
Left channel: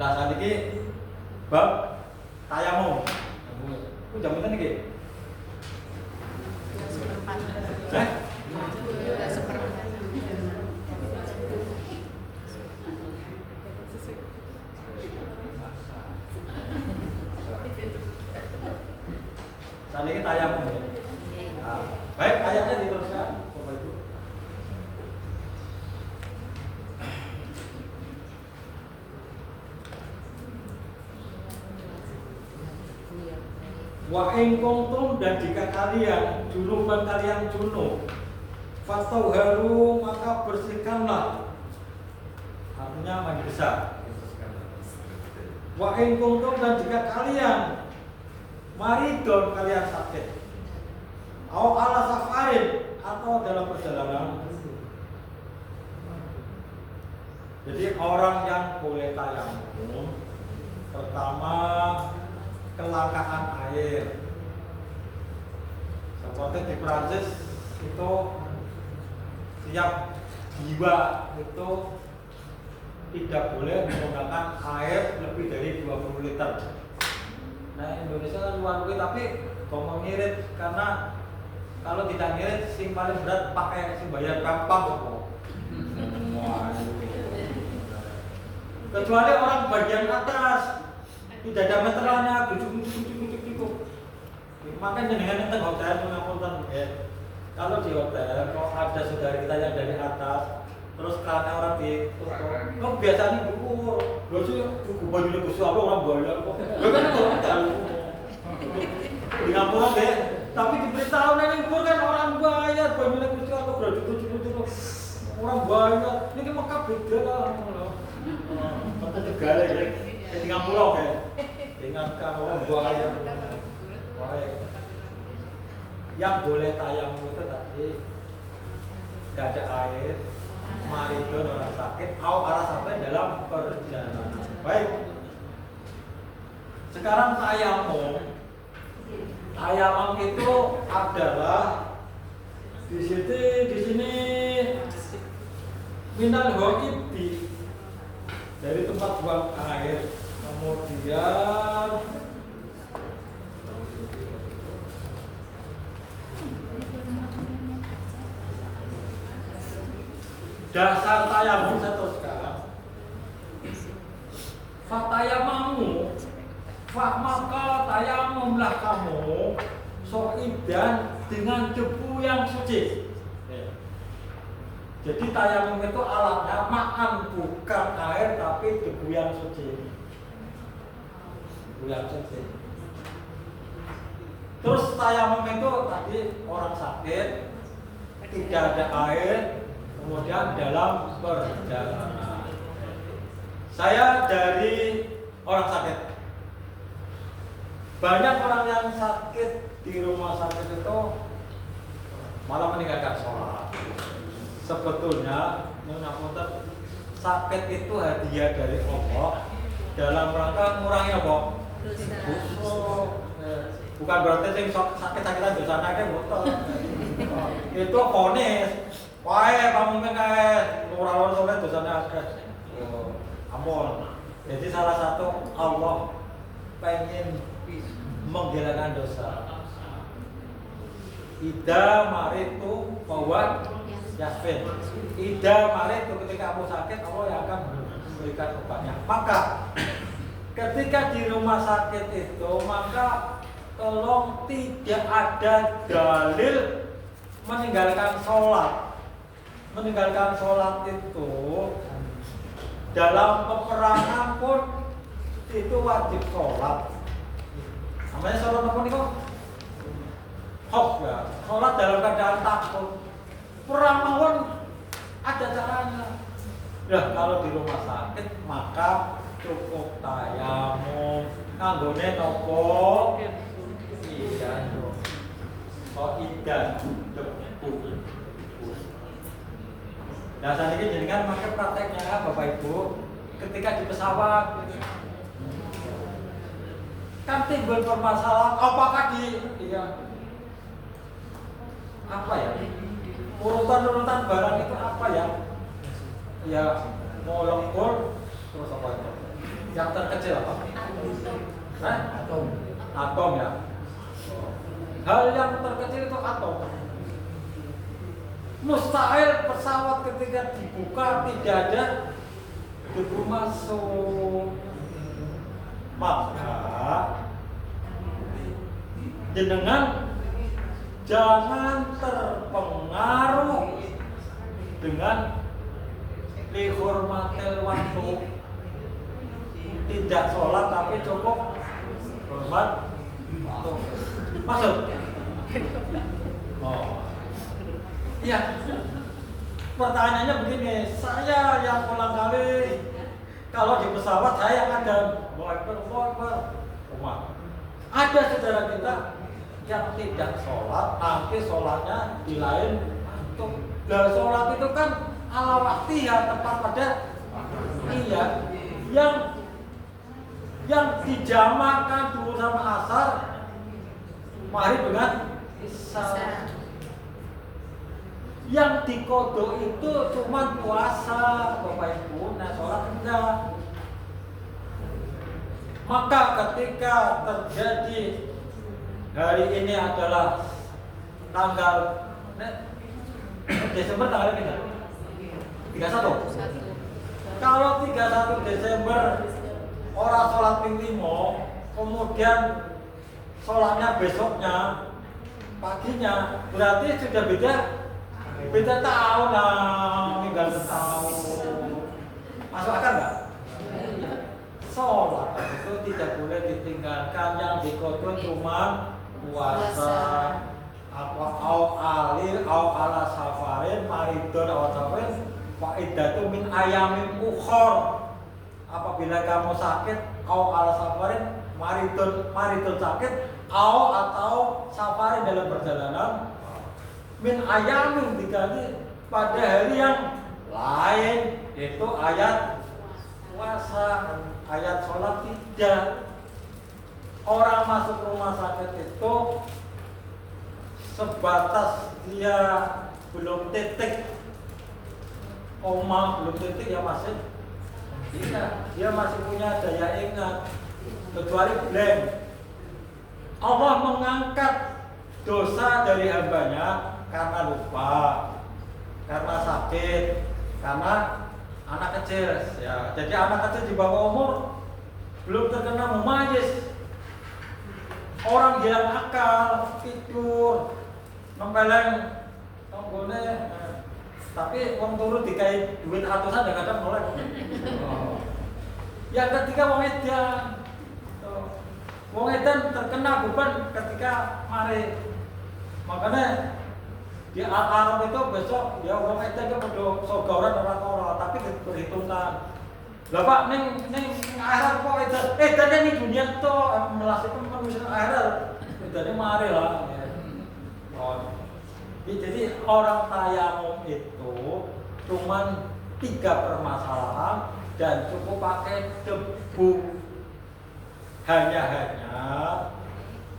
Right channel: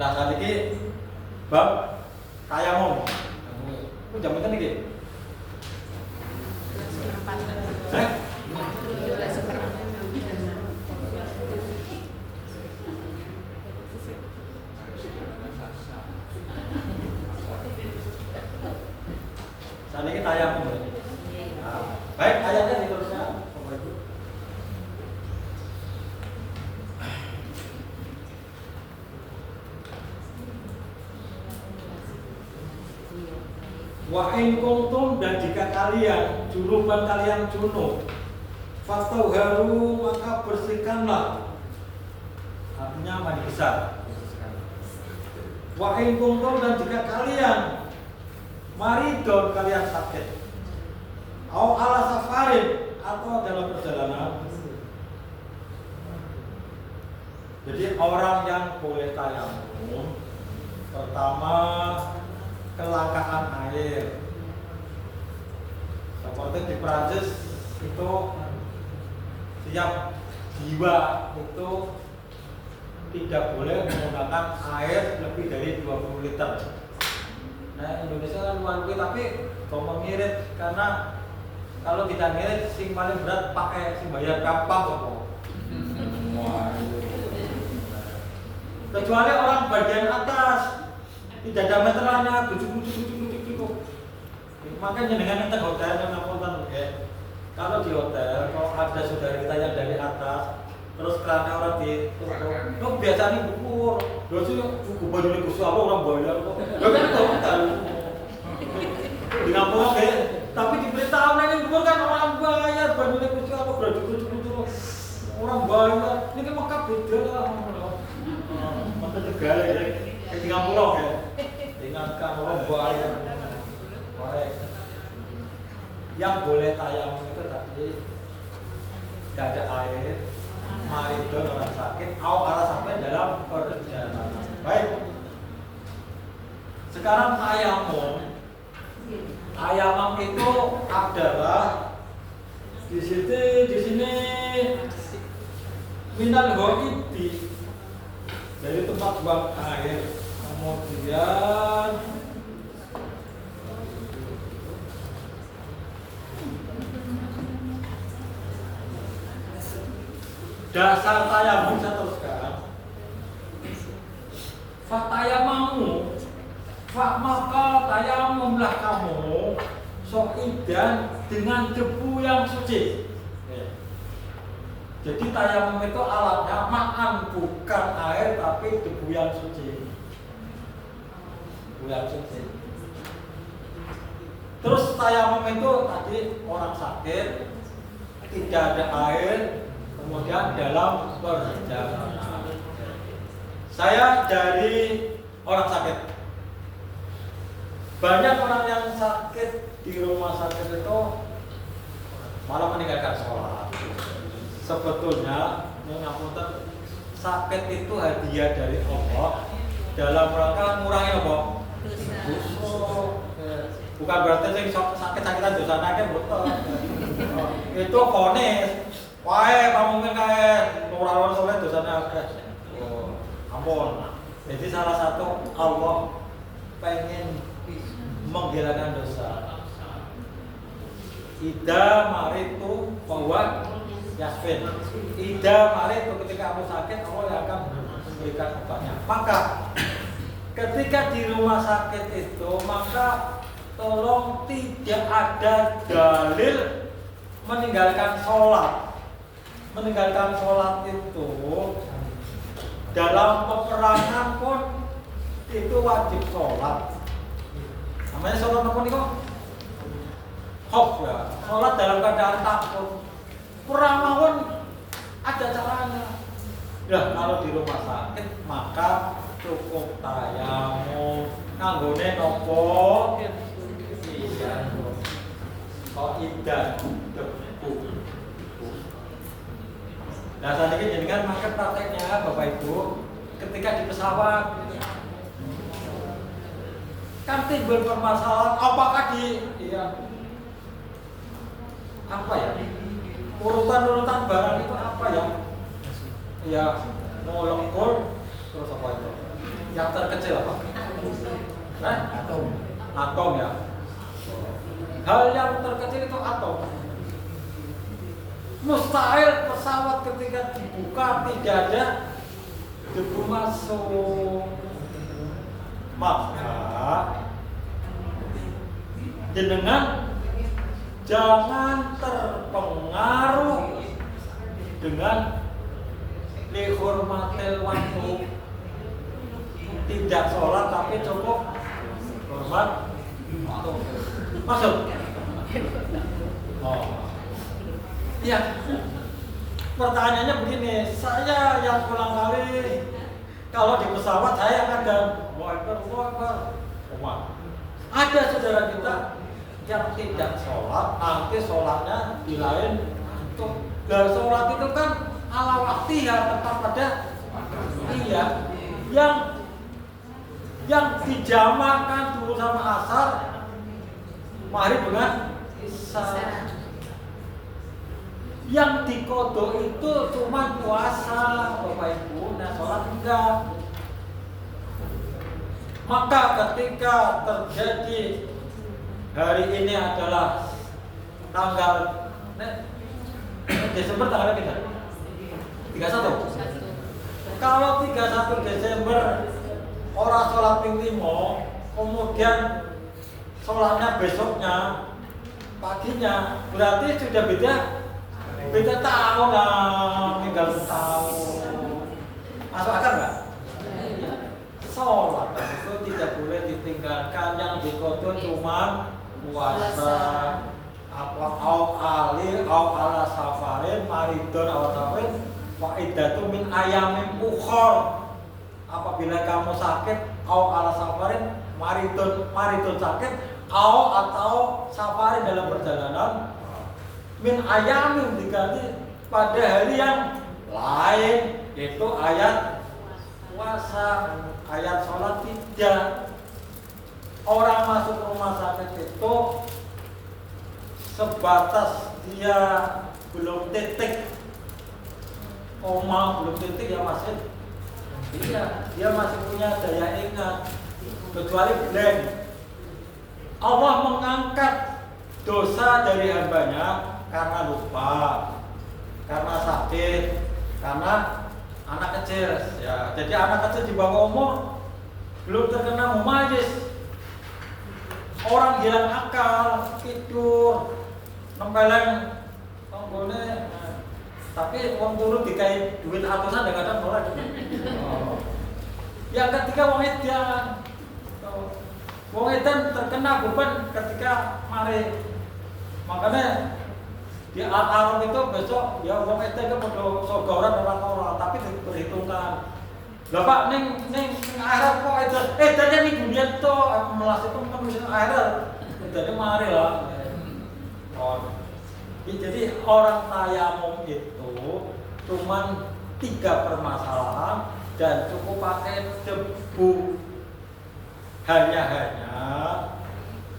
Nah saat ini bab tayamum. Ku jam pinten iki? Saat ini tayamum. Nah, baik ayatnya diteruskan Bapak Ibu. Wa in kuntum, dan jika kalian junuban kalian junub, fatauharu, maka bersihkanlah. Artinya mandi besar. Wa in kuntum, dan jika kalian maridon, kalian sakit, au ala safarin, atau dalam perjalanan. Jadi orang yang boleh tayamum, pertama kelangkaan air. Seperti di Prancis itu tiap jiwa itu tidak boleh menggunakan air lebih dari 20 liter. Nah, Indonesia kan luar biasa, tapi kok mengirit, karena kalau tidak ngirit sing paling berat pakai sing bayar gampang kok. Kecuali orang bagian atas tidak ada meterannya, bujuk. Makanya dengan itu hotel menonton ya. Kalau di hotel, kalau ada saudara kita yang dari atas, terus karena orang ditutup, biasanya buku, buku baju ini khusus orang bayar kok. Lo kan itu hotel. Di Ngapura ya, tapi diberitahu nih kan orang bayar baju ini khusus apa baju orang bayar. Ini Mekah beda lah. Maka Tegal ya, di Ngapura ya, ingatkan orang bayar. Yang boleh tayamum itu tadi tidak ada air, maridon orang sakit, atau ala sampai dalam perjalanan. Baik. Sekarang tayamum itu adalah di sini minal ghaidi, dari tempat buang air. Kemudian dasar tayamum, saya teruskan. Fatayamamu, maka tayamumlah kamu soidan, dengan debu yang suci. Jadi tayamum itu alatnya ma'an, bukan air tapi debu yang suci. Debu yang suci. Terus tayamum itu tadi orang sakit, tidak ada air, kemudian dalam perjalanan. Saya dari orang sakit. Banyak orang yang sakit di rumah sakit itu malah meninggalkan sholat. Sebetulnya, sakit itu hadiah dari Allah dalam rangka ngurangi apa? Dosa. Bukan berarti sing sakit-sakitan dosa nake betul. Itu vonis. Wae pamungkin kae ora soleh dosane akeh. Oh, ampun. Jadi salah satu Allah pengen menghilangkan dosa. Ida maritu bahwa Yasfin. Ida maritu, ketika kamu sakit Allah yang akan memberikan obatnya. Maka ketika di rumah sakit itu, maka tolong tidak ada dalil meninggalkan sholat. Meninggalkan sholat itu dalam peperangan pun itu wajib sholat. Namanya sholat apa nih kok? Hof ya. Sholat dalam keadaan takut. Perang mawon ada caranya. Ya kalau di rumah sakit maka cukup tayamum. Kanggone nopo? Iya. Oh idan debu. Nah saat ini jenengan maka prakteknya Bapak Ibu ketika di pesawat kan timbul permasalahan apakah apa ya urutan barang itu apa ya molekul terus apa itu yang terkecil apa atom ya, hal yang terkecil itu atom. Mustahil pesawat ketika dibuka tidak ada debu masuk. Maka jenengan jangan terpengaruh dengan lihurmatil waktu, tidak sholat tapi cukup hormat Masuk. Oh. Iya. Pertanyaannya begini, saya yang ulang kali kalau di pesawat saya ada Allahu Akbar. Ada saudara kita yang tidak sholat, nanti sholatnya di lain waktu. Nah, sholat itu kan ala waktu ya, tepat pada iya. Yang dijamakan dulu sama asar, maghrib dengan isya. Yang dikodok itu cuma puasa, Bapak Ibu, nah sholat enggak. Maka ketika terjadi hari ini adalah tanggal Desember tanggal kita 31. Kalau 31 Desember orang sholat ping 5, kemudian sholatnya besoknya paginya, berarti sudah beda tahun lah, tinggal setahun. Masuk akal nggak? Sholat itu tidak boleh ditinggalkan, yang dikodok cuma puasa, au ala safarin maridon au safarin faidatu min ayamin ukhor. Apabila kamu sakit, au ala safarin maridon sakit, atau safarin dalam perjalanan, min ayamin diganti pada hari yang lain, itu ayat puasa, ayat sholat tidak. Orang masuk rumah sakit itu sebatas dia belum titik koma, belum titik ya masih dia masih punya daya ingat, kecuali blank. Allah mengangkat dosa dari hambanya karena lupa, karena sakit, karena anak kecil ya. Jadi anak kecil di bawah umur belum terkena mumayyiz, orang hilang akal, tidur nempeleng tonggone, tapi wong turu dikai duit atusan dan kadang melek. Yang ketiga wong edan. Wong edan terkena beban ketika mari. Makanya di Al-Arab itu besok ya wong edan ke podo sogoran orang, tapi diperhitungkan. Lah Pak ning akhirat kok edannya ning dunia to melas itu manusia akhirat. Edannya mari lah. Jadi orang tayamum itu cuman 3 permasalahan dan cukup pakai debu. Hanya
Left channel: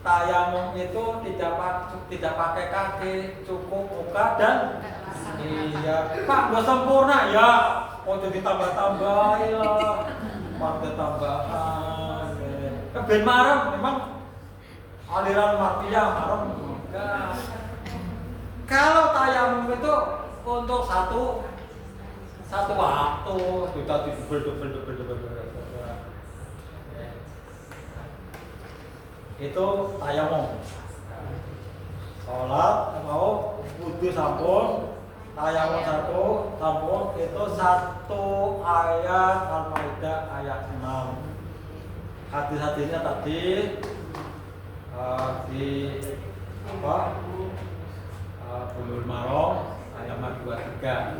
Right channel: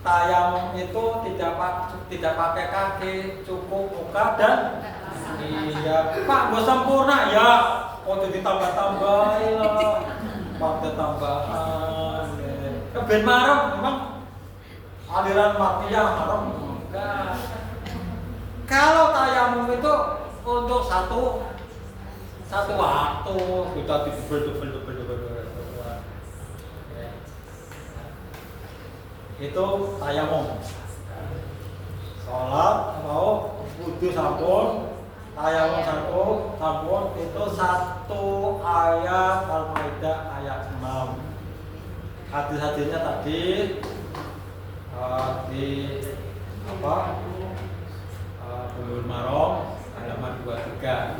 tayamum itu tidak pakai kaki, cukup muka dan iya. Pak nggak sempurna ya, jadi ditambah-tambahin lah, pakai tambahan. Ben marem memang aliran mafia marem enggak. Kalau tayamum itu untuk satu waktu sudah double. Itu tayamum. Sholat mau wudu sampun, tayamum sampun itu 1 ayat Al-Maidah ayat 6. Hadis-hadisnya tadi di Bulughul Maram halaman 23.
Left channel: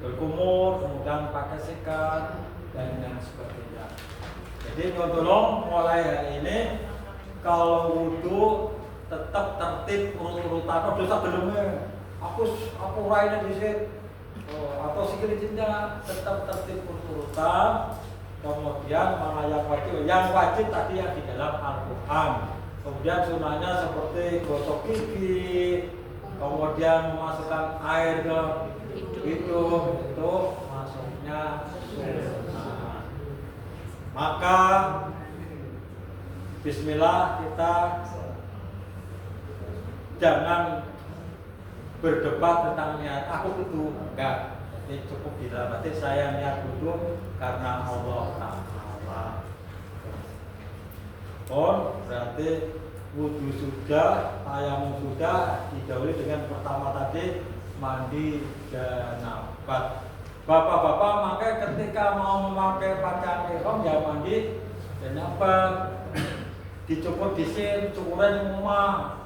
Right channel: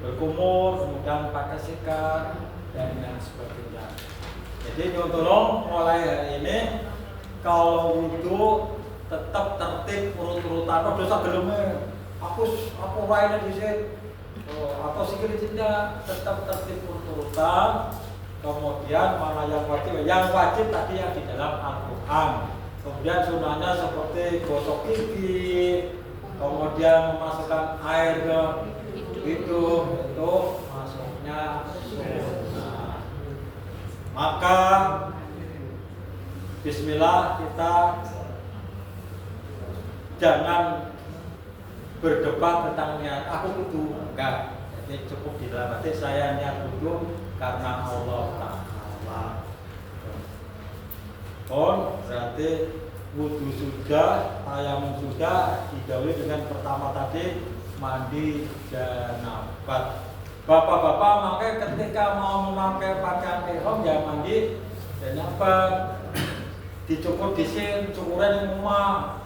Berkumur, kemudian pakai sikat dan yang sebagainya. Jadi nyuntulung mulai hari ini kalau wudu tetap tertib urut-urutan. Dosa geleme aku raine dhisik. Atau sikil cinta tetap tertib urut-urutan. Kemudian mana yang wajib tadi yang di dalam Al-Qur'an. Kemudian sunahnya seperti gosok gigi, kemudian memasukkan air ke hidung, itu masuknya sunnah. Maka bismillah, kita jangan berdebat tentang niat aku wudu, enggak. Jadi cukup di dalam hati saya niat wudu karena Allah Ta'ala. Berarti wudu sudah, tayamum sudah, didahului dengan pertama tadi mandi janabat. Bapak-bapak makanya ketika mau memakai pakaian ihram ya mandi janabat. dicukur disin, cukuran yang omah.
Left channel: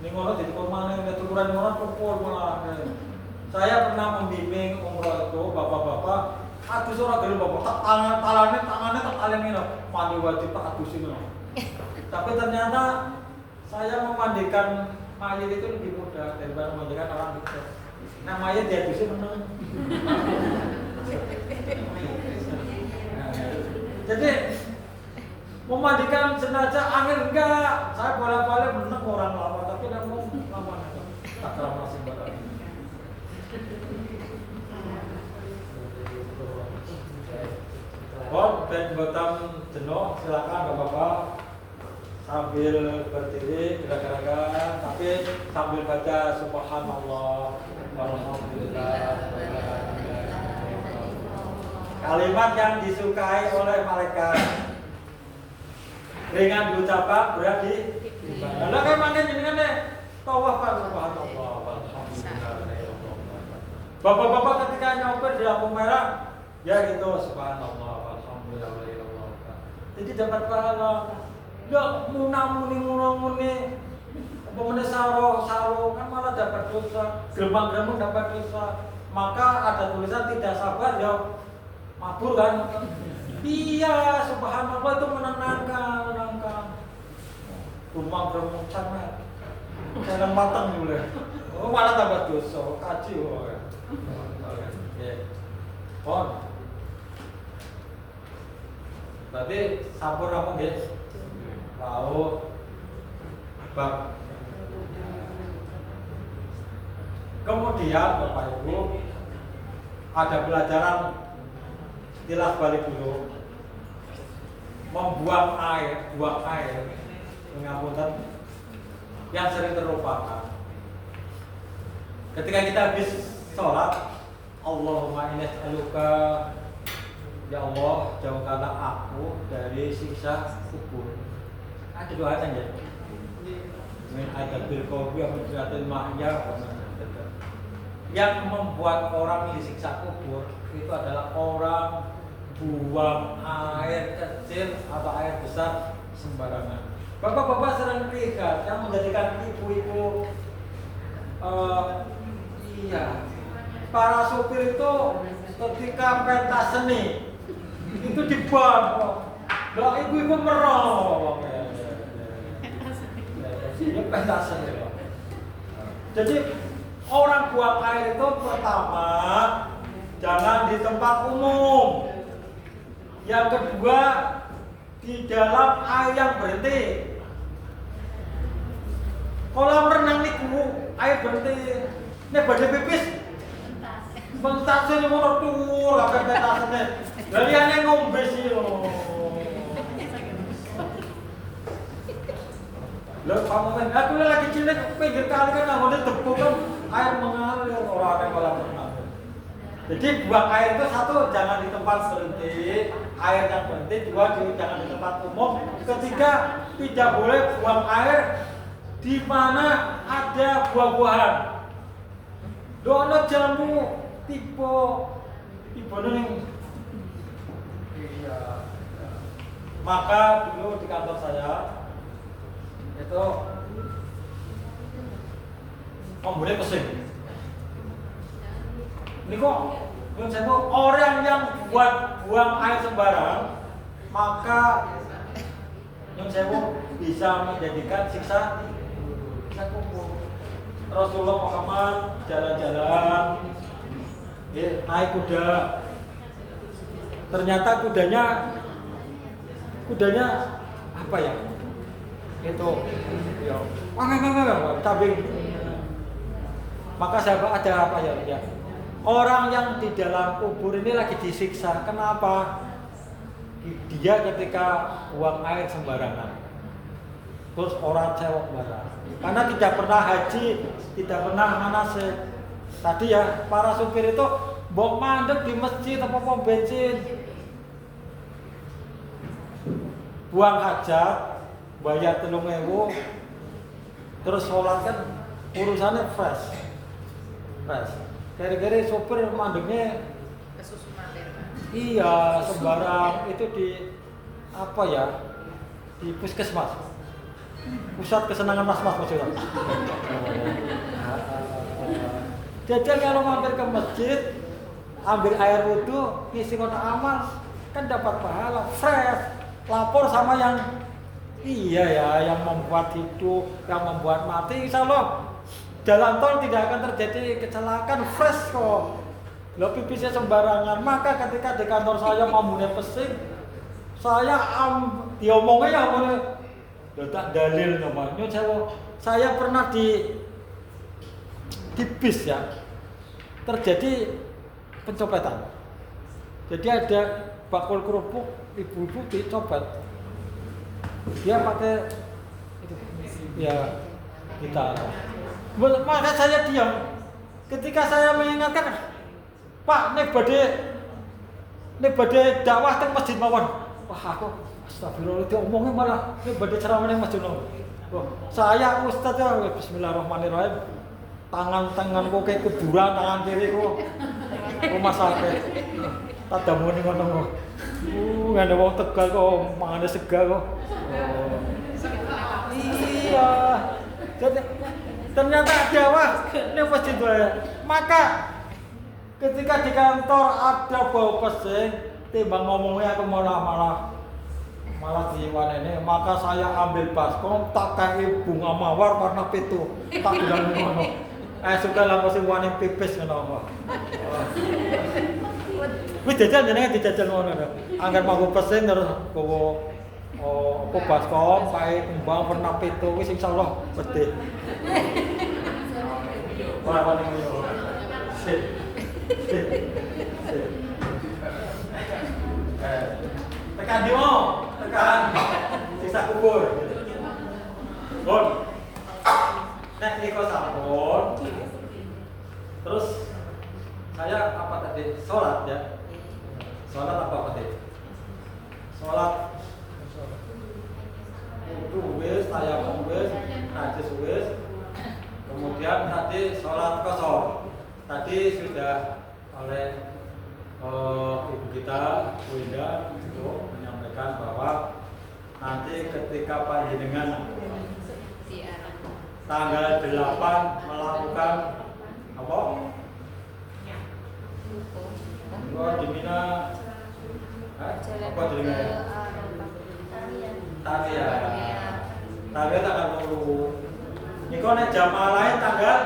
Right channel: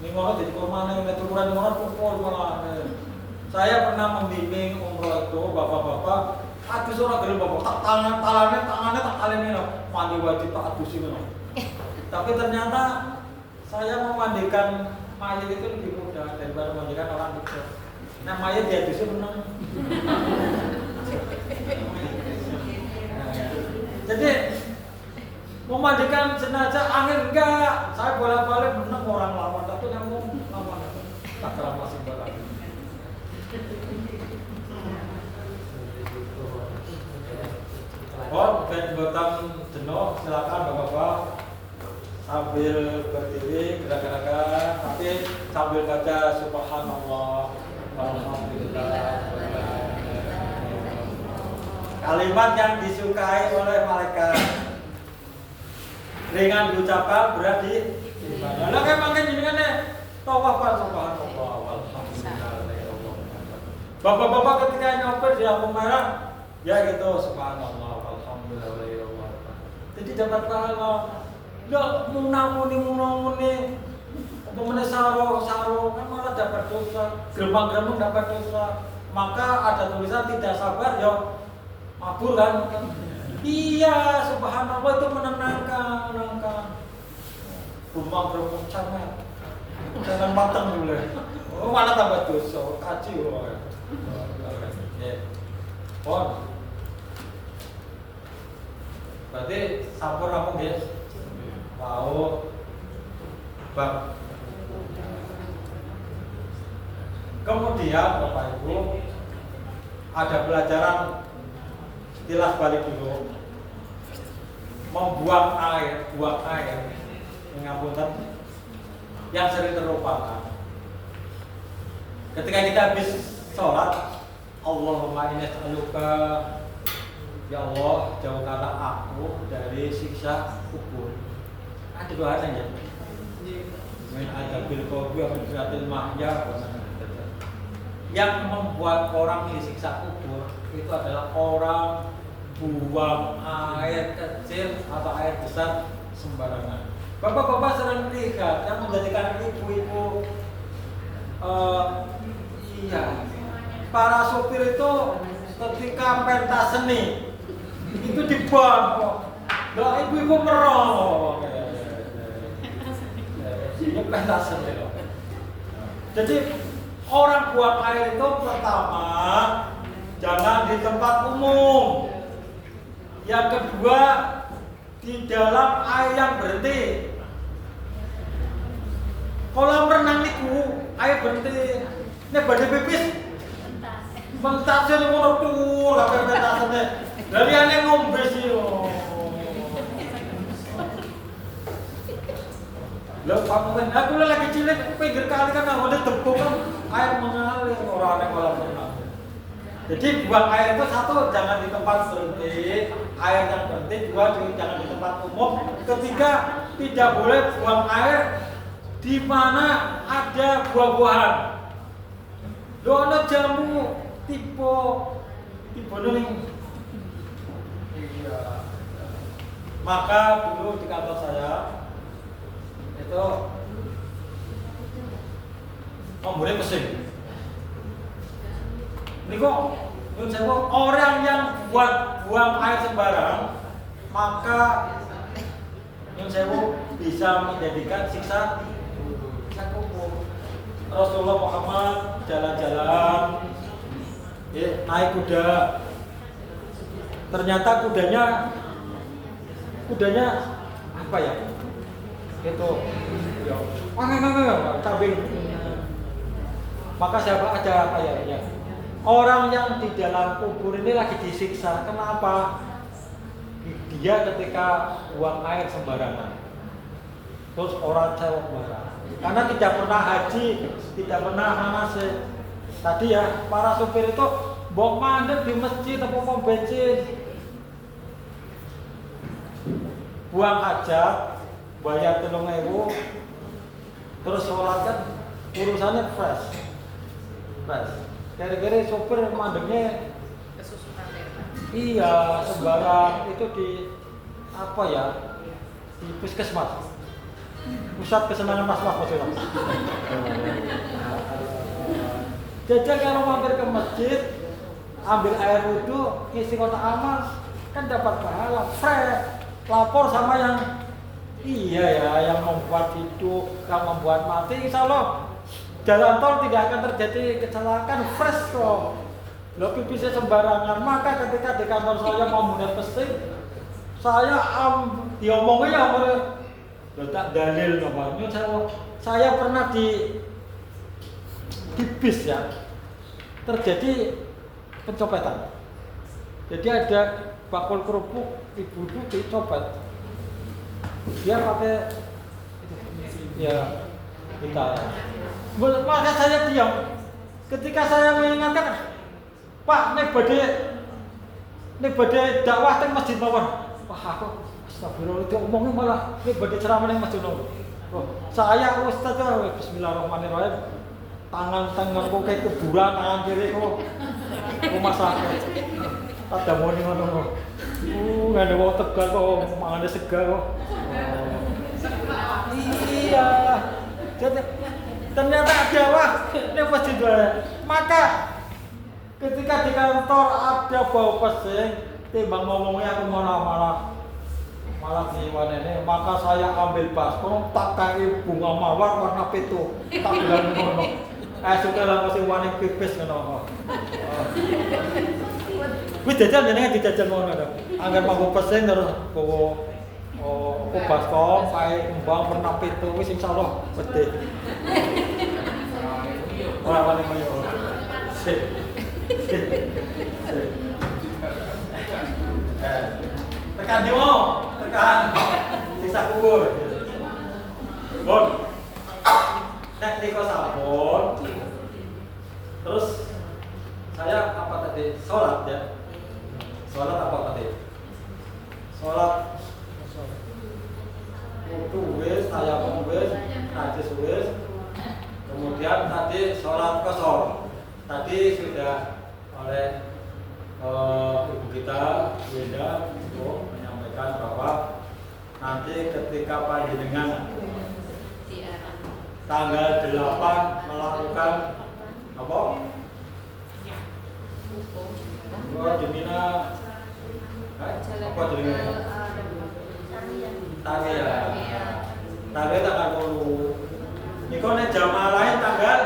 Ning ngono dicukur maneh, nek cukuran ngono pukul malah. Saya pernah membimbing umroh itu bapak-bapak, adus ora gelem bapak, tak tangannya tak taleni no, mandi wajib tak adusin no. Tapi ternyata saya memandikan mayat itu lebih mudah daripada memandikan orang itu. Nah mayat diadusin meneng. Jadi memandikan jenazah angin enggak, saya bolak-balik menang orang lama, tapi namun lama tak kerama sing barang. Ben botan jenuh, silakan bapak-bapak sambil berdiri gerak-gerakan, tapi sambil baca subhanallah, walhamdulillah. Kalimat yang disukai oleh malaikat. Ringan ucapan berarti ibadah. Lah kayak mangke jenengan nek tawaf subhanallah walhamdulillah. Bapak-bapak ketika nyopir di lampu merah ya gitu subhanallah walhamdulillah. Jadi dapat pahala. Lah muni apa meneh saro kan malah dapat dosa. Gremang-gremeng dapat dosa. Maka ada tulisan tidak sabar ya mabur kan. Iya, subhanallah itu menenangkan. Rumah berumur camat, jangan matang dulu. Oh, malah tambah dosa, kaji loh. Pon. Berarti sampur rampung guys. Mau bab. Kemudian Bapak Ibu ada pelajaran kilas balik dulu. Membuang air, buang air, mengampunkan yang sering terlupakan. Ketika kita habis sholat, Allahumma inni as'aluka, ya Allah jauhkanlah aku dari siksa kubur. Ada doanya ya. Min adabil qabri wa min fitnatil mahya wa min yang membuat orang disiksa kubur itu adalah orang buang air kecil atau air besar sembarangan. Bapak-bapak sering lihat yang menjadikan ibu-ibu para sopir itu ketika pentas seni itu diban kok. Lah ibu-ibu merong. Ini pentas seni loh. Jadi orang buang air itu pertama jangan di tempat umum. Yang kedua di dalam air yang berhenti. Kolam renang niku air berhenti. Nek badhe pipis mentase ngono tuh lha pentasane. Lah liyane ngombe sih lho. Lho pamen aku lagi cilik pinggir kali kan nggone debuk kan air mengalir ora ana kolam renang. Jadi buang air itu satu jangan di tempat berhenti, air yang berhenti, dua jangan di tempat umum, ketiga tidak boleh buang air di mana ada buah-buahan. Dono jamu tipe ning. Iya. Maka dulu di kantor saya itu ombolnya pesing. Ini kok orang yang buang air sembarang maka yang sewu bisa menjadikan siksa kubur. Rasulullah Muhammad jalan-jalan naik kuda. Ternyata kudanya apa ya? Itu cabing. Maka sahabat ada apa ya? Orang yang di dalam kubur ini lagi disiksa. Kenapa? Dia ketika buang air sembarangan. Terus orang cewek marah. Karena tidak pernah haji, tidak pernah manasik. Tadi ya para supir itu mbok mandek di masjid atau pom bensin. Buang hajat, bayar 3.000. Terus sholat kan urusannya fresh. Kira-kira sopir mandeknya kesusunan dari iya sembarang itu di apa ya di puskesmas. Pusat kesenangan mas-mas maksudnya. Jadi kalau mampir ke masjid, ambil air wudhu, ngisi kotak amal, kan dapat pahala. Fresh, lapor sama yang iya ya, yang membuat hidup, yang membuat mati. Insya Allah jalan tol tidak akan terjadi kecelakaan. Fresh kok. Lebih bisa sembarangan. Maka ketika di kantor saya mau mulai pesing, saya diomongin tak dalil namanya. Saya pernah di bis ya, terjadi pencopetan. Jadi ada bakul kerupuk, ibu-ibu dicopet. Dia pakai ya kita. Maka saya diam. Ketika saya mengingatkan, Pak, ini badai dakwah teng masjid mawon. Wah, aku astagfirullah diomongin malah ini badai ceramah ning masjid mawon. Wah, saya ustaz bismillahirrahmanirrahim. Tangan kok kayak kuburan, tangan kiri kok rumah sakit. Ada moni ngono. Ada wong Tegal kok mangane segar kok. Iya. Jadi ternyata dakwah ini masjid wae. Maka ketika di kantor ada bau pesing, timbang ngomongnya aku malah jiwan ini, maka saya ambil baskom, tak kasih bunga mawar warna pitu, tak bilang ngono. Suka lah masih warna pipis ngono. Wis jajan jenenge dijajan ngono lho. Angger manggo pesing terus aku baskom, kae embang warna pitu wis insyaallah bedhe. Ora paling yo. Tekan di mau, tekan sisa kubur. Bon. Nek niko sampun. Terus saya apa tadi? Salat ya. Salat apa tadi? Salat. Wudu wis, tayamum wis, najis wis. Kemudian tadi salat qasar. Tadi sudah oleh ibu kita, Bu Indah, menyampaikan bahwa nanti ketika panjenengan tanggal 8 melakukan apa? Di Mina, apa jenenge? Tarian. Tarian tanggal 10. Niko nek jamaah lain tanggal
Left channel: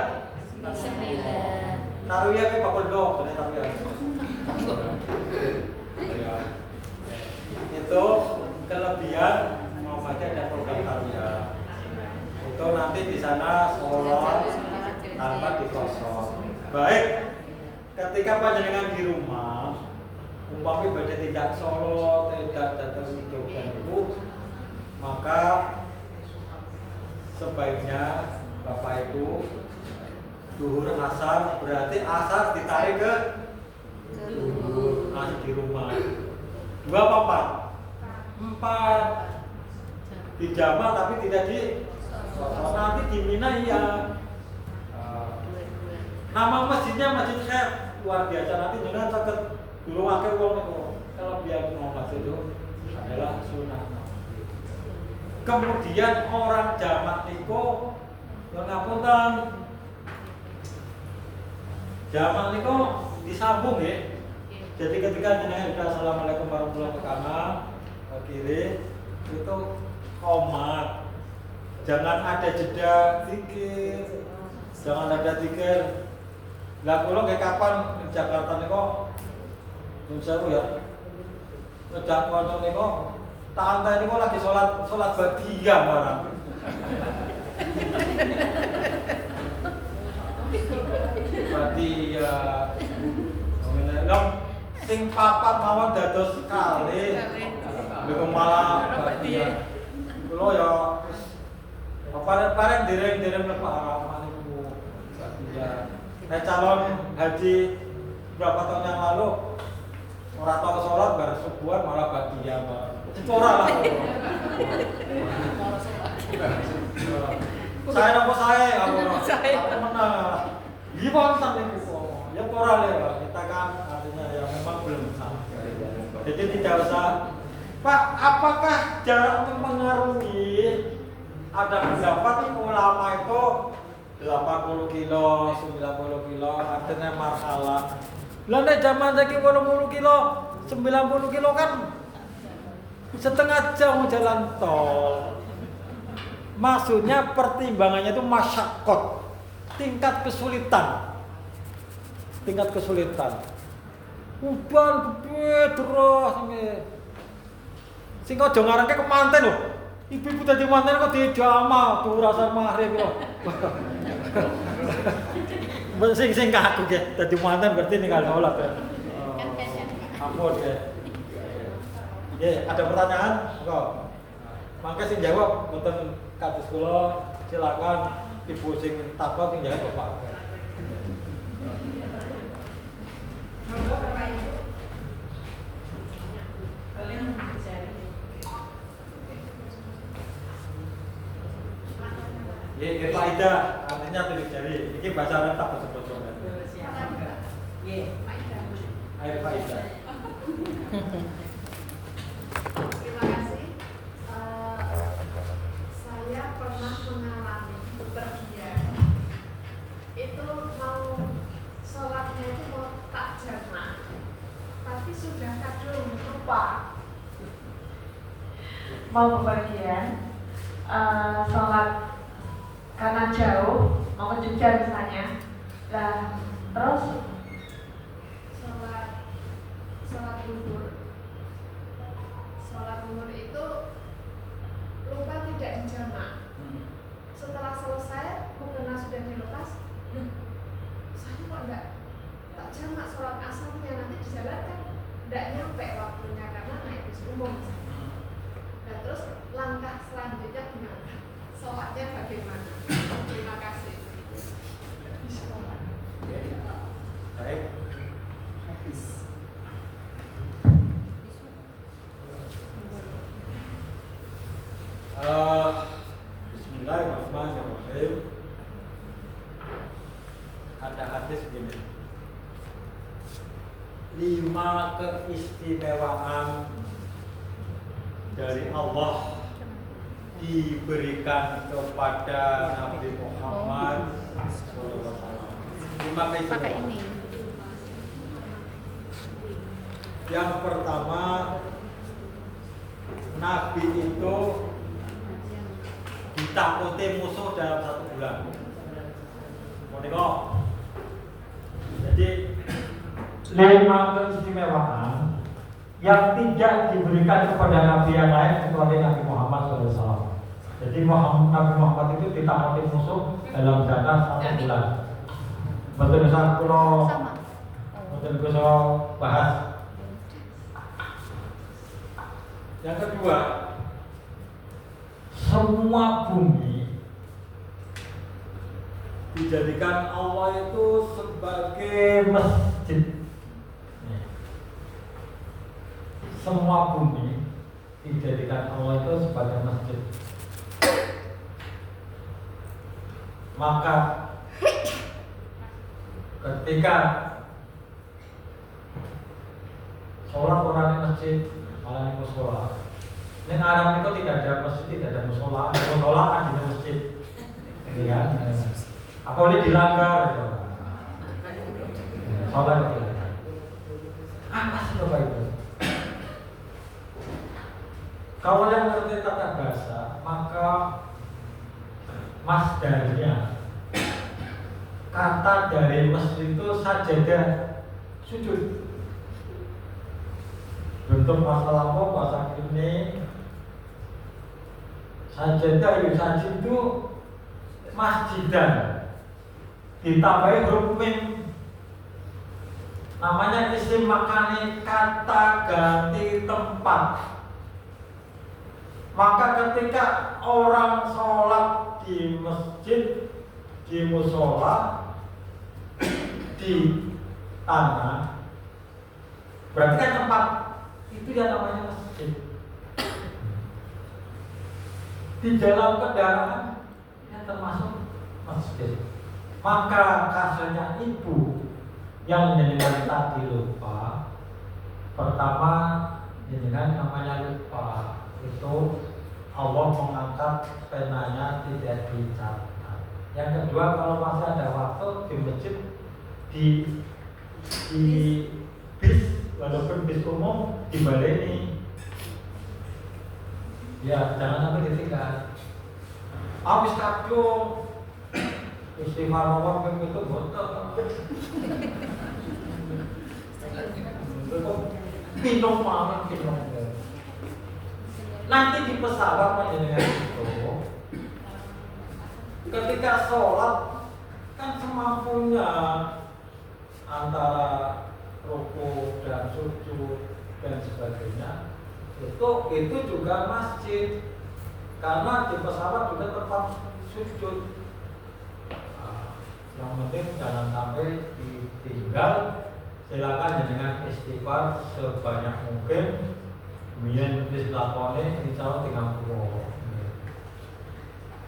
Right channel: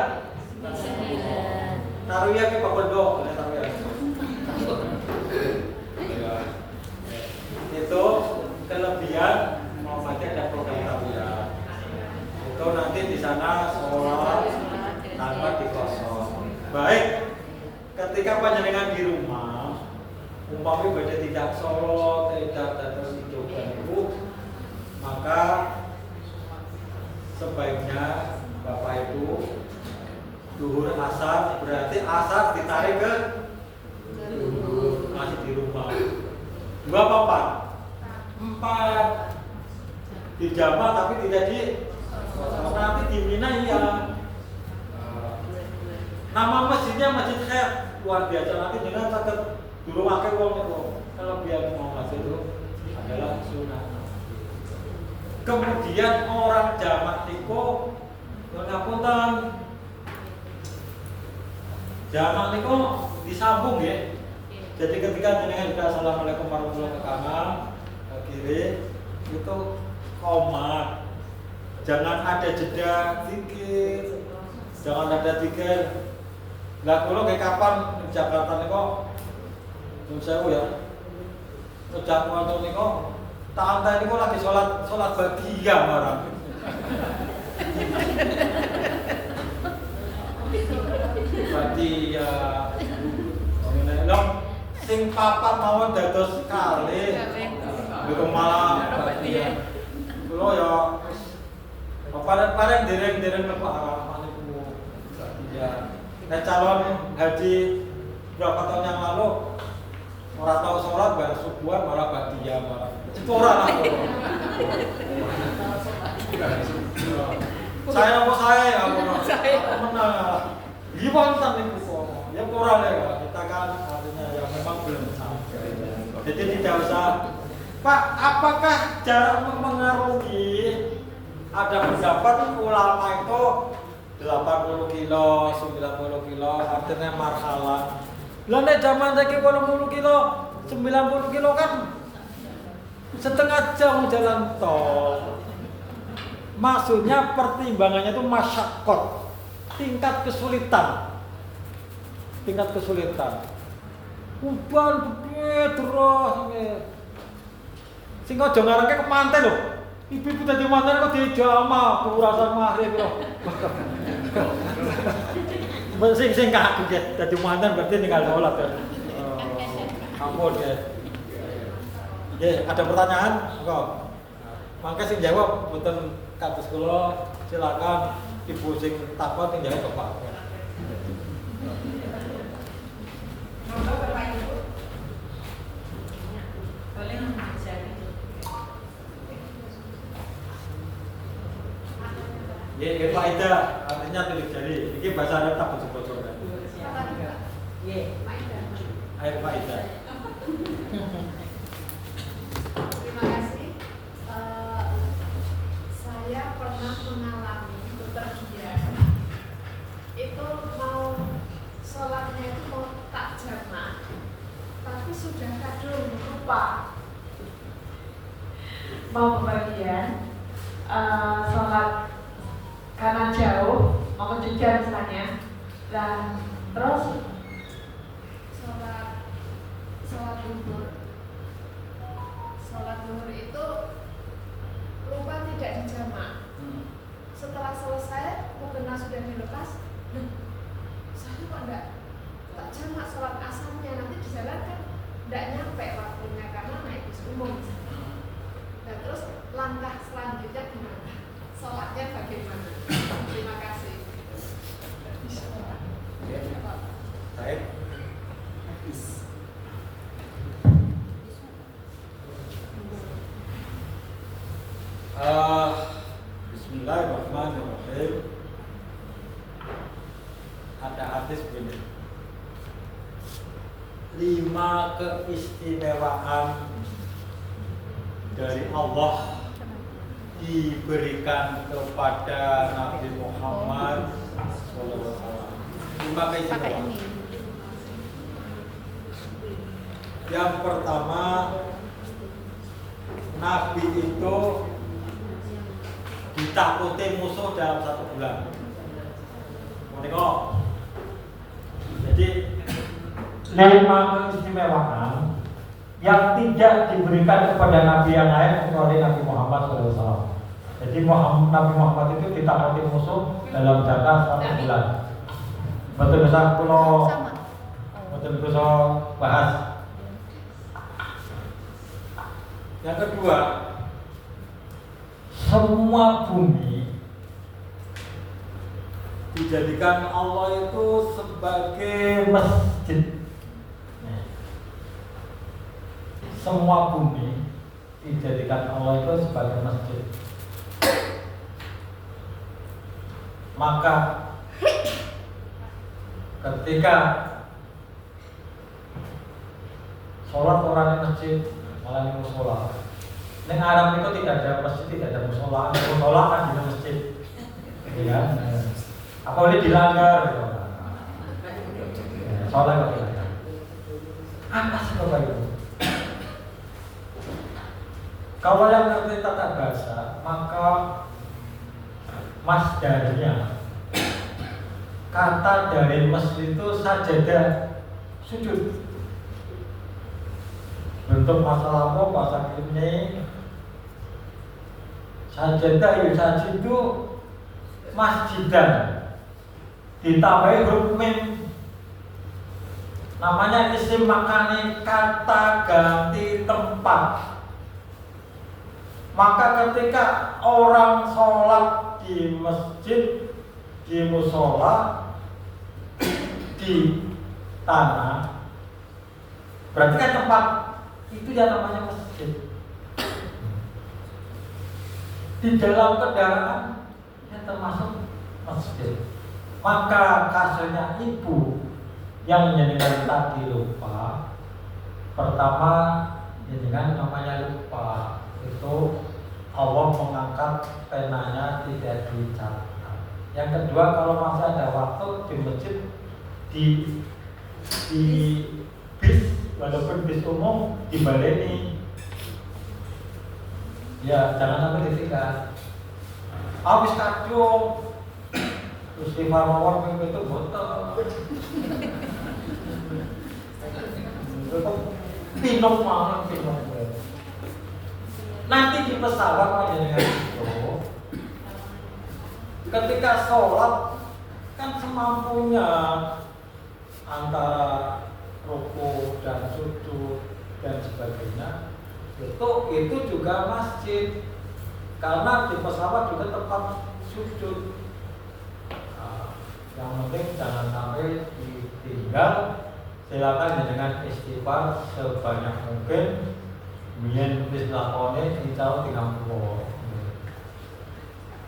9. Taruhnya ke Pak Bondo, taruhnya. Itu kelebihan Muhammadiyah dan program taruhnya. Itu nanti di sana sholat tanpa dikosong. Baik, ketika panjenengan di rumah, umpamanya baca tidak sholat, tidak datang hidupkan itu, maka sebaiknya Bapak Ibu duhur asar, berarti asar ditarik ke duhur, masih di rumah. 2 apa 4? 4 dijamak tapi tidak di nanti di Mina iya. Nama masjidnya Masjid Khair, luar biasa. Nanti dengan catat dulu wakil wong itu. Kalau biar mau masjid itu adalah sunnah. Kemudian orang jamak itu ngapunten jamak niku disambung ya. Jadi ketika jenengan sudah assalamualaikum warahmatullahi wabarakatuh ke kanan, ke kiri itu koma. Jangan ada jeda zikir. Jangan ada zikir. Lah kula kayak kapan di Jakarta niku nyuwun sewu ya. Sejak wonten niku tak anteni niku lagi salat badiyah barang. Badiyah. Ngene sing papat mawon dados kalih. Lha malah badiyah. Kula ya wis pareng dereng mlebu harapan niku badiyah. Calon haji berapa tahun yang lalu orang tahu sholat baru subuhan malah badiyah malah cipora lah. Saya nopo saya menang lah. Gimana nih buku? Ya pora ya kita kan artinya ya memang belum sampai. Jadi tidak usah Pak, apakah jarak mempengaruhi? Ada pendapat ulama itu 80 kilo, 90 kilo, artinya marhalah. Lalu zaman saiki 80 kilo, 90 kilo kan setengah jam jalan tol. Maksudnya pertimbangannya itu masyakot, tingkat kesulitan. Uban gede terus sing aja ngarengke kemanten lho. Ibu-ibu dadi manten kok dijama urasan mahrib lho. Sing kaku ya dadi manten berarti tinggal sholat ya. Ampun ya. Ya, ada pertanyaan? Kok? Mangke sing jawab mboten kados kula, silakan ibu sing takon sing jawab Bapak. Ya, Pak Ida, artinya tulis jari. Ini bahasa Arab tak betul-betul. Air Pak Ida. Terima kasih. Saya pernah mengalami bepergian. Itu mau sholatnya itu mau tak jamak, tapi sudah kadung lupa. Mau bepergian, sholat karena jauh, mau ke Jogja misalnya, dan terus sholat duhur itu lupa tidak dijamak. Setelah selesai, mukena sudah dilepas. Saya kok enggak tak jamak sholat asarnya, nanti di jalan kan enggak nyampe waktunya karena naik bis umum. Nah terus langkah selanjutnya gimana? Sholatnya bagaimana? Terima kasih. Baik. Bismillahirrahmanirrahim. Ada hadis begini. 5 keistimewaan dari Allah diberikan kepada Nabi Muhammad SAW. 5 keistimewaan. Yang pertama, Nabi itu ditakuti musuh dalam 1 bulan. Menika. Jadi 5 keistimewaan yang tidak diberikan kepada Nabi yang lain kecuali Nabi Muhammad SAW. Jadi Nabi Muhammad itu ditakuti musuh dalam jangka 1 bulan. Betul bisa kalau betul bisa bahas. Yang kedua, semua bumi dijadikan Allah itu sebagai masjid. Semua bumi dijadikan Allah itu sebagai masjid. Maka ketika sholat orang di masjid, malah di musola. Neng Arab itu tidak ada masjid, tidak ada musola. Musola kan di masjid, ya. Apa boleh dilanggar? Sholat itu dilanggar. Apa sih Bapak Ibu? Kalau yang mengerti tata bahasa, maka masdarnya kata dari masjid itu sajadah, sujud. Bentuk masalah apa bahasa ini sajadah yusajidu masjidan ditambahi huruf mim, namanya isim makani, kata ganti tempat. Maka ketika orang sholat di masjid, di musola, di tanah, berarti kan tempat itu yang namanya masjid. Di dalam kendaraan yang termasuk masjid. Maka kasusnya ibu yang menjadi tadi lupa, pertama dengan namanya lupa itu Allah mengangkat penanya tidak dicatat. Yang kedua, kalau masih ada waktu di masjid di bis, walaupun bis umum dibaleni, ya jangan sampai ditinggal. Habis kadung istighfar mawon itu botol. Pinong malah pinong. Nanti di pesawat panjenengan itu, ketika sholat kan semampunya antara ruku dan sujud dan sebagainya, itu juga masjid, karena di pesawat juga tempat sujud. Yang penting jangan sampai ditinggal. Silakan dengan istighfar sebanyak mungkin. Mien wis lakone insya Allah 30.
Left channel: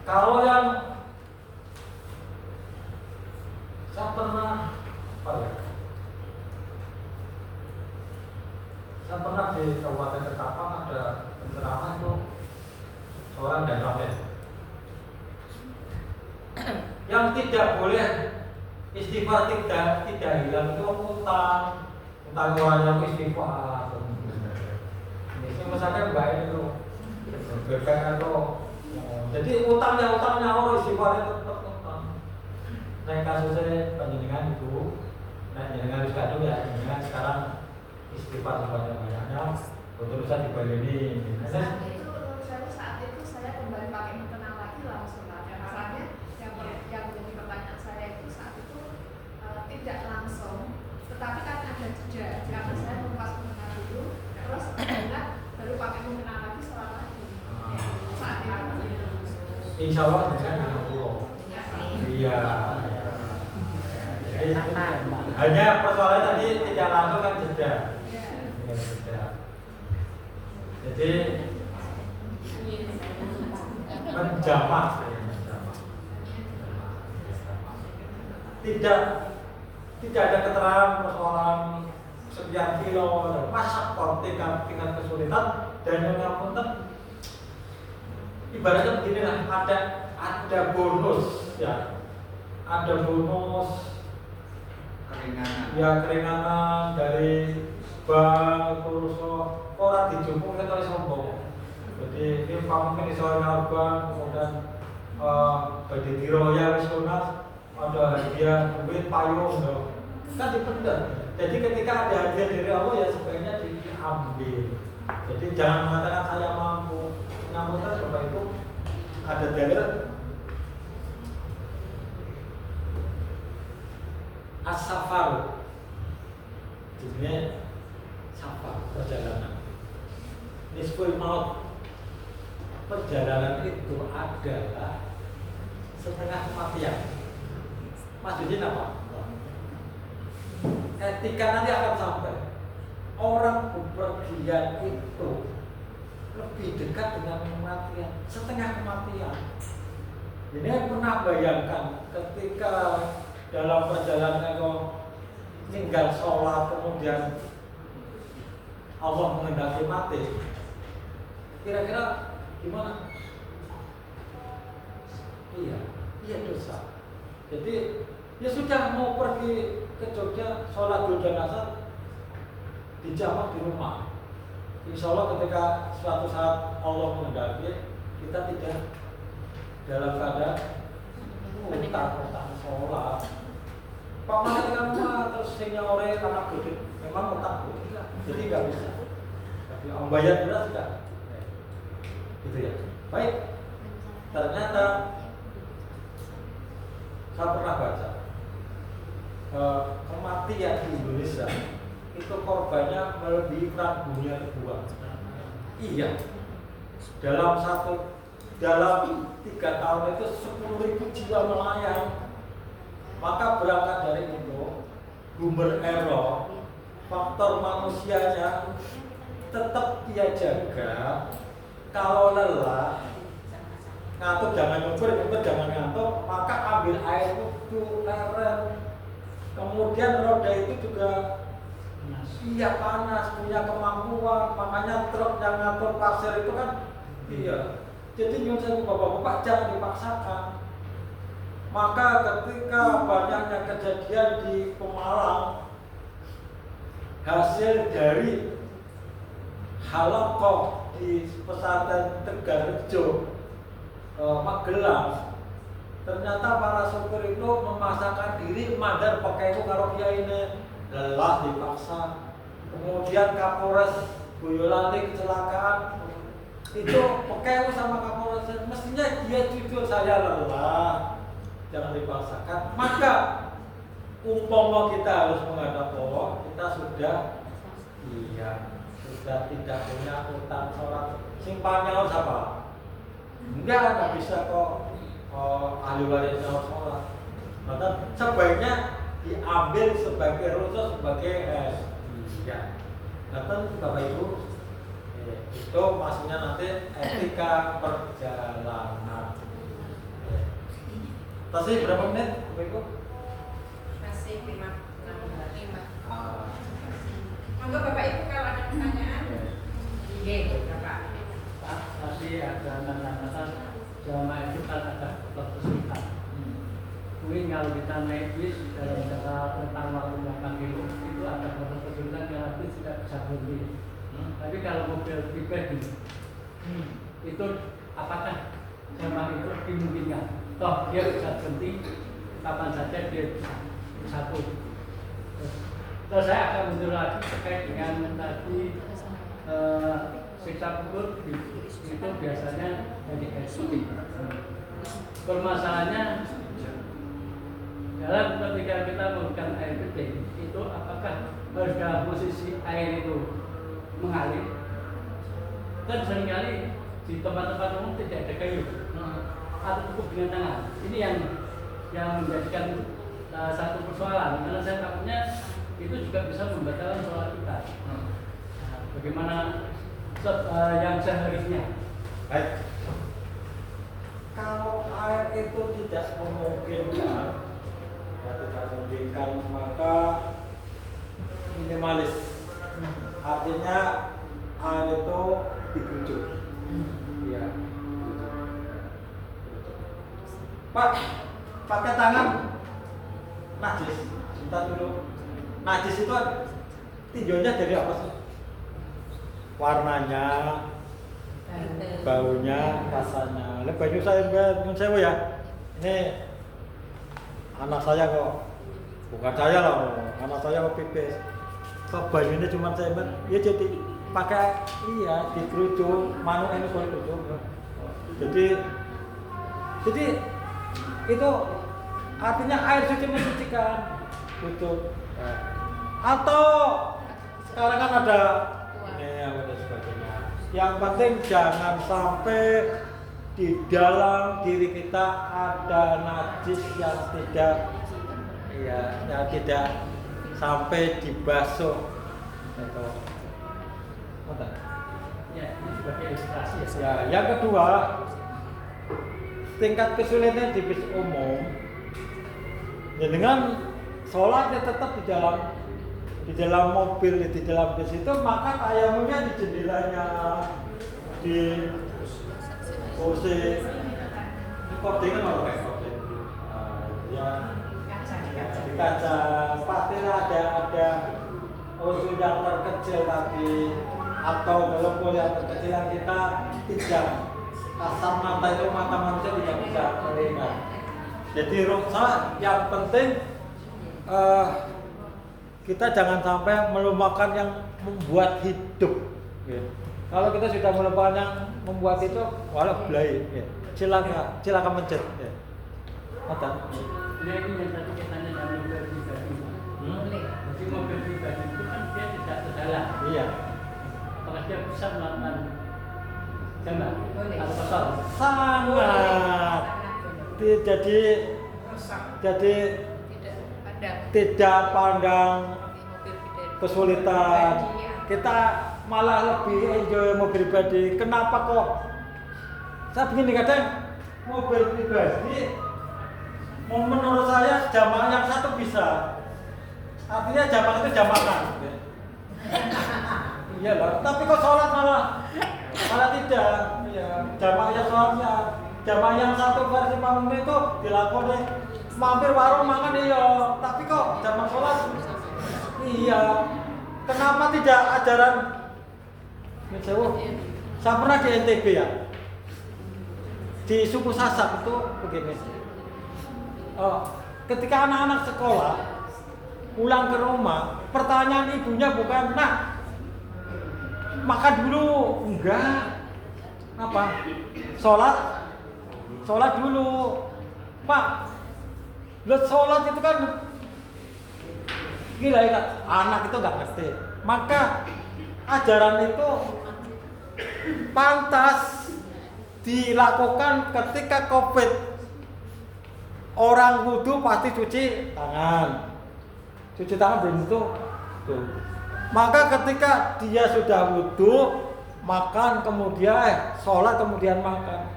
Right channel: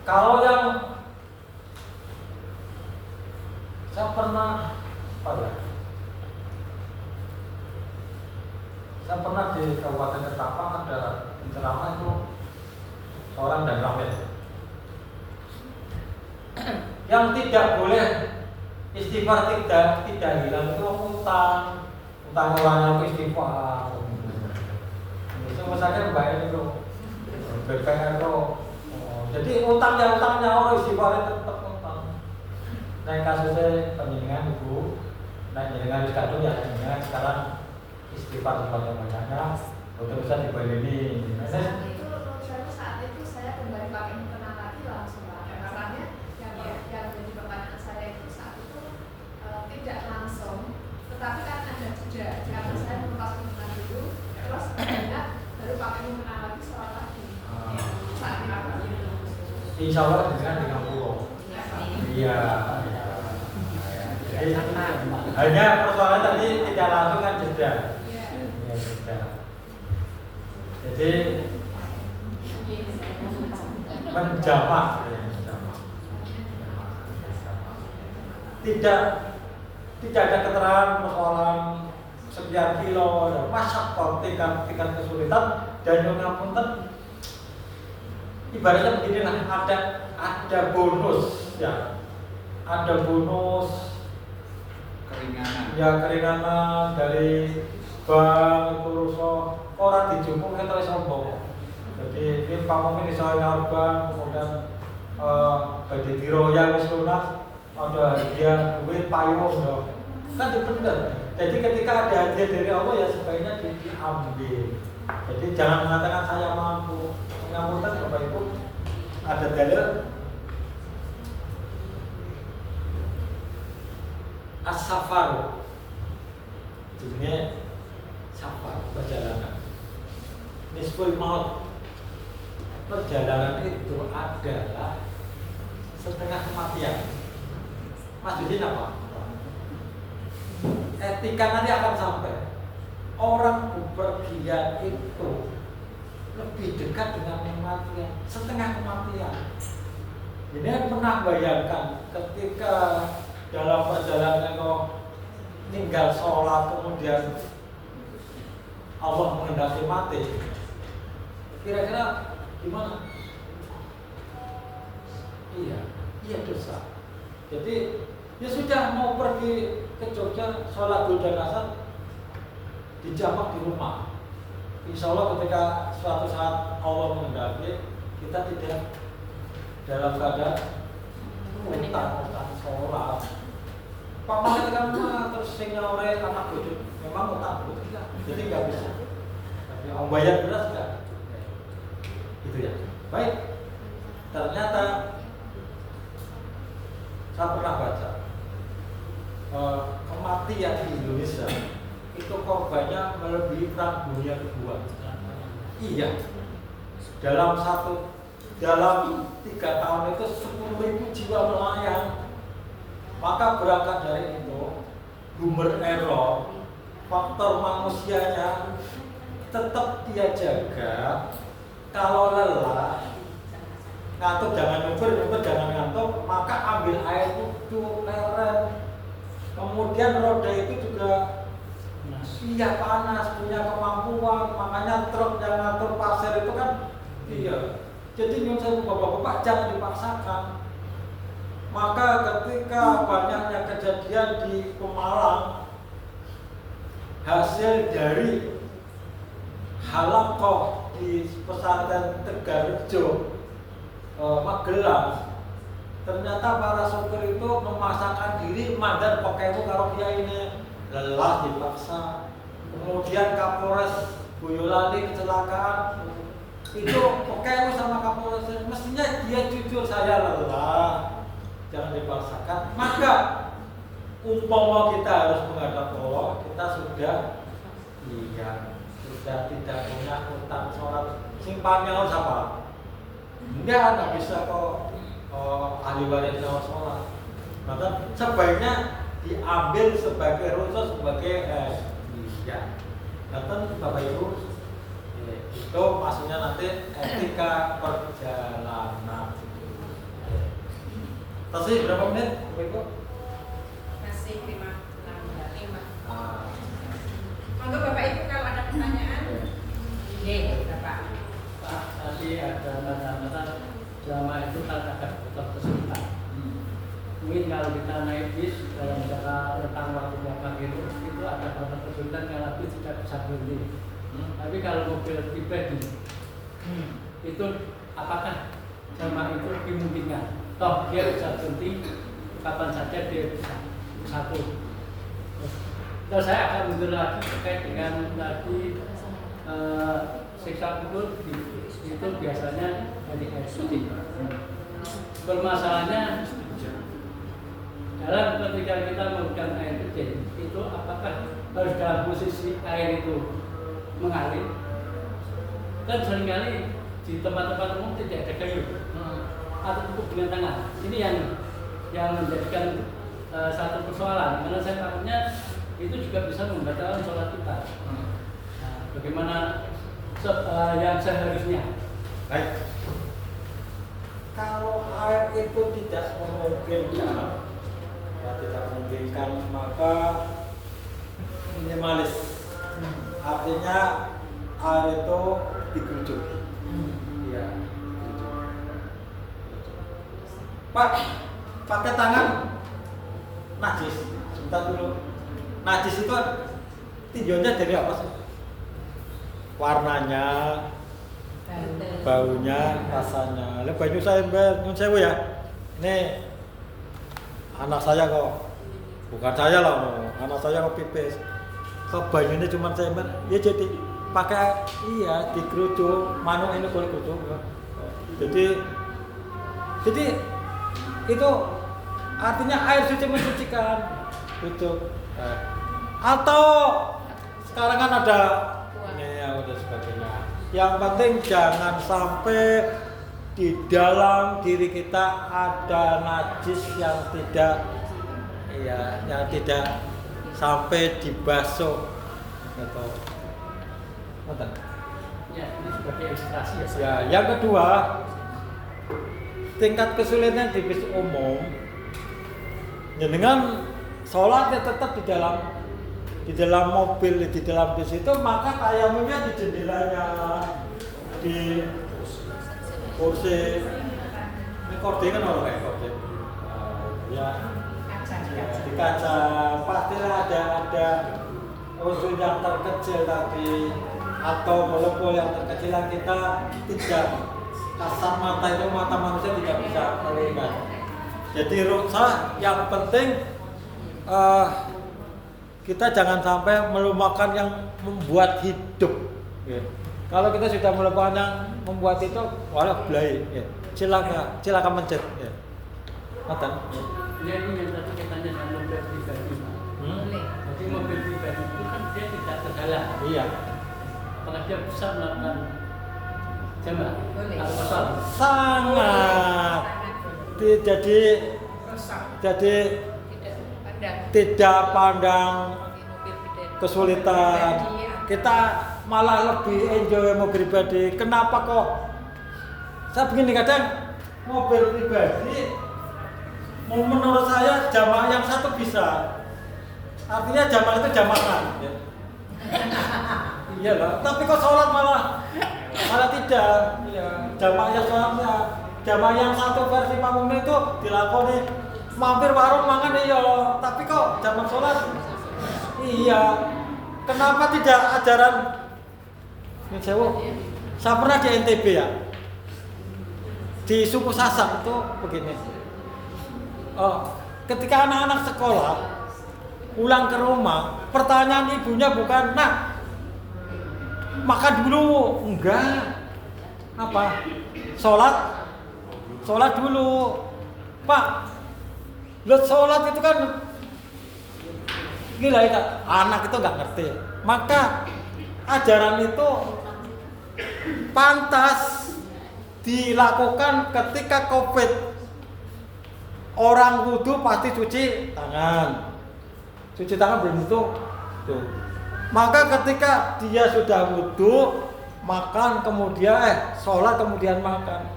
Kalau yang saya pernah saya pernah di Kabupaten Ketapang ada penceramah itu seorang dan ramil yang tidak boleh istighfar tidak hilang itu utang uangnya itu istighfar. Misalkan bayar itu BPR itu, jadi utangnya orang istighfar tetap utang. Nah kasusnya panjenengan ibu, nah jenengan kadung ya jenengan sekarang istighfar sebanyak-banyaknya untuk bisa dibaleni. Saat itu saya kembali pakai tenang lagi langsung lah. Masalahnya yang jadi pertanyaan saya itu saat itu tidak langsung, tetapi kan ada jeda. Karena saya mengupas dulu, terus baru pakai tenang lagi sholat lagi. Saat itu. Insya Allah dengan 30. Iya. Jadi hanya persoalan tadi tidak langsung kan jeda. Jadi menjamak. Tidak ada keterangan persoalan sekian kilo dan masyarakat tingkat kesulitan dan yang punten ibaratnya beginilah, ada bonus ya, ada bonus keringanan dari bank itu orang dijupuk kita sombong. Jadi ini pamungkin iso nyaur bank, kemudian badhe diroyal wis lunas, ada hadiah duit payung dong. Kan itu benar. Jadi ketika ada hadiah dari Allah ya sebaiknya diambil. Jadi jangan mengatakan saya mampu. Namun kan Bapak Ibu ada dalil as-safar, jadinya safar, perjalanan. Nisful maut, perjalanan itu adalah setengah kematian. Maksudnya apa? Etika nanti akan sampai. Orang bepergian itu lebih dekat dengan kematian, setengah kematian. Ini pernah bayangkan ketika dalam perjalanan kau tinggal sholat kemudian Allah menghendaki mati, kira-kira gimana? Iya dosa. Jadi ya sudah mau pergi ke Jogja sholat dulu dan asar dijamak di rumah. Insya Allah ketika suatu saat Allah menghendaki kita tidak dalam keadaan utang sholat. Pak Malik kan terus singnya oleh anak bodoh, memang utang bodoh enggak, jadi nggak bisa. Tapi om bayar beras enggak, gitu ya. Baik, ternyata saya pernah baca kematian di Indonesia itu korbannya melebihi perang dunia kedua. Iya, dalam 3 tahun itu 10.000 jiwa melayang. Maka berangkat dari itu, human error, faktor manusianya tetap dia jaga. Kalau lelah, ngantuk jangan nyumpir jangan ngantuk, maka ambil air wudhu, leren. Kemudian roda itu juga Iya panas, punya kemampuan, makanya truk yang ngatur pasir itu kan iya. Jadi nyuwun sewu bapak-bapak jangan dipaksakan. Maka ketika banyaknya kejadian di Pemalang hasil dari halakoh di pesantren Tegarrejo Magelang, ternyata para sopir itu memaksakan diri mandar pakai karo kiai ini lelah dipaksa. Kemudian Kapolres Boyolali kecelakaan, itu pakai sama Kapolres, mestinya dia jujur saya lelah, jangan dipaksakan. Maka umpama kita harus menghadap Allah, kita sudah tidak punya utang sholat. Simpannya harus apa? Nggak bisa kok ahli warisnya harus sholat. Maka sebaiknya diambil sebagai rumus, sebagai Datang Bapak Ibu, itu maksudnya nanti etika perjalanan. Tadi berapa menit Bapak Ibu? Masih 5. Monggo Bapak Ibu kalau ada pertanyaan. Iya, Bapak. Pak, tadi ada kata-kata jamaah itu kan ada kesulitan. Mungkin kalau kita naik bis dalam jangka rentang waktu berapa kilo itu ada beberapa kesulitan yang bis tidak bisa berhenti. Tapi kalau mobil pribadi itu apakah jamaah itu dimungkinkan? Toh dia bisa berhenti kapan saja dia bisa pun. Terus saya akan mundur lagi terkait dengan tadi siksa kubur itu biasanya dari eksekutif. Permasalahannya dalam ketika kita menggunakan air kecil itu apakah harus dalam posisi air itu mengalir? Kan seringkali di tempat-tempat umum tidak ada kayu atau cukup dengan tangan. Ini yang menjadikan satu persoalan, karena saya takutnya itu juga bisa membatalkan sholat kita. Nah, bagaimana yang seharusnya? Baik. Kalau air itu tidak memungkinkan, maka minimalis. Artinya air itu digerujuk. Iya. Pak, pakai tangan najis. Sebentar dulu. Najis itu tinjaunya dari apa sih? Warnanya, baunya, rasanya. Lebih baik saya nyun sewu ya. Nih anak saya kok, bukan saya lah, anak saya kok pipis. Kok banyunya cuma saya ya jadi pakai dikerucut, manuk ini boleh kerucut ya. Jadi itu artinya air suci mensucikan gitu. Atau sekarang kan ada udah sebagainya. Yang penting jangan sampai di dalam diri kita ada najis yang tidak sampai dibasuh gitu. Ya, ini sebagai ilustrasi ya. Ya, yang kedua, tingkat kesulitan di bis umum, ya dengan sholatnya tetap di dalam mobil, di dalam bis itu, maka tayamumnya di jendelanya, di kursi, ini kordingan oleh kordin, di kaca, pasti ada usul yang terkecil tadi, atau melempul yang terkecil yang kita tidak kasat mata itu, mata manusia tidak bisa melihat. Jadi rukhsah yang penting kita jangan sampai melupakan yang membuat hidup. Kalau kita sudah melupakan yang membuat itu, walau belai. Silakan mencet. Mata. Ya ini yang tadi katanya dengan mobil pribadi. Jadi mobil pribadi itu kan dia tidak terhalang. Iya. Karena dia bisa melakukan jamaah. Sangat. Jadi tidak pandang kesulitan. Kita malah lebih enjoy mobil pribadi. Kenapa kok? Saya begini kadang mobil pribadi, menurut saya jamaah yang satu bisa. Artinya jamaah itu jamaah. Iya lah, tapi kok sholat malah tidak. Iya, jamaahnya sholatnya, jamaah yang satu versi pamung itu dilakoni mampir warung mangan iya, tapi kok jamaah sholat iya. Kenapa tidak ajaran? Saya pernah di NTB ya, di suku Sasak itu begini. Ketika anak-anak sekolah pulang ke rumah, pertanyaan ibunya bukan, "Nak, makan dulu?" Enggak. Apa? Sholat dulu. Pak, lihat sholat itu kan gila ya, anak itu nggak ngerti. Maka ajaran itu pantas dilakukan ketika COVID. Orang wudu pasti cuci tangan. Cuci tangan belum tentu tuh. Maka ketika dia sudah wudu, makan kemudian sholat kemudian makan.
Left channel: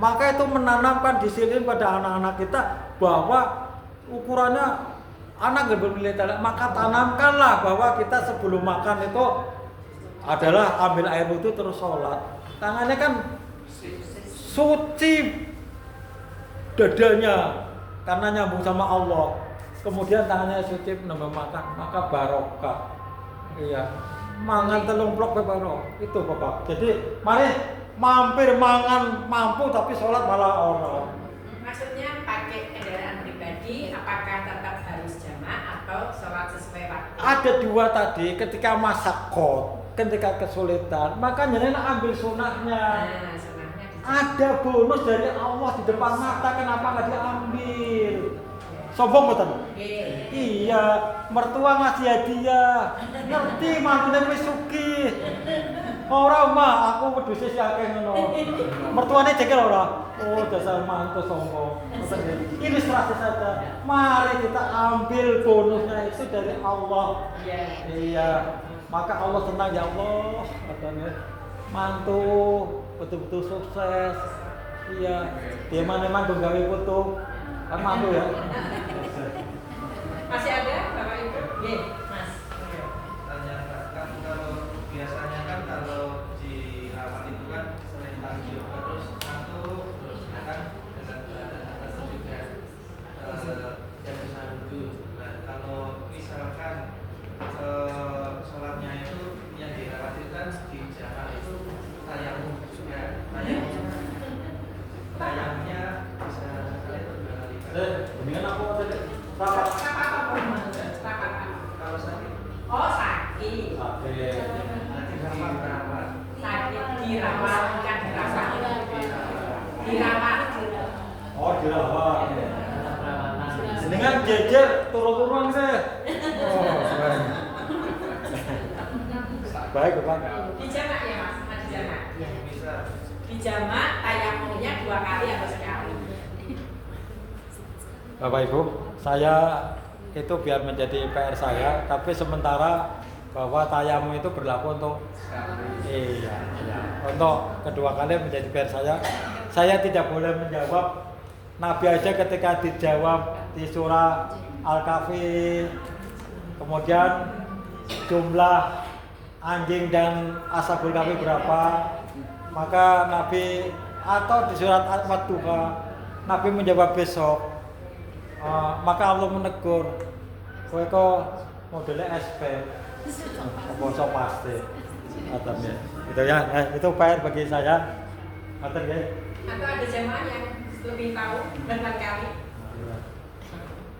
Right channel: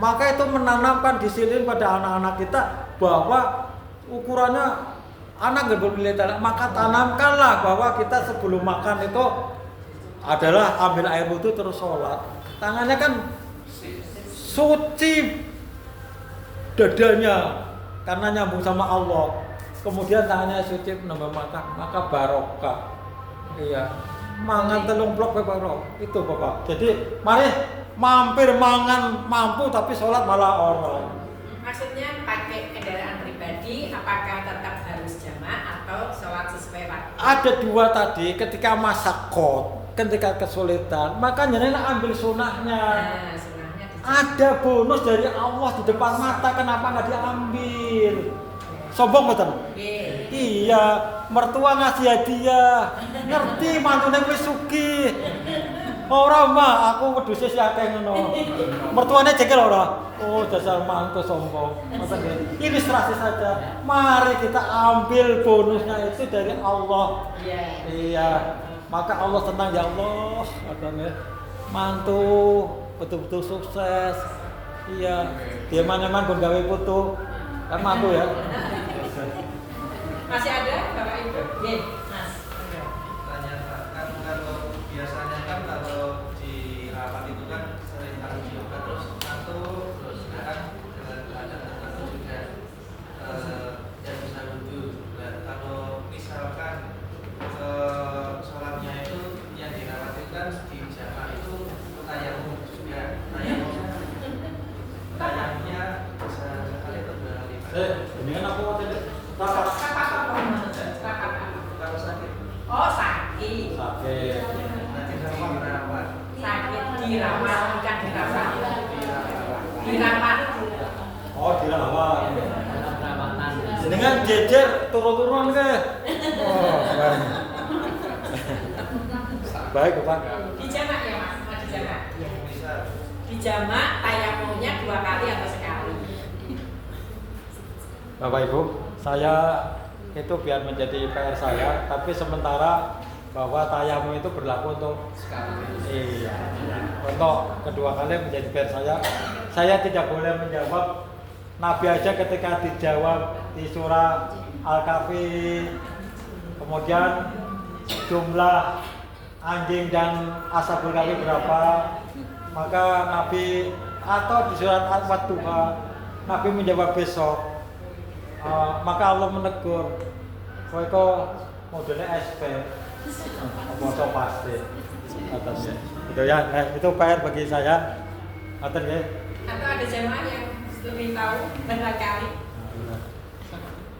Maka itu menanamkan disiplin pada anak-anak kita bahwa ukurannya anak nggak boleh talak. Maka tanamkanlah bahwa kita sebelum makan itu adalah ambil air wudu terus sholat. Tangannya kan suci dadanya karena nyambung sama Allah. Kemudian tangannya suci menambah makan, maka barokah. Iya, mangan telung blok barokah. Itu Bapak. Jadi mari mampir mangan mampu tapi sholat malah orang. Maksudnya pakai kendaraan pribadi, apakah tetap harus jamaah atau sholat sesuai waktu? Ada dua tadi, ketika masakot, ketika kesulitan, maka jangan ambil sunnahnya. Nah, sunnahnya Ada bonus dari Allah di depan mata, kenapa nggak diambil? Sombong betul? Iya, mertua ngasih hadiah, ngerti mantune wis sugih. Ora mah, aku wedhuse sih akeh ngono. Mertuane jengkel ora? Oh, dasar mantu sombong. Ilustrasi saja. Mari kita ambil bonusnya itu dari Allah. Iya. Maka Allah tenang ya Allah, katanya. Mantu betul-betul sukses. Iya. Dia mana-mana gawe foto. Kan mantu ya. Masih ada Bapak Ibu? Iya, Mas. Tanya kan kalau biasanya kan kalau di rapat itu kan sering tanya yoga terus satu terus kan ada juga yang bisa wudhu. Dan kalau misalkan sholatnya itu yang dirawat itu kan di jamaah itu tayamum juga. Tayamumnya bisa sekali beberapa kali. Mendingan aku mau tidak. Kalau sakit. Oh, sakit. Sakit. Nanti dirawat. Sakit dirawat, bukan dirawat. Dirawat. Oh, dirawat. Dengan jejer turun-turun sih. Oh, baik. Baik, Bapak. Di jamak ya, Mas? Di jamak. Bisa. Di jamak tayamumnya 2 kali atau sekali. Bapak Ibu, saya itu biar menjadi PR saya, tapi sementara bahwa tayamum itu berlaku untuk untuk kedua kali menjadi PR saya. Saya tidak boleh menjawab. Nabi aja ketika dijawab di surah Al-Kahfi, kemudian jumlah anjing dan ashabul kahfi berapa, maka Nabi atau di surat Al-Fatihah Nabi menjawab besok. Maka Allah menegur, kowe kok modelnya SP, bosok pasti, katanya. Itu ya, itu PR bagi saya, katanya. Atau ada jemaah yang lebih tahu berkali.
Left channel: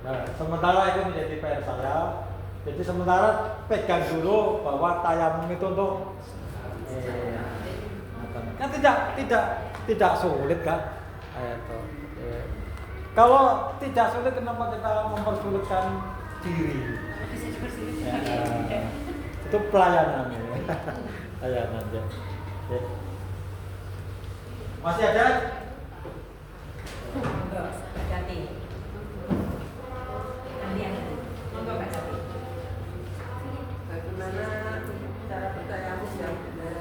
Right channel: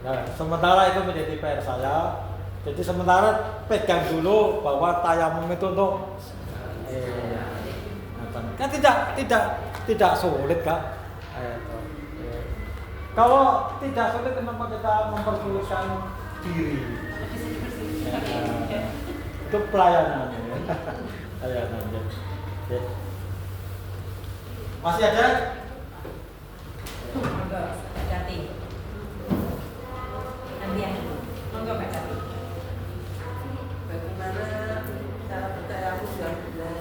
Nah, sementara itu menjadi PR saya. Jadi sementara pegang dulu bahwa tayamum itu untuk, kan tidak sulit kan? Kalau tidak sulit, kenapa kita mempersulitkan diri? Itu pelayanan. Pelayanan ya. Masih ada? Monggo, Mbak Jati. Gantian. Monggo, Mbak Jati. Bagaimana cara bertayamum yang benar?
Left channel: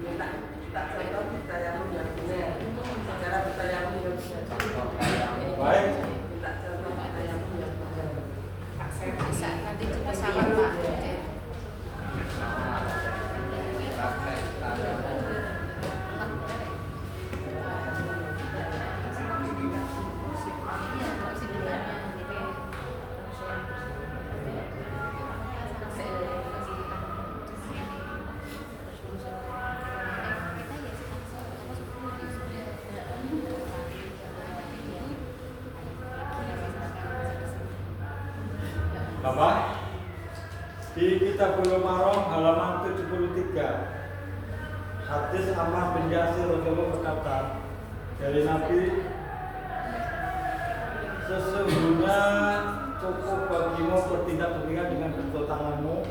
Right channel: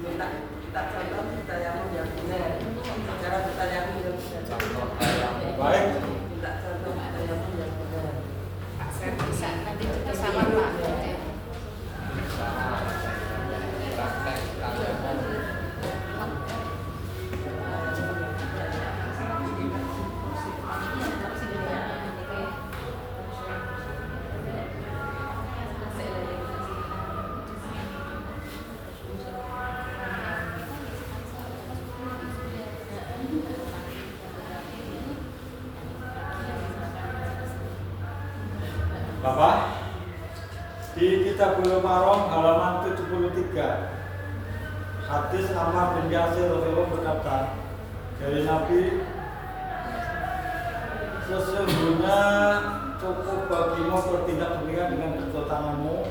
Minta kita contoh bertayamum yang benar. Cara bertayamum yang benar. Baik. Minta contoh bertayamum yang benar. Pak, saya bisa nanti bersama Pak. Bapak, di Kitabul Marom halaman 73, hadis Ammar bin Yasir radhiyallahu berkata dari Nabi, sesungguhnya cukup bagimu bertindak demikian dengan kedua tanganmu.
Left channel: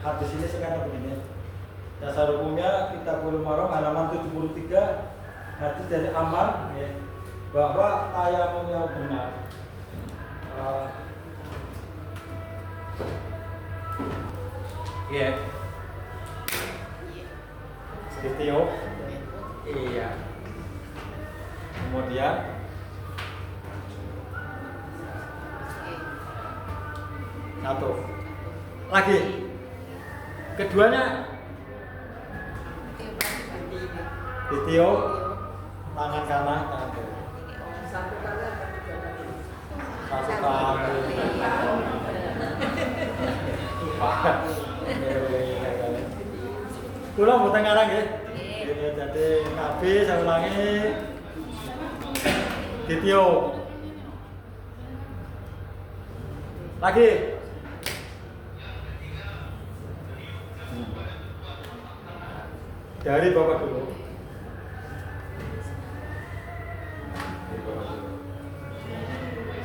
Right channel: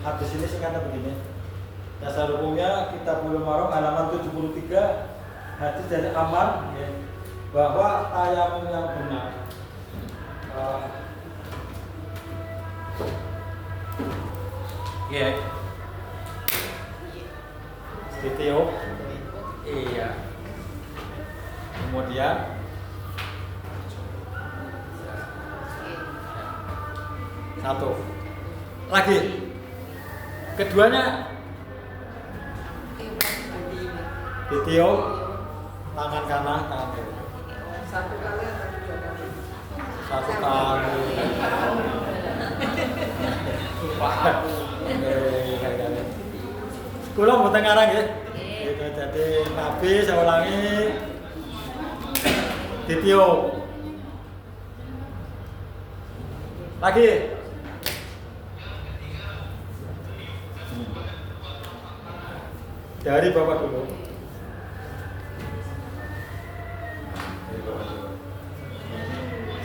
Hadis ini singkatnya begini. Dasar hukumnya Kitabul Marom halaman 73, hadis dari Ammar ya, bahwa tayamum yang benar video iya, kemudian satu lagi, keduanya video tangan kanan tangan kiri. Satu kali atau 3 kali? Satu kali. Kula mboten ngarang nggih. Jadi Nabi saya ulangi video. Lagi. Dari Bapak dulu.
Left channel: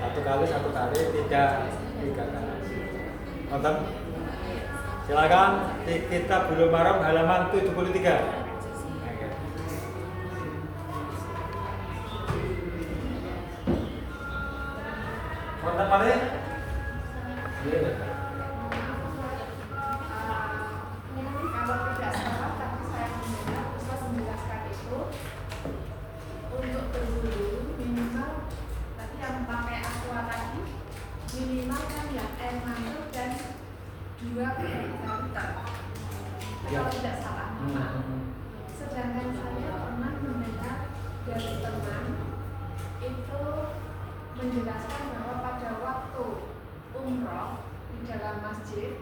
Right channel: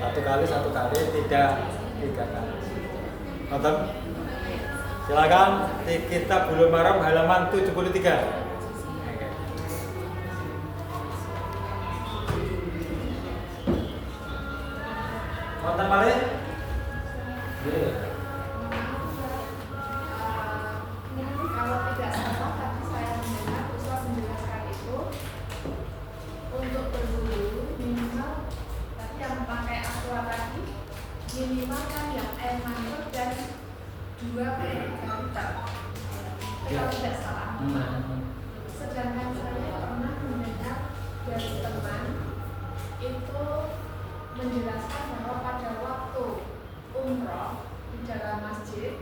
Satu kali, tidak 3 kali. Nonton? Silakan di Kitabul Maram halaman 73. Nonton balik? Kalau tidak salah tadi saya mendengar Ustaz menjelaskan itu untuk berburu minimal tadi yang pakai aqua tadi minimal kan yang air mantul dan 2 liter. Kalau tidak salah. Sedangkan saya pernah mendengar dari teman itu menjelaskan bahwa pada waktu umroh di dalam masjid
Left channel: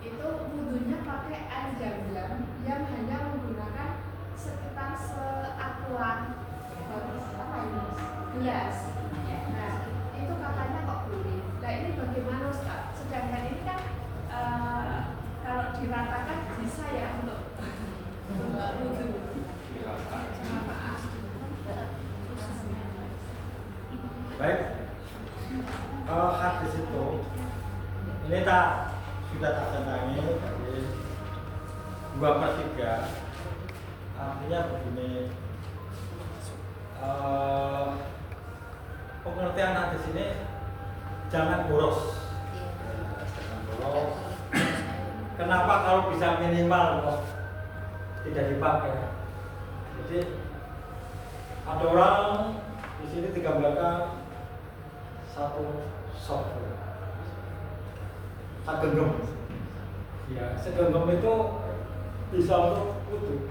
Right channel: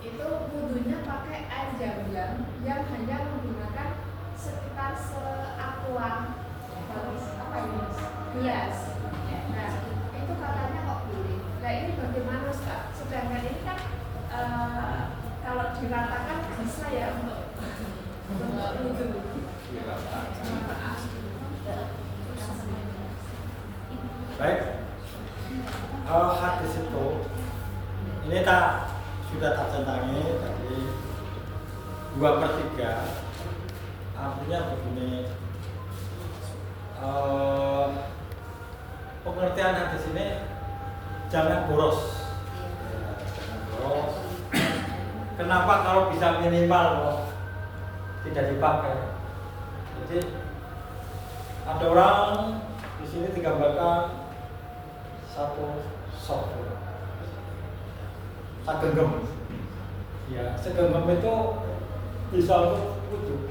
itu wudhunya pakai air jam-jam yang hanya menggunakan sekitar seakuan apa ini gelas. Nah itu katanya kok boleh. Nah ini bagaimana Ustaz? Sedangkan ini kan kalau diratakan bisa ya untuk wudhu. Baik. Hadis itu ini sudah tak centangi tadi 2/3, artinya begini, pengertian hadis ini jangan boros. Jangan boros. Kenapa kalau bisa minimal kok tidak dipakai? Jadi ada orang di sini digambarkan satu sok segenggam. Ya, segenggam itu bisa untuk wudhu.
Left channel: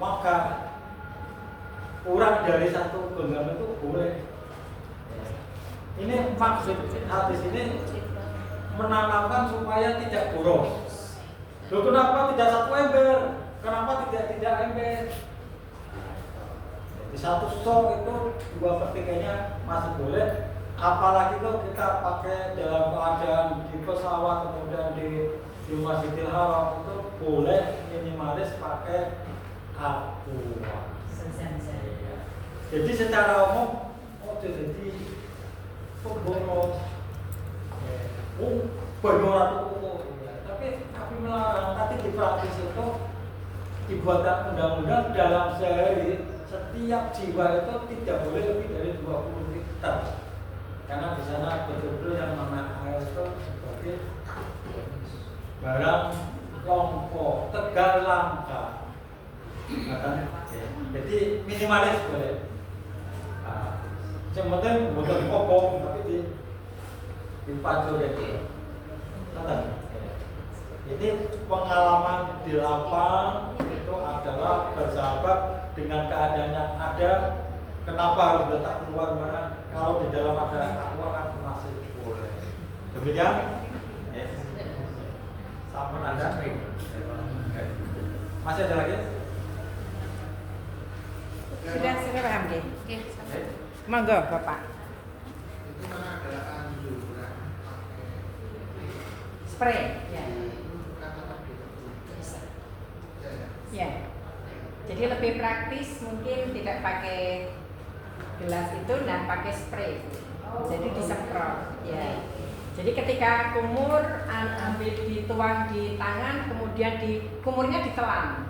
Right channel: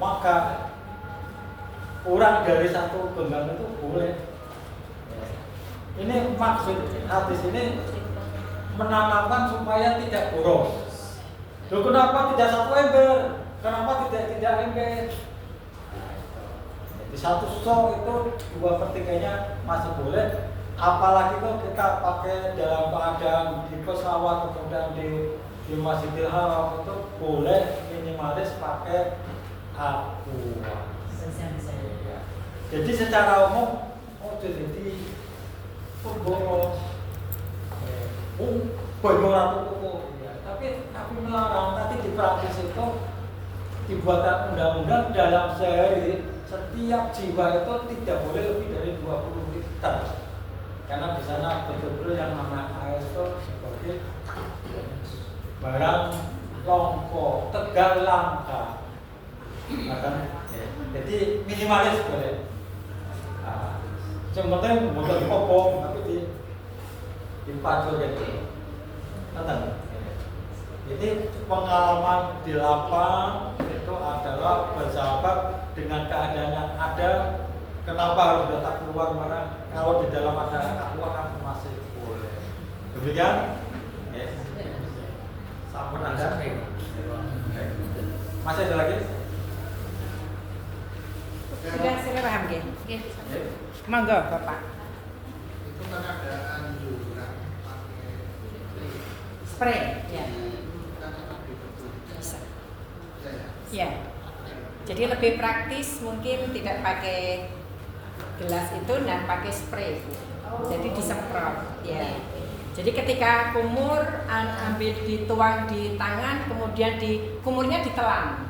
Maka kurang dari satu genggam itu boleh. Ini maksud hadis ini menanamkan supaya tidak boros. Loh, kenapa tidak 1 ember? Kenapa tidak ember? Di satu sok itu 2/3-nya masih boleh, apalagi kalau kita pakai dalam keadaan di pesawat kemudian di Masjidil Haram itu boleh minimalis pakai aqua. Jadi secara umum jadi pemboros, banyak orang tapi melarang. Tadi di praktis itu dibuat undang-undang dalam sehari setiap jiwa itu tidak boleh lebih dari 20 liter, karena di sana betul-betul yang namanya air itu sebagai barang longko, tegal langka, jadi minimalis boleh. Yang penting bukan dipopong tapi dipacul gitu. Jadi pengalaman di lapang itu adalah bersahabat dengan keadaan yang ada. Kenapa harus datang keluar mana? Kalau di dalam ada aqua kan masih boleh. Demikian. Sampun Anda. Masih ada lagi? Sudah paham, Ge? Monggo Bapak. Itu kan ada anjuran pakai Spray. Ya. kan apa betul. Bisa. Ya. Ya. Jadi lebih praktis mungkin tidak pakai gelas itu dan pakai spray. Jadi disemprot. Ya. Jadi ketika kumur ambil dituang di tangan, kemudian kumurnya ditelan.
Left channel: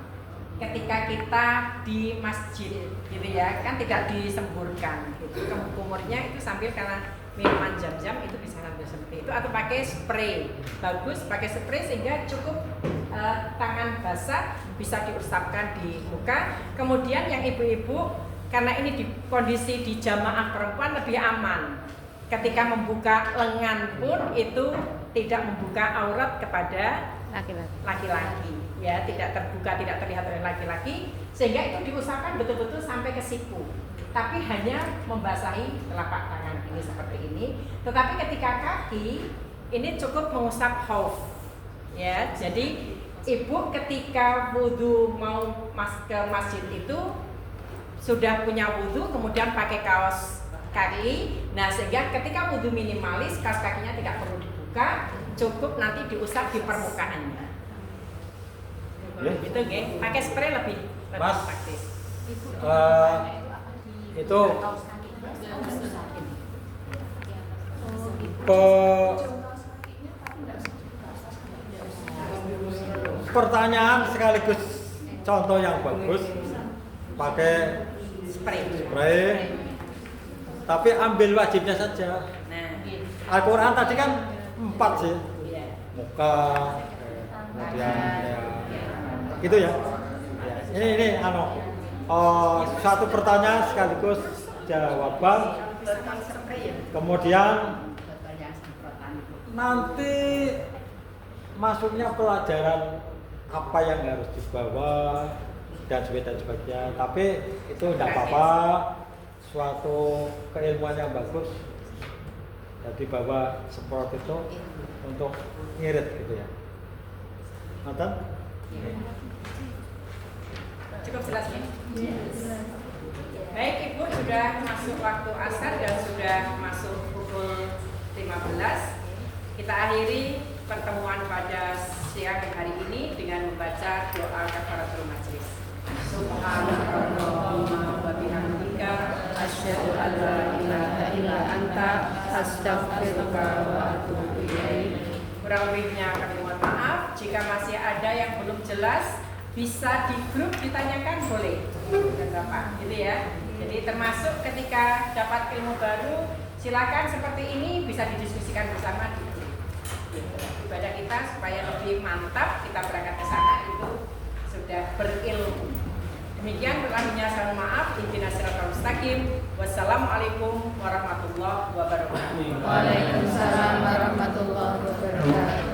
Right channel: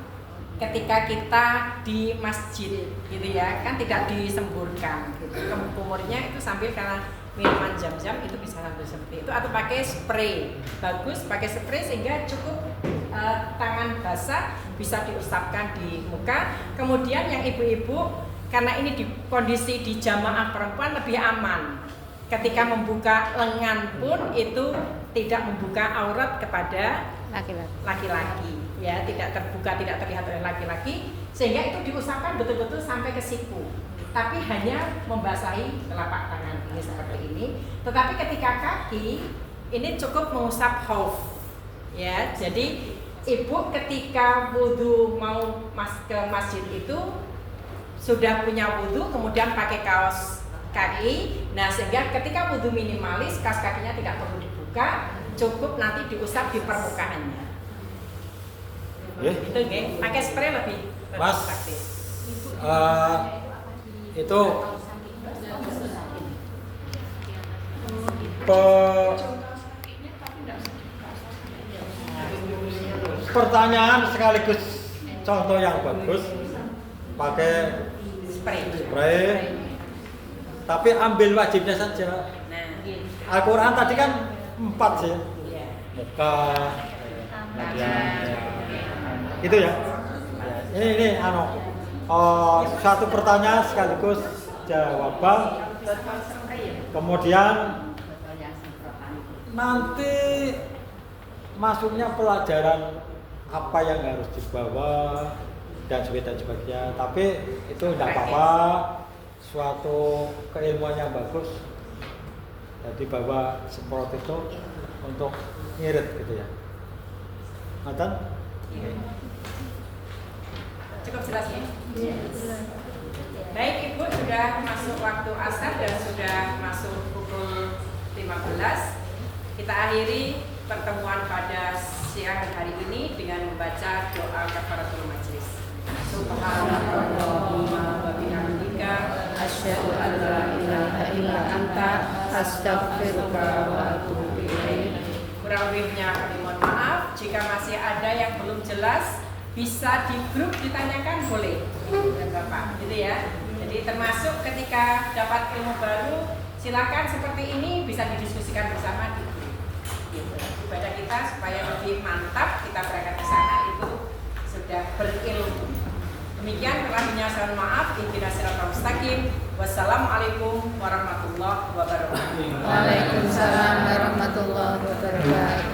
Ketika kita di masjid, gitu ya, kan tidak disemburkan. Gitu. Kumurnya itu sambil karena minuman jam-jam itu bisa sambil seperti itu, atau pakai spray. Bagus pakai spray sehingga cukup tangan basah bisa diusapkan di muka. Kemudian yang ibu-ibu, karena ini di kondisi di jamaah perempuan lebih aman. Ketika membuka lengan pun itu tidak membuka aurat kepada laki-laki, ya, tidak terbuka, tidak terlihat oleh laki-laki, sehingga itu diusapkan betul-betul sampai ke siku, tapi hanya membasahi telapak tangan ini seperti ini. Tetapi ketika kaki ini cukup mengusap khauf, ya. Jadi ibu ketika wudhu mau ke masjid itu sudah punya wudhu, kemudian pakai kaos kaki. Nah, sehingga ketika wudhu minimalis, kaos kakinya tidak perlu dibuka, cukup nanti diusap di permukaannya. Itu nih, pakai spray lebih Mas, praktis. itu pertanyaan sekaligus contoh yang bagus, pakai spray. Tapi ambil wajibnya saja. Al-Quran tadi kan 4 sih, muka, kemudian gitu ya. Ini satu pertanyaan sekaligus jawaban. Kemudian nanti masuknya pelajaran apa yang harus dibawa dan sebagainya. Tapi itu tidak apa-apa. Suatu keilmuan yang bagus. Jadi bawa semprot itu untuk ngirit gitu ya. Nonton? Cukup jelas ya? Baik Ibu, sudah masuk waktu asar dan sudah masuk pukul 15. Kita akhiri pertemuan pada siang hari ini dengan membaca doa kafaratul majlis. Subhanallahumma wa bihamdika asyhadu an la ilaha illa anta astaghfiruka wa atubu ilaik. Kurang lebihnya kami mohon maaf. Jika masih ada yang belum jelas, bisa di grup ditanyakan, boleh Ibu dan Bapak, gitu ya. Jadi termasuk ketika dapat ilmu baru, silakan seperti ini bisa didiskusikan bersama di grup. Gitu. Ibadah kita supaya lebih mantap, kita berangkat ke sana itu sudah berilmu. Demikian kurangnya saya mohon maaf. Ihdinas siratal mustaqim. Wassalamualaikum warahmatullahi wabarakatuh. Waalaikumsalam warahmatullahi wabarakatuh.